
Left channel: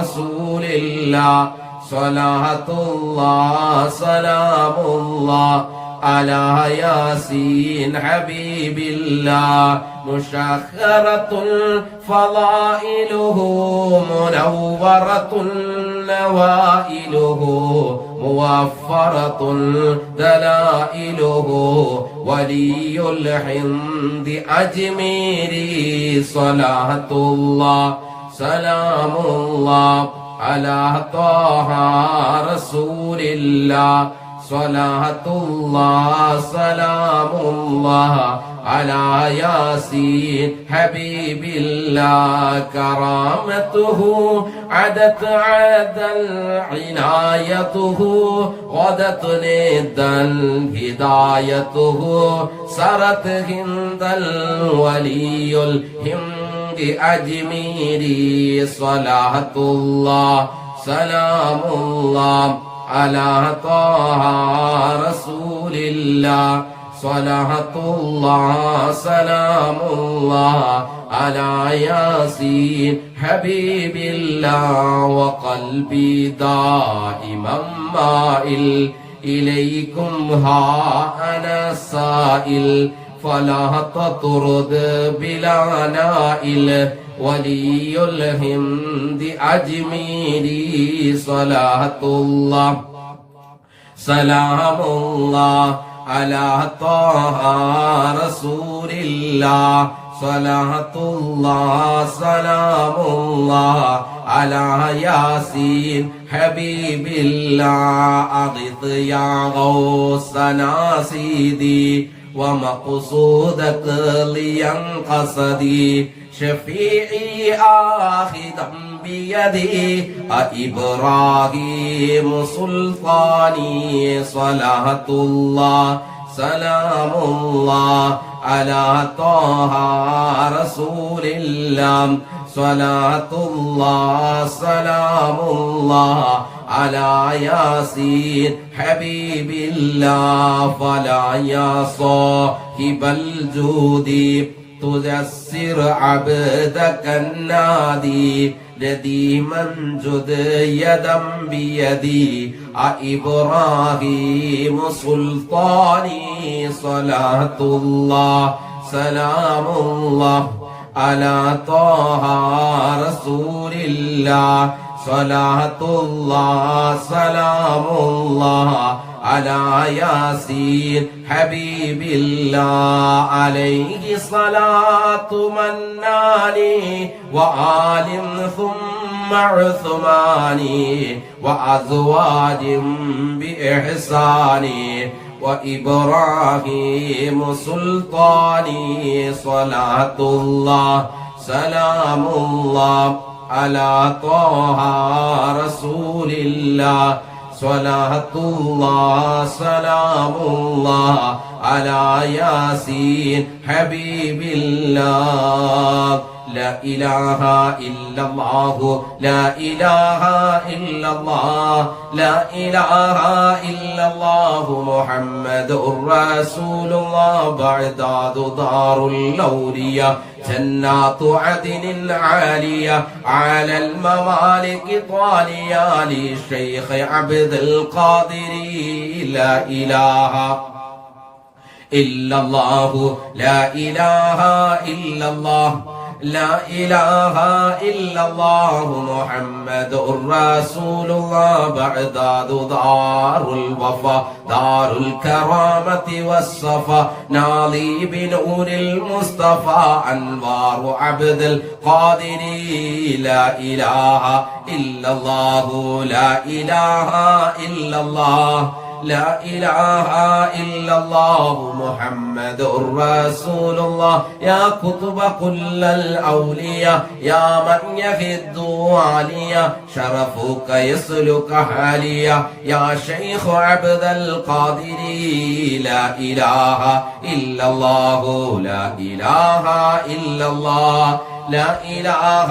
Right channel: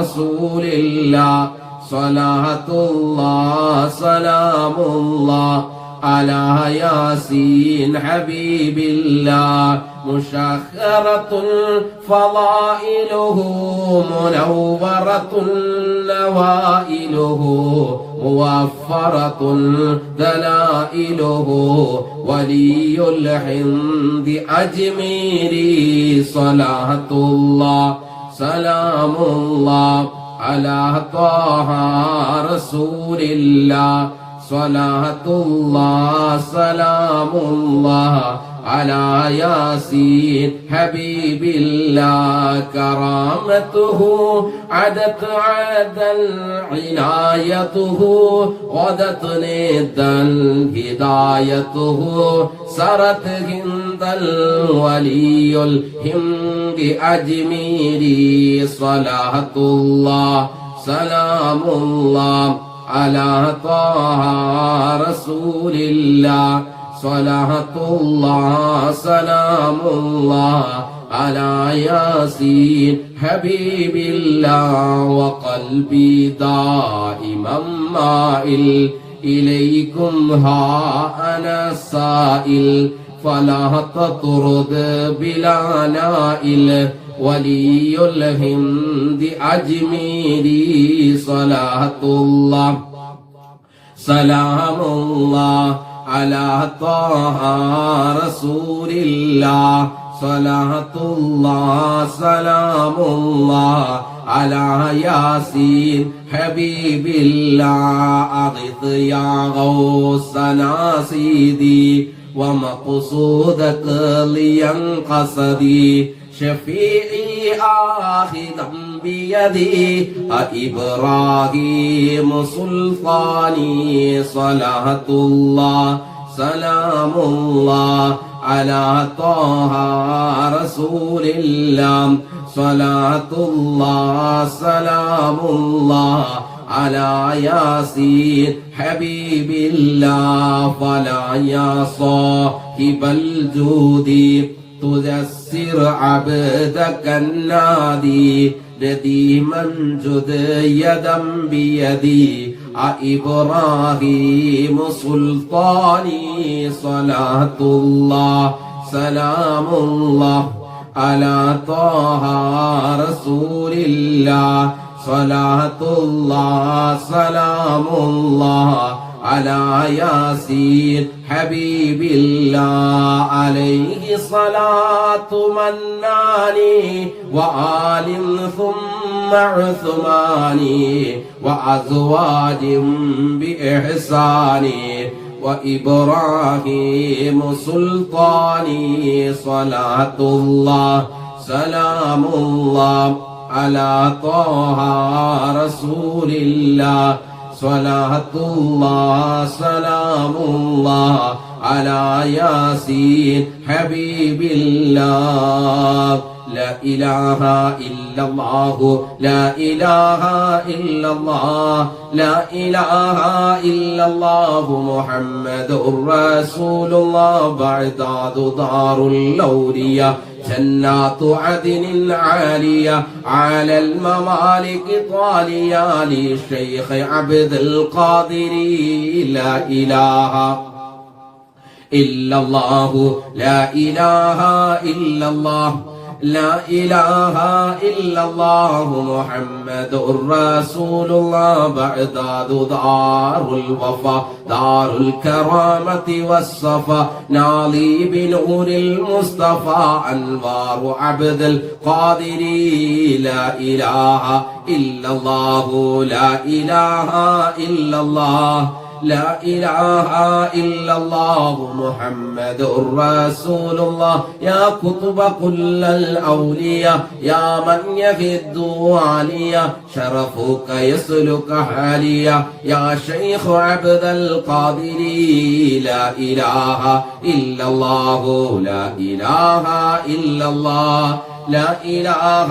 رسول الله صلاة الله سلام الله على ياسين حبيب الله مشخرة فضائله منورة نوائله موفرة دلائله ولي الحمد أجميري صلاة الله سلام الله على طه رسول الله صلاة الله سلام الله على ياسين حبيب الله كرامته عدت عدا عنايته غدت ندا هدايته سرت هند الولي الهند أجميري صلاة الله سلام الله على طه رسول الله صلاة الله سلام الله على ياسين حبيب الله وقلبي دائما مائل إليكم ها أنا السائل فلا تطرد بلا نائل ولي الهند أجميري صلاة الله سلام الله على طه رسول الله صلاة الله سلام الله على ياسين حبيب الله أغث يا غوثنا سيدي ومقصودك لينقصدي شفيعي آخذا بيدي إبراهيم سلطاني صلاة الله سلام الله على طه رسول الله صلاة الله سلام الله على ياسين حبيب الله فلا يا صاحب الجود تجسر عبدك النادي نديما جد يدا بيدي إبراهيم سلطاني صلاة الله سلام الله على طه رسول الله صلاة الله سلام الله على ياسين حبيب الله عليه صلاة مناني وآل ثم عثماني وأزواج بإحساني وإبراهيم سلطاني صلاة الله سلام الله على طه رسول الله സ്വലാത്തുല്ലാഹ് സലാമുല്ലാഹ് അലാ യാസീൻ ഹബീബില്ലാഹ്. لا إله إلا الله لا إله إلا الله لا إله إلا الله محمد رسول الله. بعداد دار الأولياء جنات عدن العالية على الممالك طالية للشيخ عبد القادر. لا إله إلا الله لا إله إلا الله لا إله إلا الله محمد رسول الله. بعداد دار الوفا دار الكرامة والصفا ناضي بنور المصطفى أنوار عبد القادر. لا إله إلا الله لا إله إلا الله لا إله إلا الله محمد رسول الله. يا قطب كل الأولياء يا من يفد واليا شرفك يسلك حاليا يا شيخ عبد القادر. لا إله إلا الله لا إله إلا الله لا إله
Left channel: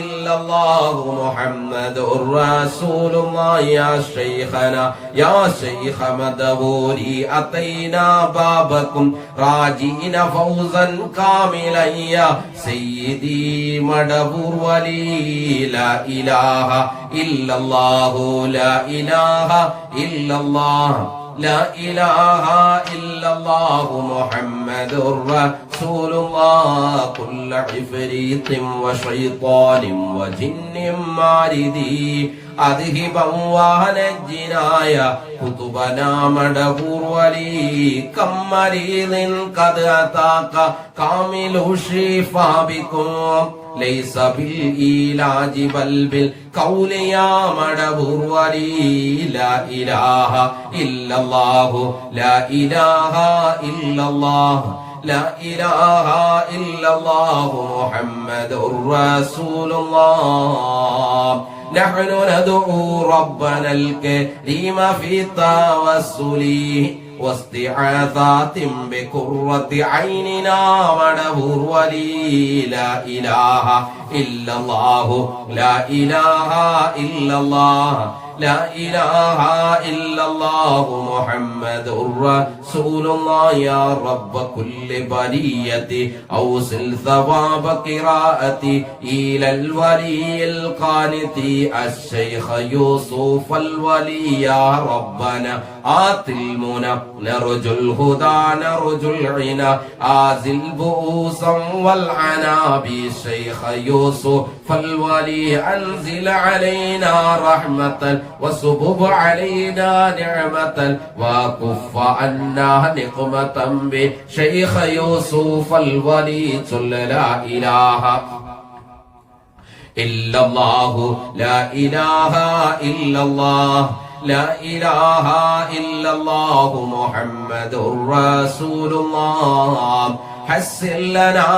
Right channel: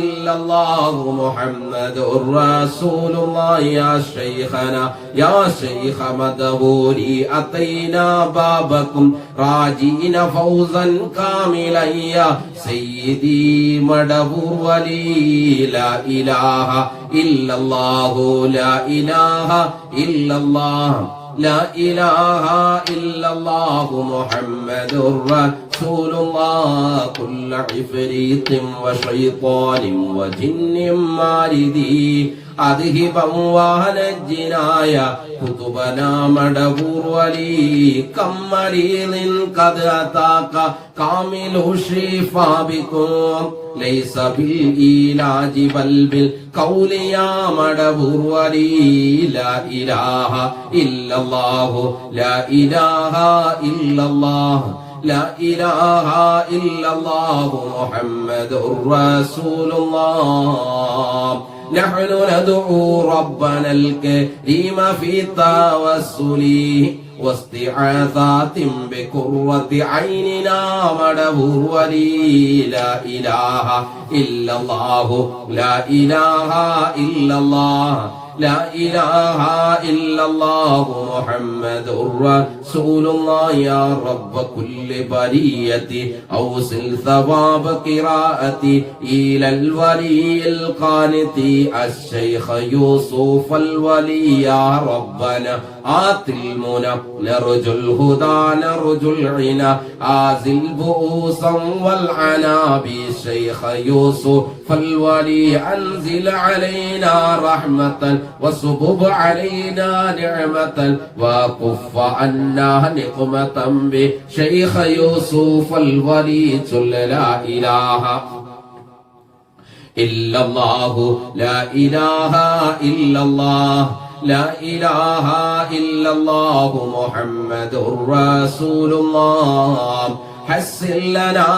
إلا الله محمد رسول الله. يا شيخنا يا شيخ مدبوري أتينا بابكم راجين فوزا كاملا يا سيدي مدبور ولي. لا إله إلا الله لا إله إلا الله لا إله إلا الله محمد رسول الله. كل عفريت وشيطان وجن ماردي أذهبا ونجنا يا كتبنا مدبور ولي. كم مريض قد أتاك كامل الشفاء بكم ليس بالعلاج بل بالقول يا مدبور ولي. لا إله إلا الله لا إله إلا الله لا إله إلا الله محمد رسول الله. نحن ندعو ربنا الكريم في التوسل واستعاذات بقرة عيننا مدبور ولي. لا إله إلا الله لا إله إلا الله لا إله إلا الله محمد رسول الله. يا رب كل برية أوصل ثواب قراءتي إلى الولي القانت الشيخ يوسف الولي. يا ربنا آت المنى نرجو الهدى نرجو العنا آزل بؤوسا والعنا بالشيخ يوسف فالولي. أنزل علينا رحمة وصبب علينا نعمة وكف عنا نقمة بشيخ يوسف الولي. لا إله إلا الله لا إله إلا الله لا إله إلا الله محمد رسول الله. حسن لنا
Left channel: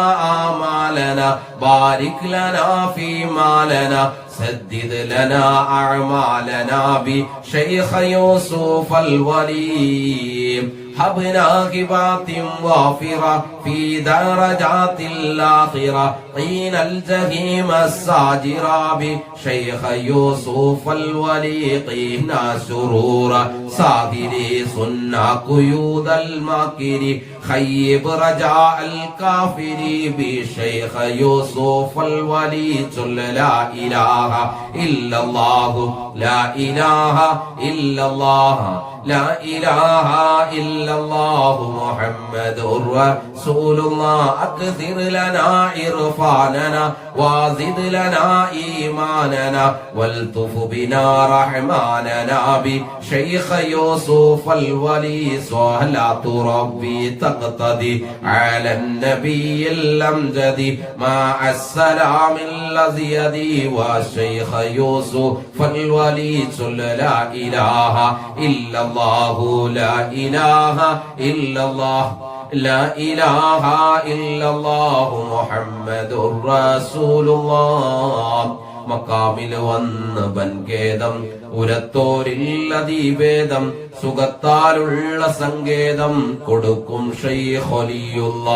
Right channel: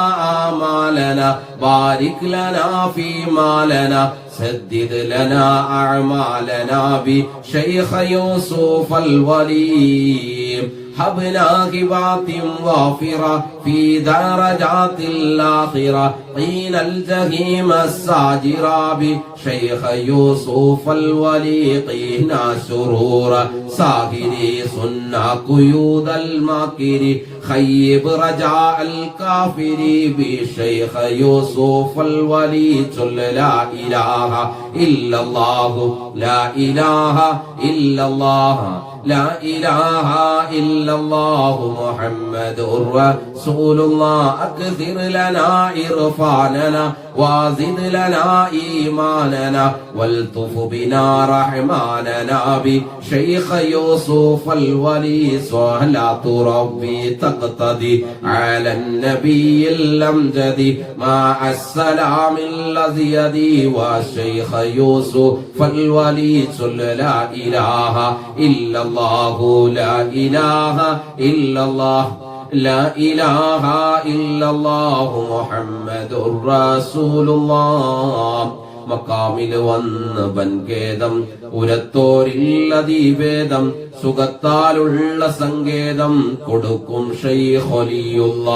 آمالنا بارك لنا في مالنا سدد لنا أعمالنا بشيخ يوسف الولي. هبنا هبات وافرة في درجات الآخرة قيل الجحيم الساجرة بشيخ يوسف الولي. قينا شرور ساهري صنع قيود الماكر خيب رجاء الكافر بشيخ يوسف الولي. لا إله إلا الله لا إله إلا الله لا إله إلا الله محمد رسول الله. أكثر لنا إرفاننا وزد لنا إيماننا والطف بنا رحماننا بشيخ يوسف الولي. صلاة ربي تقتدي على النبي الأمجد مع السلام الذي يدي والشيخ يوسف الولي. لا إله إلا الله لا إله إلا الله لا إله إلا الله محمد رسول الله. മക്കാമില് വന്ന് വൻകേദം ഉരത്തോരില്ലതീവേദം സുഖത്താലുള്ള സങ്കേതം കൊടുക്കും ശൈഖ് വലിയുള്ള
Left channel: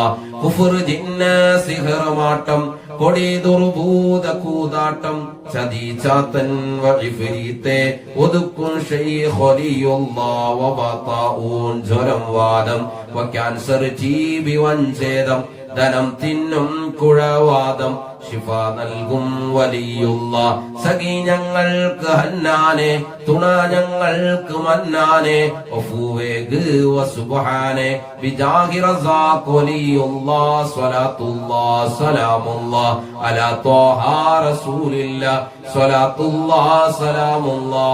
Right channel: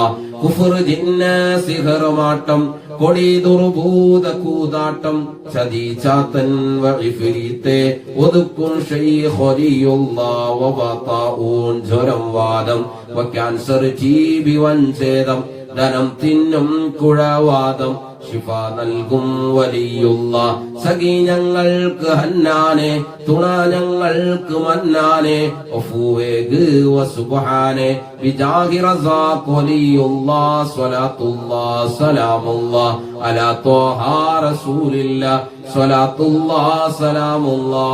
കുഫർ ജിന്ന സിഹ്റമാട്ടം കൊടി ദുർഭൂത കൂതാട്ടം ചതിചാത്തൻ വഇഫ്രീത്തെ ഒതുക്കും ശൈഖ് വലിയുള്ള വബതാഊൻ ജ്വരം വാദം ക്യാൻസർ ജീവി വഞ്ചേദം ധനം തിന്നും കുഴവാദം ശിഫ നൽകും വലിയുള്ള സഖി ഞങ്ങൾക്ക് ഹന്നാനെ തുണ ഞങ്ങൾക്ക് മന്നാനെ ഒഫുവേഗ് വസുബ്ഹാനെ ബിജാഹി റസാഖ് വലിയുള്ള സ്വലാത്തുല്ലാ സലാമുല്ലാ അലാ ത്വാഹ റസൂലില്ലാ സ്വലാത്തുല്ലാ സലാമുല്ലാ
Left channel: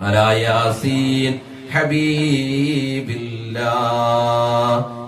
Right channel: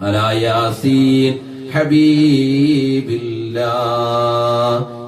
അലാ യാസീൻ ഹബീബില്ലാ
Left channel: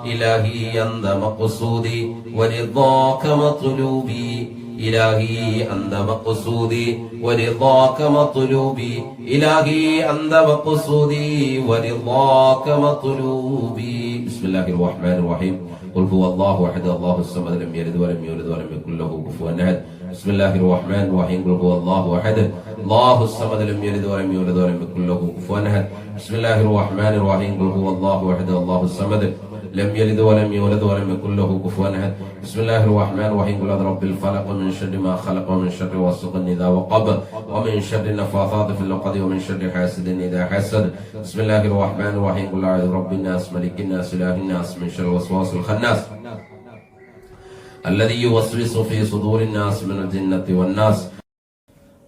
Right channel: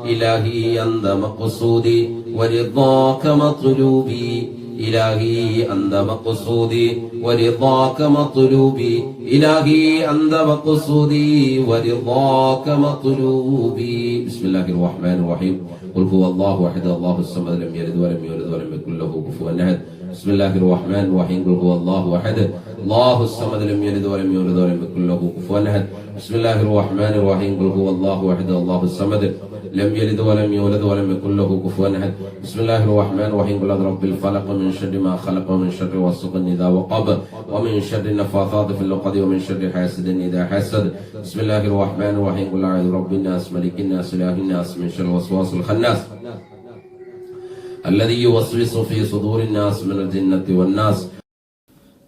إلهي أنت مقصودي ورضاك مطلوبي إلهي أنت مقصودي ورضاك مطلوبي إلهي أنت مقصودي ورضاك مطلوبي بسم الله الرحمن الرحيم قل هو الله أحد الله الصمد لم يلد ولم يولد ولم يكن له كفوا أحد بسم الله الرحمن الرحيم قل هو الله أحد الله الصمد لم يلد ولم يولد ولم يكن له كفوا أحد بسم الله الرحمن الرحيم قل هو الله أحد الله الصمد لم يلد ولم يولد ولم يكن له كفوا أحد بسم الله الرحمن الرحيم قل أعوذ برب الفلق ومن شر ما خلق ومن شر غاسق إذا وقب ومن شر النفاثات في العقد ومن شر حاسد إذا حسد بسم الله الرحمن الرحيم قل أعوذ برب الناس ملك الناس إله الناس من شر الوسواس الخناس الذي يوسوس في صدور الناس من الجنة والناس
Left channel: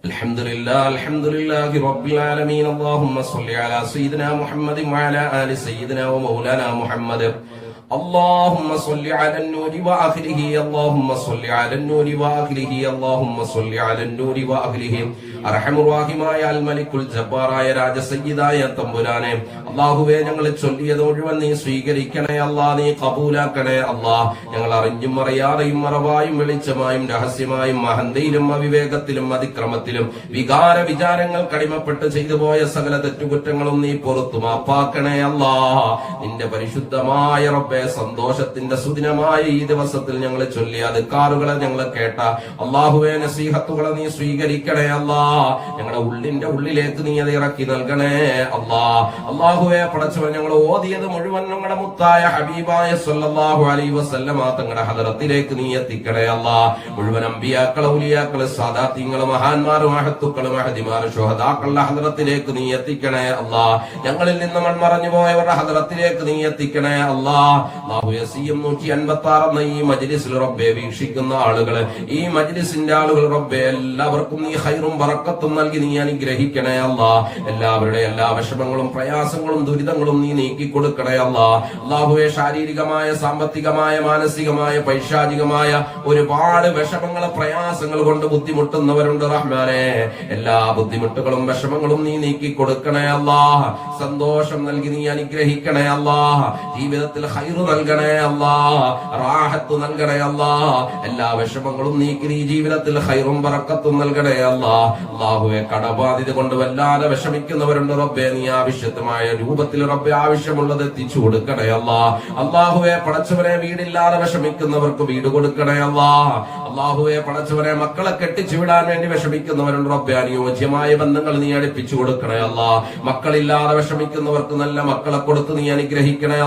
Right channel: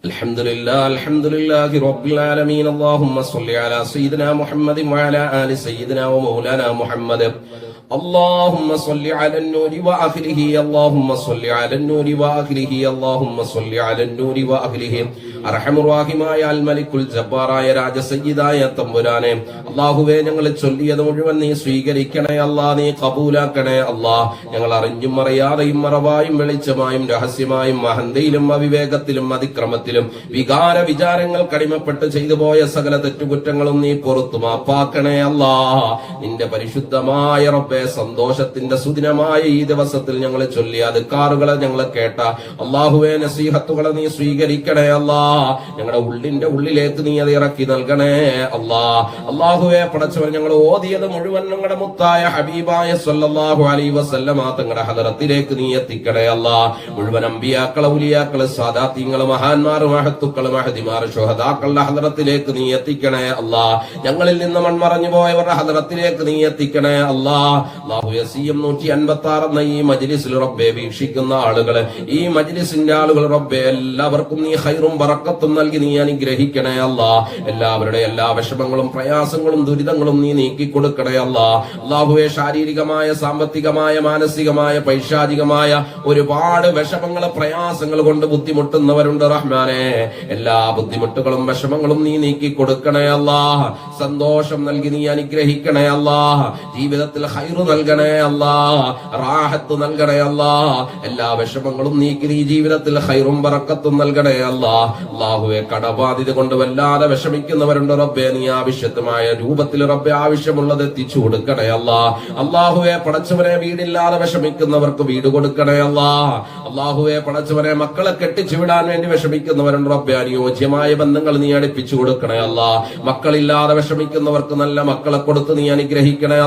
الحمد لله رب العالمين اللهم صل على سيدنا محمد وعلى آل سيدنا ومولانا محمد اللهم صل على النور وآخره اللهم صل على النور وآخره اللهم صل على النور وآخره അർഹമുറാഹിമായ അൽ മലിക്കുൽ ജബ്ബാറായ രാജസയ്യിദായ തമ്പുരാനെ അല്ലാഹുവേ ഞങ്ങൾ ചൊല്ലിയത് മുഴുവൻ നീ സ്വീകരിക്കണേ അല്ലാഹ് നീ കബൂലാക്കണേ അല്ലാഹ് ഞങ്ങൾ അറിഞ്ഞും അറിയാതെയും മറവായും വെളിച്ചമായും രഹസ്യമായും അഹന്തയിലും അവിവേകത്തിലും അതിക്രമത്തിലും വികാര വിചാരങ്ങൾ കടിമപ്പെട്ട് ചെയ്തു പോയ സകല തെറ്റുകുറ്റങ്ങളും നീ പുറത്തു മാപ്പാക്കണേ അല്ലാഹ് നിന്റെ പരിശുദ്ധമായ റബ്ബേ സന്തോഷത്തിന്റെ സുദിനമായ ഈ ദിവസത്തിൽ ഞങ്ങൾ ചൊല്ലിയ അദ്കാറുകളെ ഞങ്ങൾ കേട്ട അല്ലാഹുവേ നസീഹത്തുകളെ നീ സ്വീകരിക്കണേ അല്ലാഹ് ഞങ്ങളുടെ ഉള്ളിന്റെ ഉള്ളിലേക്ക് നീ അത് ഇറക്കി നൽകണേ അല്ലാഹുവേ പടച്ചവൻ ഞങ്ങൾ ഓതിയത് മുഴുവൻ ഞങ്ങളുടെ മുത്തായ ഹബീബായ സല്ലല്ലാഹു അലൈഹി വസല്ലമ തങ്ങളുടെ ഹദറത്തിലേക്ക് നീ എത്തിക്കണേ അല്ലാഹ് മുഴുവൻ അമ്പിയാക്കളെ ഉലിയാക്കളെ സാദാത്യങ്ങളെ മഹാന്മാർ മഹത്തുക്കളെ മഹദിമാർ ശുഹദാക്കളുടെ ഹദറത്തിലേക്ക് നീ എത്തിക്കണേ അല്ലാഹ് ഞങ്ങളിൽ നിന്ന് മൺമറഞ്ഞു പോയവരുടെ ഹദറത്തിലേക്ക് നീ എത്തിക്കണേ അല്ലാഹു യസീം 156 എന്ന ഈ മജ്ലിസിൽ റബ്ബേ വീക്ഷിക്കുന്ന ആളുകളെ ഈ മജ്ലിസിന്റെ ആളുകൾ റബ്ബേ എല്ലാവർക്കും നീ ഖൈറും ബറക്കത്തും നൽകി നീ അനുഗ്രഹിക്കണേ അല്ലാഹ് എല്ലാവരുടെ എല്ലാ വിഷമങ്ങളും പ്രയാസങ്ങളും ദുരിതങ്ങളും നീ നീക്കി കൊടുക്കണേ അല്ലാഹുവേ ശാരീരികമായ സാമ്പത്തികമായ മാനസികമായ പൈശാചികമായ ഒരുപാട് വിഷമങ്ങൾ പ്രയാസങ്ങൾ കൊണ്ട് ബുദ്ധിമുട്ടുന്നവരുണ്ട് റഹ്മാനെ എല്ലാ ബുദ്ധിമുട്ടുകളും വിഷമങ്ങളും നീ നീക്കി കൊടുക്കണേ അല്ലാഹ് സന്തോഷം നൽകി നീ അനുഗ്രഹിക്കണേ അല്ലാഹ് ജീവിതത്തിൽ ഖൈറ് നൽകണേ അല്ലാഹ് റാഹത്ത് നൽകണേ അല്ലാഹ് എല്ലാ വിഷമങ്ങളും നീക്കി നീ ജീവിതത്തിൽ ഖൈറും ബറക്കത്തും നൽകണേ അല്ലാഹുവേ കടബാധിത കൊണ്ട് വല്ലാതെ വിഷമിക്കുന്നവരുണ്ട് റബ്ബേ നീ ആവശ്യമായ രൂപത്തിൽ റബ്ബേ ആവശ്യമുള്ളത് എത്തിച്ചു കൊടുക്കണേ അല്ലാഹുവേ പടച്ചവനെ വീടില്ലാതെ വിഷമിക്കുന്നവർക്ക് വീട് കൊടുക്കണേ അല്ലാഹുവേ പടച്ചവനെ മക്കളെ കെട്ടിച്ചു വിടാൻ വേണ്ടി വിഷമിക്കുന്നവരുണ്ട് റബ്ബേ അനുയോജ്യമായ ബന്ധങ്ങൾ നീ അടുപ്പിച്ചു കൊടുക്കണേ മക്കളില്ലാതെ വിഷമിക്കുന്നവർക്ക് നല്ല മക്കളെ കൊടുത്ത് നീ അനുഗ്രഹിക്കണേ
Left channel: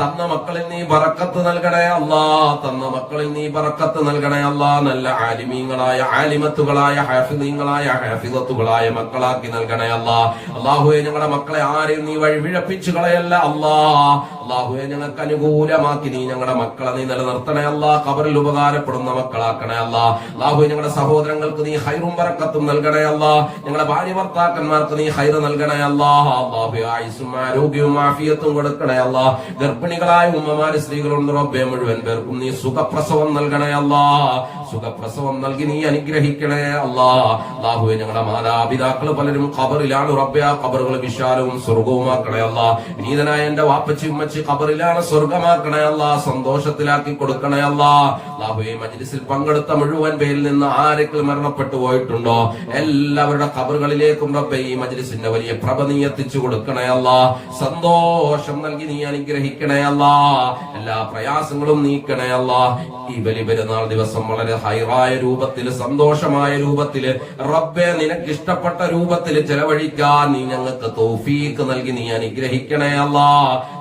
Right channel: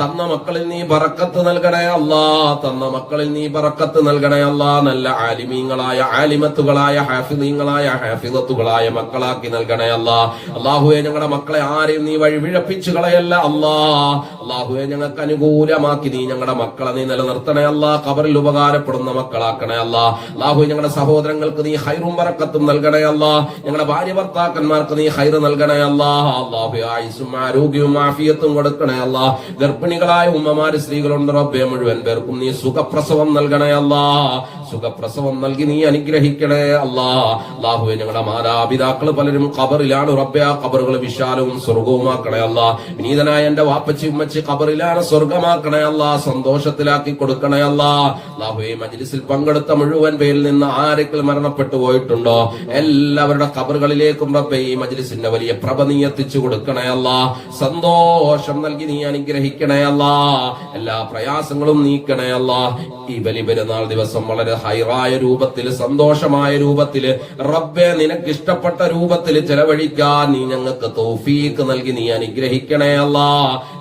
തന്ന മക്കളിൽ നീ ബറക്കത്ത് നൽകണേ തന്ന മക്കളിൽ നീ ബറക്കത്ത് നൽകണേ നല്ല ആലിമീങ്ങളായ ആലിമത്തുകളായ ഹാഫിദീങ്ങളായ ഹാഫിദത്തുകളായ മക്കളാക്കി നൽകണേ അല്ലാഹുവേ ഞങ്ങളുടെ മക്കളെ ആരെയും നീ വഴിവിഴപ്പിച്ചു കളയല്ല അല്ലാഹുവേ ഞങ്ങൾക്ക് അനുകൂലമാക്കി നീ ഞങ്ങളുടെ മക്കളെ നീ നിലനിർത്തണേ ഖബറിൽ ഉപകാരപ്പെടുന്ന മക്കളാക്കണേ അല്ലാഹുവേ ഞങ്ങളുടെ സഹോദരങ്ങൾക്ക് നീ ഖൈറും ബറക്കത്തും നൽകണേ ഞങ്ങളുടെ ഭാര്യ ഭർത്താക്കന്മാർക്ക് നീ ഖൈർ നൽകണേ അല്ലാഹുവേ ആയുസ്സും ആരോഗ്യവും ആഫിയത്തും കൊടുക്കണേ ഗർഭിണികളായ ഉമ്മമാര് സ്ത്രീകളുണ്ട് റബ്ബേ മുഴുവൻ പേർക്കും നീ സുഖപ്രസവം നൽകണേ സുഖപ്രസവം നൽകി നീ അനുഗ്രഹിക്കണേ അല്ലാഹുവേ ഞങ്ങളുടെ മാതാപിതാക്കൾ പലരും ഖബറിലാണ് റബ്ബേ ആ ഖബറുകൾ വിശാലവും സ്വർഗവുമാക്കണേ വിനീതനായ എന്റെ വാപ്പച്ചി ഉമ്മച്ചി ഖബറിലാണ് സ്വർഗമാക്കണേ സന്തോഷത്തിലാക്കി കൊടുക്കണേ അല്ലാഹുവേ മജ്ലിസിൽ പങ്കെടുത്ത മുഴുവൻ പേരിൽ നിന്ന് ആരെങ്കിലും മരണപ്പെട്ടു പോയിട്ടുണ്ടോ എല്ലാവരുടെ ഖബറുകളിലേക്കും റബ്ബേ ഈ മജ്ലിസിന്റെ വലിയ പ്രഭ നീ എത്തിച്ചു കൊടുക്കണേ സന്തോഷം നൽകി നീ അനുഗ്രഹിക്കണേ എല്ലാ പ്രയാസങ്ങളും നീക്കണേ ഈ ബലി പെരുന്നാൾ ദിവസം വളരെ ഹൈറായ രൂപത്തിൽ, സന്തോഷമായ രൂപത്തിൽ, റബ്ബെ നിനക്ക് ഇഷ്ടപ്പെട്ട രൂപത്തിൽ ചെലവഴിക്കാൻ നീ ഞങ്ങൾക്ക് തൗഫീഖ് നൽകി നീ അനുഗ്രഹിക്കണേ അല്ലാ.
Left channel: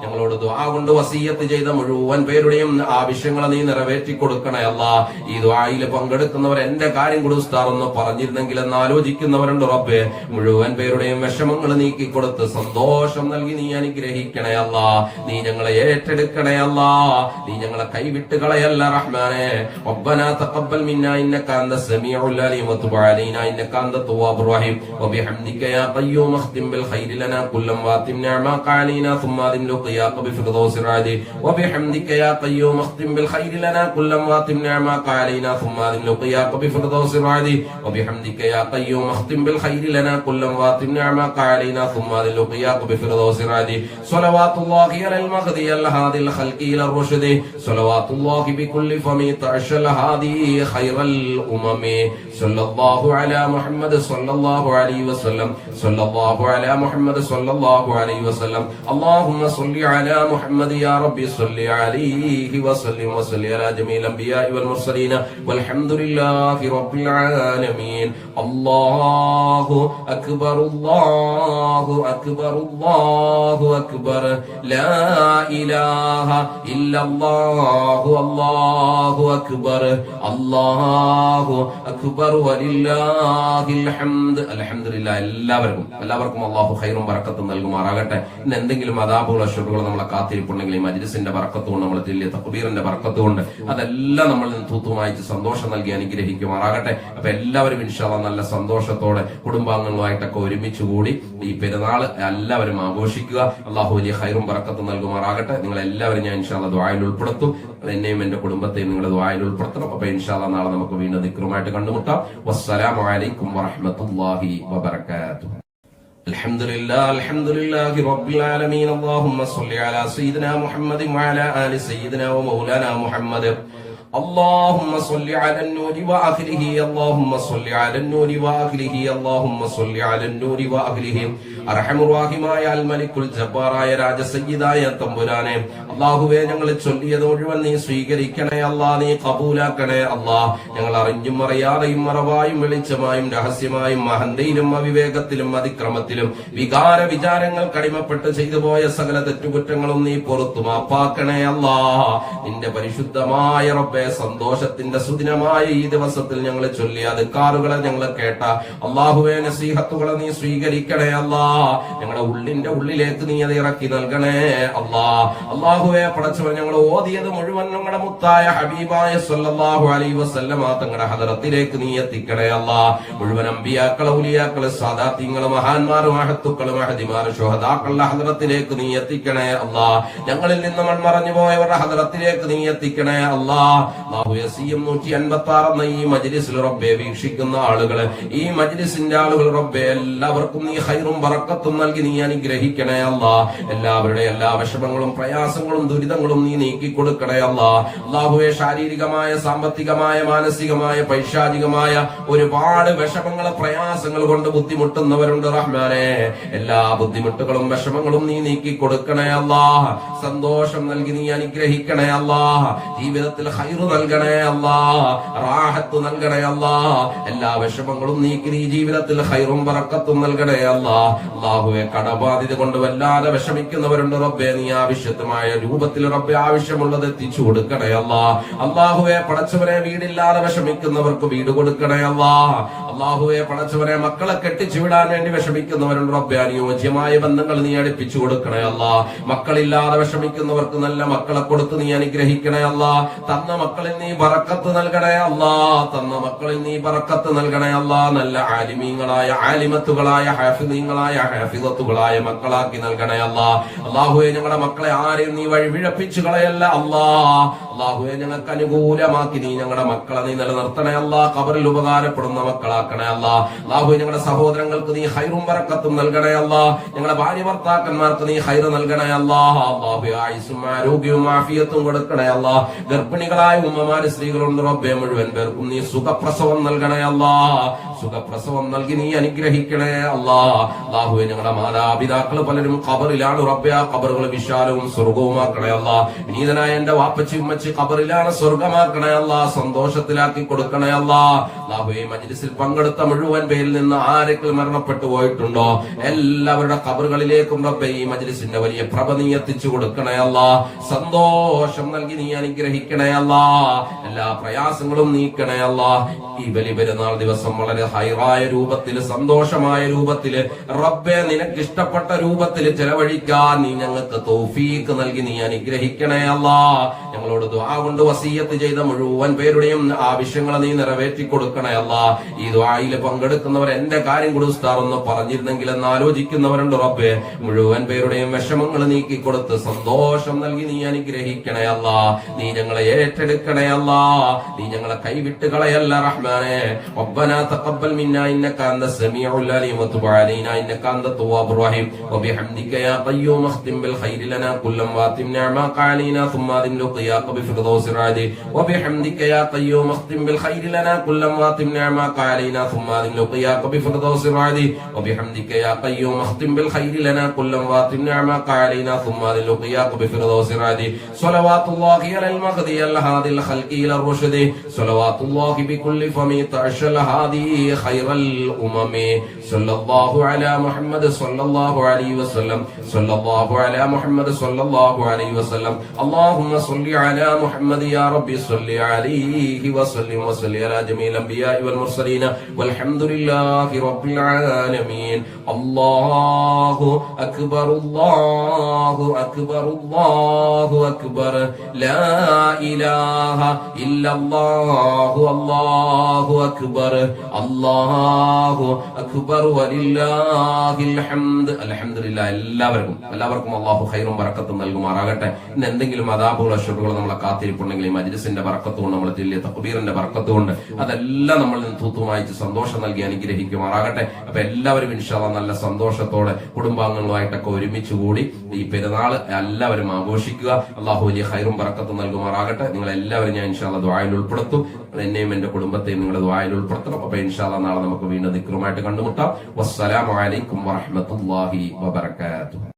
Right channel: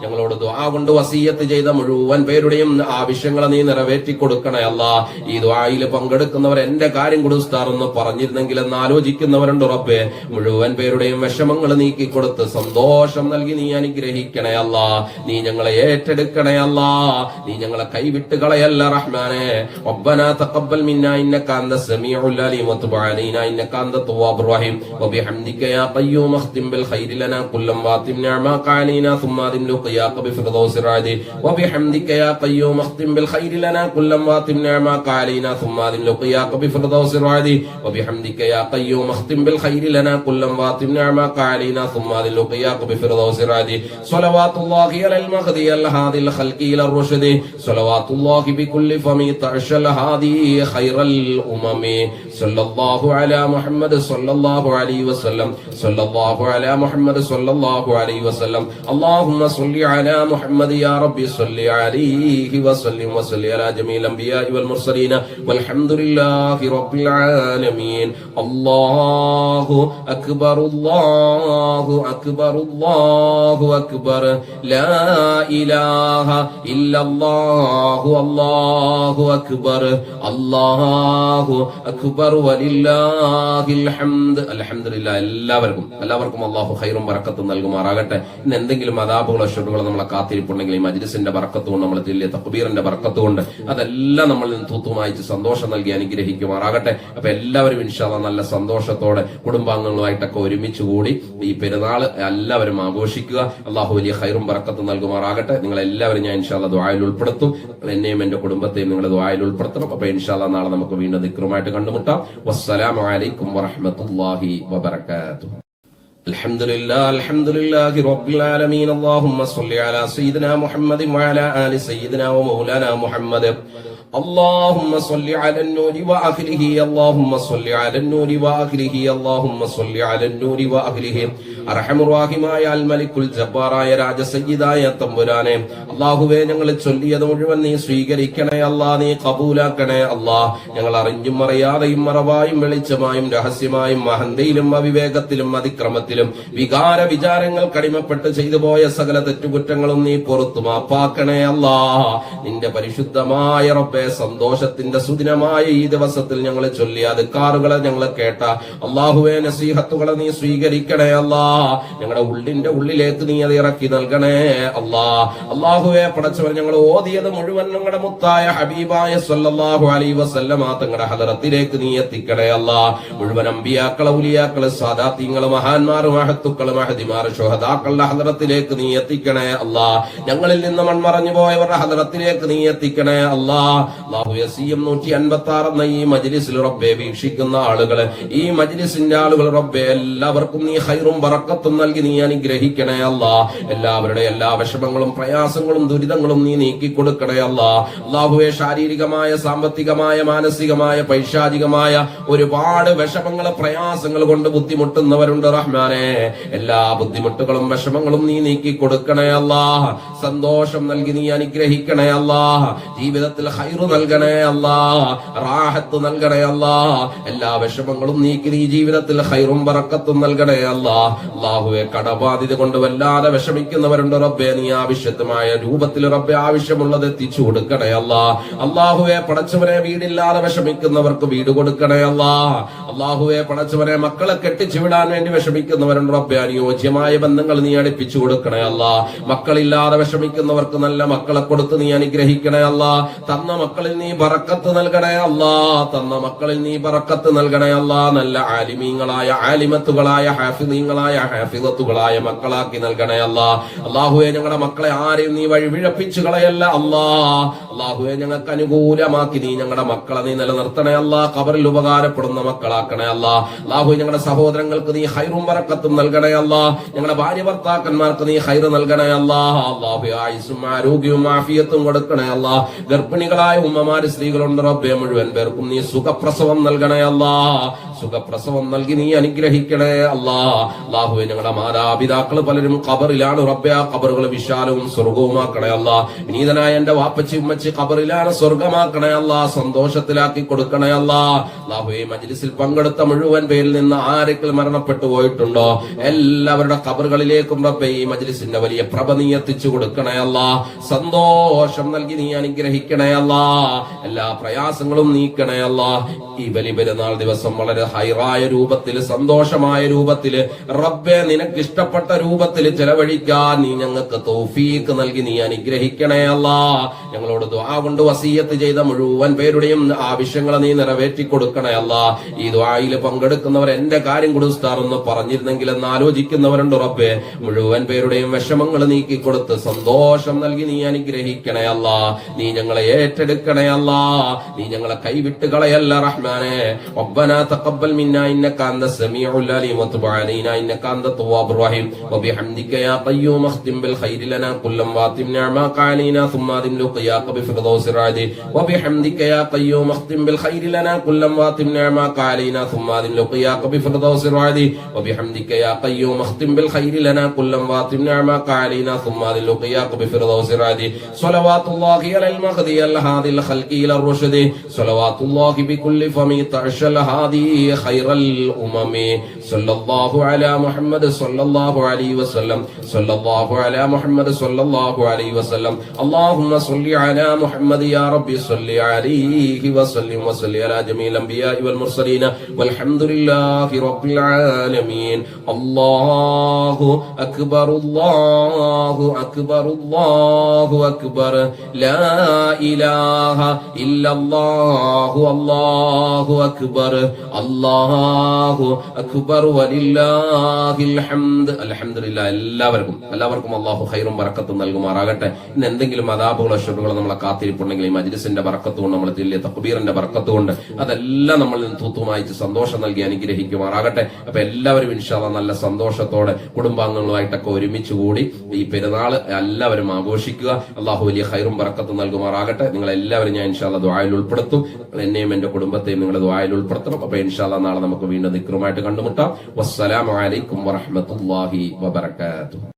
ഞങ്ങളോട് ദുആ കൊണ്ട് വസിയത്ത് ചെയ്ത മുഴുവൻ പേരുടെയും ആവശ്യങ്ങളെ നീ നിറവേറ്റി കൊടുക്കണേ അല്ലാ. ഈ ദുആയിൽ പങ്കെടുക്കുന്നവർ എന്റെ കാര്യം കൂടി ഉസ്താദ് ഒന്ന് പറഞ്ഞിരുന്നെങ്കിൽ എന്ന് ആലോചിക്കുന്നവരുണ്ട് റബ്ബെ. മുഴുവൻ പേരുടെയും വിഷമങ്ങൾ നീക്കിക്കൊടുത്ത് സന്തോഷം നൽകി നീ അനുഗ്രഹിക്കണേ അല്ലാ. നീ ഞങ്ങളെ ഏറ്റെടുക്കണേ അല്ലാ. നീ ഞങ്ങളെ കൈവിട്ട് കളയല്ല റഹ്മാനെ. റബ്ബനാ തഖബ്ബൽ മിന്നാ ഇന്നക അന്ത സമീഉൽ അലീം വതുബ് അലൈനാ ഇന്നക അന്ത തവ്വാബുർ റഹീം വബിഹംദിക യാ ഖയ്യൂം അഖ്തിം ബിൽ ഖൈരി ലനാ കുല്ലം വാതിം നിഅമാക അലൈനാ ثم أدم لقياك بفردوس الرعدي وبحمدك يا قيوم اختم بالخير لنا كل واتم نعماك علينا ثم أدم لقياك بفردوس الرعدي وبحمدك يا قيوم اختم بالخير لنا كل واتم نعماك علينا ثم أدم لقياك بفردوس الرعدي صلوات الله على المهدي الهادي الخلق إلى الرشد صلوات الله بكل فم تعشى الهادي خير الأمم صلى الله على محمد صلى الله عليه وسلم صلى الله على محمد صلى الله عليه وسلم اللهم صل على محمد يا ربي صل عليه وسلم وصل على جميع الأنبياء والمرسلين والحمد لله رب العالمين. الله أكبر الله أكبر الله أكبر لا إله إلا الله الله أكبر الله أكبر ولله الحمد. الحمد لله. എല്ലാവർക്കും അല്ലാഹു ഖൈറും ബറക്കത്തും നൽകുമാറാകട്ടെ. ഇന്ന് എന്തെങ്കിലും അദാബുകളോ ഷുറുകളോ നമ്മളെ കാത്തിരിപ്പുണ്ടെങ്കിൽ ഈ മജ്ലിസിന്റെ ബറക്കത്ത് കൊണ്ട്, നമ്മൾ ചൊല്ലിയ തക്ബീറിന്റെ ബറക്കത്ത് കൊണ്ട് അതെല്ലാം നമ്മളിൽ നിന്ന് തൂത്തുമായിച്ച് സന്തോഷം നൽകി അനുഗ്രഹിക്കുമാറാകട്ടെ. അപ്പൊ എല്ലാവരും ഇൻഷാ അല്ലാഹ് നല്ല സന്തോഷത്തോടെ കുടുംബാംഗങ്ങളുമായിട്ടൊക്കെ ഒരുമിച്ച് കൂടി ഈ പെരുന്നാൾ എല്ലാവരും ആഘോഷിക്കുക. അള്ളാഹു വലിയ ഖൈറും ബറക്കത്തും നൽകുമാറാകട്ടെ. നിങ്ങൾ എല്ലാവരും ഞാൻ ഇൻഷാ അല്ലാഹ് ദുആയിൽ ഉൾപ്പെടുത്തും. എന്നെയും എന്റെ കുടുംബത്തെയും നിങ്ങൾ ദുആയിൽ ഉൾപ്പെടുത്തണം. അപ്പൊ ഇൻഷാ അല്ലാഹ് നാളെ നമുക്ക് വീണ്ടും ദിക്റുമായിട്ട് കണ്ടുമുട്ടാം. വസ്സലാമു അലൈക്കും വറഹ്മത്തുള്ളാഹി വബറകാതുഹു. الحمد لله رب العالمين. اللهم صل على سيدنا محمد وعلى آل سيدنا ومولانا محمد. اللهم صل على النور وأهله اللهم صل على النور وأهله اللهم صل على النور وأهله. അർഹമുറാഹിമായ അൽ മലിക്കുൽ ജബ്ബാറായ രാജസയ്യിദായ തമ്പുരാനെ, അല്ലാഹുവേ ഞങ്ങൾ ചൊല്ലിയത് മുഴുവൻ നീ സ്വീകരിക്കണേ അല്ലാ. നീ കബൂലാക്കണേ അല്ലാ. ഞങ്ങൾ അറിഞ്ഞും അറിയാതെയും മറവായും വെളിച്ചമായും രഹസ്യമായും മഹന്തയിലും അവിവേകത്തിലും അതിക്രമത്തിലും വികാര വിചാരങ്ങൾ കടിമപ്പെട്ട് ചെയ്തു പോയ സകല തെറ്റുകുറ്റങ്ങളും നീ പുറത്തു മാപ്പാക്കണേ അല്ലാ. നിന്റെ പരിശുദ്ധമായ റബ്ബേ, സന്തോഷത്തിന്റെ സുദിനമായ ഈ ദിവസത്തിൽ ഞങ്ങൾ ചൊല്ലിയ അദ്കാറുകളെ ഞങ്ങൾ കേട്ട അല്ലാഹുവേ നസീഹത്തുകളെ നീ സ്വീകരിക്കണേ അല്ലാ. ഞങ്ങളുടെ ഉള്ളിന്റെ ഉള്ളിലേക്ക് നീ അത് ഇറക്കി നൽകണേ അല്ലാ. അല്ലാഹുവേ പടച്ചവൻ, ഞങ്ങൾ ഓതിയത് മുഴുവൻ ഞങ്ങളുടെ മുത്തായ ഹബീബായ സല്ലല്ലാഹു അലൈഹി വസല്ലമ തങ്ങളുടെ ഹദറത്തിലേക്ക് നീ എത്തിക്കണേ അല്ലാ. മുഴുവൻ അമ്പിയാക്കളെ ഉലിയാക്കളെ സാദാത്യങ്ങളെ മഹാന്മാർ മഹത്തുക്കളെ മഹദിമാർ ശുഹദാക്കളുടെ ഹദറത്തിലേക്ക് നീ എത്തിക്കണേ അല്ലാ. ഞങ്ങളിൽ നിന്ന് മൺമറഞ്ഞു പോയവരുടെ ഹദറത്തിലേക്ക് നീ എത്തിക്കണേ അല്ലാ. അല്ലാഹു യസീം 156 എന്ന ഈ മജ്ലിസിൽ റബ്ബേ വീക്ഷിക്കുന്ന ആളുകളെ, ഈ മജ്ലിസിന്റെ ആളുകൾ റബ്ബേ, എല്ലാവർക്കും നീ ഖൈറും ബറക്കത്തും നൽകി നീ അനുഗ്രഹിക്കണേ അല്ലാ. എല്ലാവരുടെ എല്ലാ വിഷമങ്ങളും പ്രയാസങ്ങളും ദുരിതങ്ങളും നീ നീക്കി കൊടുക്കണേ അല്ലാ. അല്ലാഹുവേ, ശാരീരികമായ സാമ്പത്തികമായ മാനസികമായ പൈശാചികമായ ഒരുപാട് വിഷമങ്ങൾ പ്രയാസങ്ങൾ കൊണ്ട് ബുദ്ധിമുട്ടുന്നവരുണ്ട് റഹ്മാനെ. എല്ലാ ബുദ്ധിമുട്ടുകളും വിഷമങ്ങളും നീ നീക്കി കൊടുക്കണേ അല്ലാ. സന്തോഷം നൽകി നീ അനുഗ്രഹിക്കണേ അല്ലാ. ജീവിതത്തിൽ ഖൈറ് നൽകണേ അല്ലാ. റാഹത്ത് നൽകണേ അല്ലാ. എല്ലാ വിഷമങ്ങളും നീക്കി നീ ജീവിതത്തിൽ ഖൈറും ബറക്കത്തും നൽകണേ അല്ലാ. അല്ലാഹുവേ, കടബാധ്യത കൊണ്ട് വല്ലാതെ വിഷമിക്കുന്നവരുണ്ട് റബ്ബേ. നീ ആവശ്യമായ രൂപത്തിൽ റബ്ബേ ആവശ്യമുള്ളത് എത്തിച്ചു കൊടുക്കണേ അല്ലാ. അല്ലാഹുവേ പടച്ചവനെ, വീടില്ലാതെ വിഷമിക്കുന്നവർക്ക് വീട് കൊടുക്കണേ അല്ലാ. അല്ലാഹുവേ പടച്ചവനെ, മക്കളെ കെട്ടിച്ചു വിടാൻ വേണ്ടി വിഷമിക്കുന്നവരുണ്ട് റബ്ബേ. അനുയോജ്യമായ ബന്ധങ്ങൾ നീ അടുപ്പിച്ചു കൊടുക്കണേ അല്ലാ. മക്കളില്ലാതെ വിഷമിക്കുന്നവർക്ക് നല്ല മക്കളെ കൊടുത്ത് നീ അനുഗ്രഹിക്കണേ അല്ലാ. തന്ന മക്കളിൽ നീ ബറക്കത്ത് നൽകണേ അല്ലാ. തന്ന മക്കളിൽ നീ ബറക്കത്ത് നൽകണേ അല്ലാ. നല്ല ആലിമീങ്ങളായ ആലിമത്തുകളായ ഹാഫിദീങ്ങളായ ഹാഫിദത്തുകളായ മക്കളാക്കി നൽകണേ അല്ലാ. അല്ലാഹുവേ, ഞങ്ങളുടെ മക്കളെ ആരെയും നീ വഴിപിഴപ്പിച്ചു കളയല്ല അല്ലാ. അല്ലാഹുവേ, ഞങ്ങൾക്ക് അനുകൂലമാക്കി നീ ഞങ്ങളുടെ മക്കളെ നീ നിലനിർത്തണേ അല്ലാ. ഖബറിൽ ഉപകാരപ്പെടുന്ന മക്കളാക്കണേ അല്ലാ. അല്ലാഹുവേ, ഞങ്ങളുടെ സഹോദരങ്ങൾക്ക് നീ ഖൈറും ബറക്കത്തും നൽകണേ അല്ലാ. ഞങ്ങളുടെ ഭാര്യ ഭർത്താക്കന്മാർക്ക് നീ ഖൈറ് നൽകണേ അല്ലാ. അല്ലാഹുവേ, ആയുസ്സും ആരോഗ്യവും ആഫിയത്തും കൊടുക്കണേ അല്ലാ. ഗർഭിണികളായ ഉമ്മമാര് സ്ത്രീകളുണ്ട് റബ്ബേ, മുഴുവൻ പേർക്കും നീ സുഖപ്രസവം നൽകണേ അല്ലാ. സുഖപ്രസവം നൽകി നീ അനുഗ്രഹിക്കണേ അല്ലാ. അല്ലാഹുവേ, ഞങ്ങളുടെ മാതാപിതാക്കൾ പലരും ഖബറിലാണ് റബ്ബേ. ആ ഖബറുകൾ വിശാലവും സ്വർഗവുമാക്കണേ അല്ലാ. വിനീതനായ എന്റെ വാപ്പച്ചി ഉമ്മച്ചി ഖബറിലാണ്, സ്വർഗമാക്കണേ അല്ലാ. സന്തോഷത്തിലാക്കി കൊടുക്കണേ അല്ലാ. അല്ലാഹുവേ, മജ്ലിസിൽ പങ്കെടുത്ത മുഴുവൻ പേരിൽ നിന്ന് ആരെങ്കിലും മരണപ്പെട്ടു പോയിട്ടുണ്ടോ എല്ലാവരുടെ ഖബറുകളിലേക്കും റബ്ബേ ഈ മജ്ലിസിന്റെ വലിയ പ്രഭ നീ എത്തിച്ചു കൊടുക്കണേ അല്ലാ. സന്തോഷം നൽകി നീ അനുഗ്രഹിക്കണേ അല്ലാ. എല്ലാ പ്രയാസങ്ങളും നീക്കണേ അല്ലാ. ഈ ബലി പെരുന്നാൾ ദിവസം വളരെ ഹൈറായ രൂപത്തിൽ, സന്തോഷമായ രൂപത്തിൽ റബ്ബേ നിനക്ക് ഇഷ്ടപ്പെട്ട രൂപത്തിൽ ചെലവഴിക്കാൻ നീ ഞങ്ങൾക്ക് തൗഫീഖ് നൽകി നീ അനുഗ്രഹിക്കണേ അല്ലാ. ഞങ്ങളോട് ദുആ കൊണ്ട് വസിയത്ത് ചെയ്ത മുഴുവൻ പേരുടെയും ആവശ്യങ്ങൾ നീ നിറവേറ്റി കൊടുക്കണേ അല്ലാ. ഈ ദുആയിൽ പങ്കെടുക്കുന്നവർ എന്റെ കാര്യം കൂടി ഉസ്താദ് ഒന്ന് പറഞ്ഞിരുന്നെങ്കിൽ എന്ന് ആലോചിക്കുന്നവരുണ്ട് റബ്ബേ. മുഴുവൻ പേരുടെയും വിഷമങ്ങൾ നീക്കി കൊടുത്ത് സന്തോഷം നൽകി നീ അനുഗ്രഹിക്കണേ അല്ലാ. നീ ഞങ്ങളെ ഏറ്റെടുക്കണേ അല്ലാ. നീ ഞങ്ങളെ കൈവിട്ട് കളയല്ല റഹ്മാനേ. റബ്ബനാ തഖബ്ബൽ മിന്നാ ഇന്നക അൻതസ് സമീഉൽ അലീം വതുബ് അലൈനാ ഇന്നക അൻതത് തവ്വാബുർ റഹീം വബിഹംദിക യാ ഖയ്യൂം അഖ്തിം ബിൽ ഖൈരി ലനാ കുല്ലം വാതിം നിഅമാക അലൈനാ ثم أدم لقياك بفردوس الرعد وبحمدك يا قيوم اختم بالخير لنا كل واتم نعماك علينا ثم أدم لقياك بفردوس الرعد وبحمدك يا قيوم اختم بالخير لنا كل واتم نعماك علينا ثم أدم لقياك بفردوس الرعد صلوات الله على المهدي الهادي الخلق إلى الرشد صلوات الله بكل فم تعشى الهادي خير الأمم صلى الله على محمد صلى الله عليه وسلم صلى الله على محمد صلى الله عليه وسلم اللهم صل على محمد يا ربي صل عليه وسلم وصل على جميع الأنبياء والمرسلين والحمد لله رب العالمين. الله أكبر الله أكبر الله أكبر لا إله إلا الله الله أكبر الله أكبر ولله الحمد. الحمد لله. എല്ലാവർക്കും അല്ലാഹു ഖൈറും ബറക്കത്തും നൽകുമാറാകട്ടെ. ഇന്ന് എന്തെങ്കിലും അദാബുകളോ ശുഭകളോ നമ്മളെ കാത്തിരിപ്പുണ്ടെങ്കിൽ ഈ മജ്ലിസിന്റെ ബറക്കത്ത് കൊണ്ട്, നമ്മൾ ചെല്ലിയ തക്ബീറിന്റെ ബറക്കത്ത് കൊണ്ട് അതെല്ലാം നമ്മളിൽ നിന്ന് തൂത്തുമായിച്ച് സന്തോഷം നൽകി അനുഗ്രഹിക്കുമാറാകട്ടെ. അപ്പൊ എല്ലാവരും ഇൻഷാ അല്ലാഹ് നല്ല സന്തോഷത്തോടെ കുടുംബാംഗങ്ങളുമായിട്ടൊക്കെ ഒരുമിച്ച് കൂടി ഈ പെരുന്നാൾ എല്ലാവരും ആഘോഷിക്കുക. അല്ലാഹു വലിയ ഖൈറും ബറക്കത്തും നൽകുമാറാകട്ടെ. നിങ്ങൾ എല്ലാവരും ഞാൻ ഇൻഷാ അല്ലാഹ് ദുആയിൽ ഉൾപ്പെടുത്തും. എന്നെയും എന്റെ കുടുംബത്തെയും നിങ്ങളുടെ ദുആയിൽ ഉൾപ്പെടുത്തണം. അപ്പൊ ഇൻഷാ അല്ലാഹ് നാളെ നമുക്ക് വീണ്ടും ദിക്റുമായിട്ട് കണ്ടുമുട്ടാം. വസ്സലാമു അലൈക്കും വറഹ്മത്തുള്ളാഹി വബറകാതുഹു.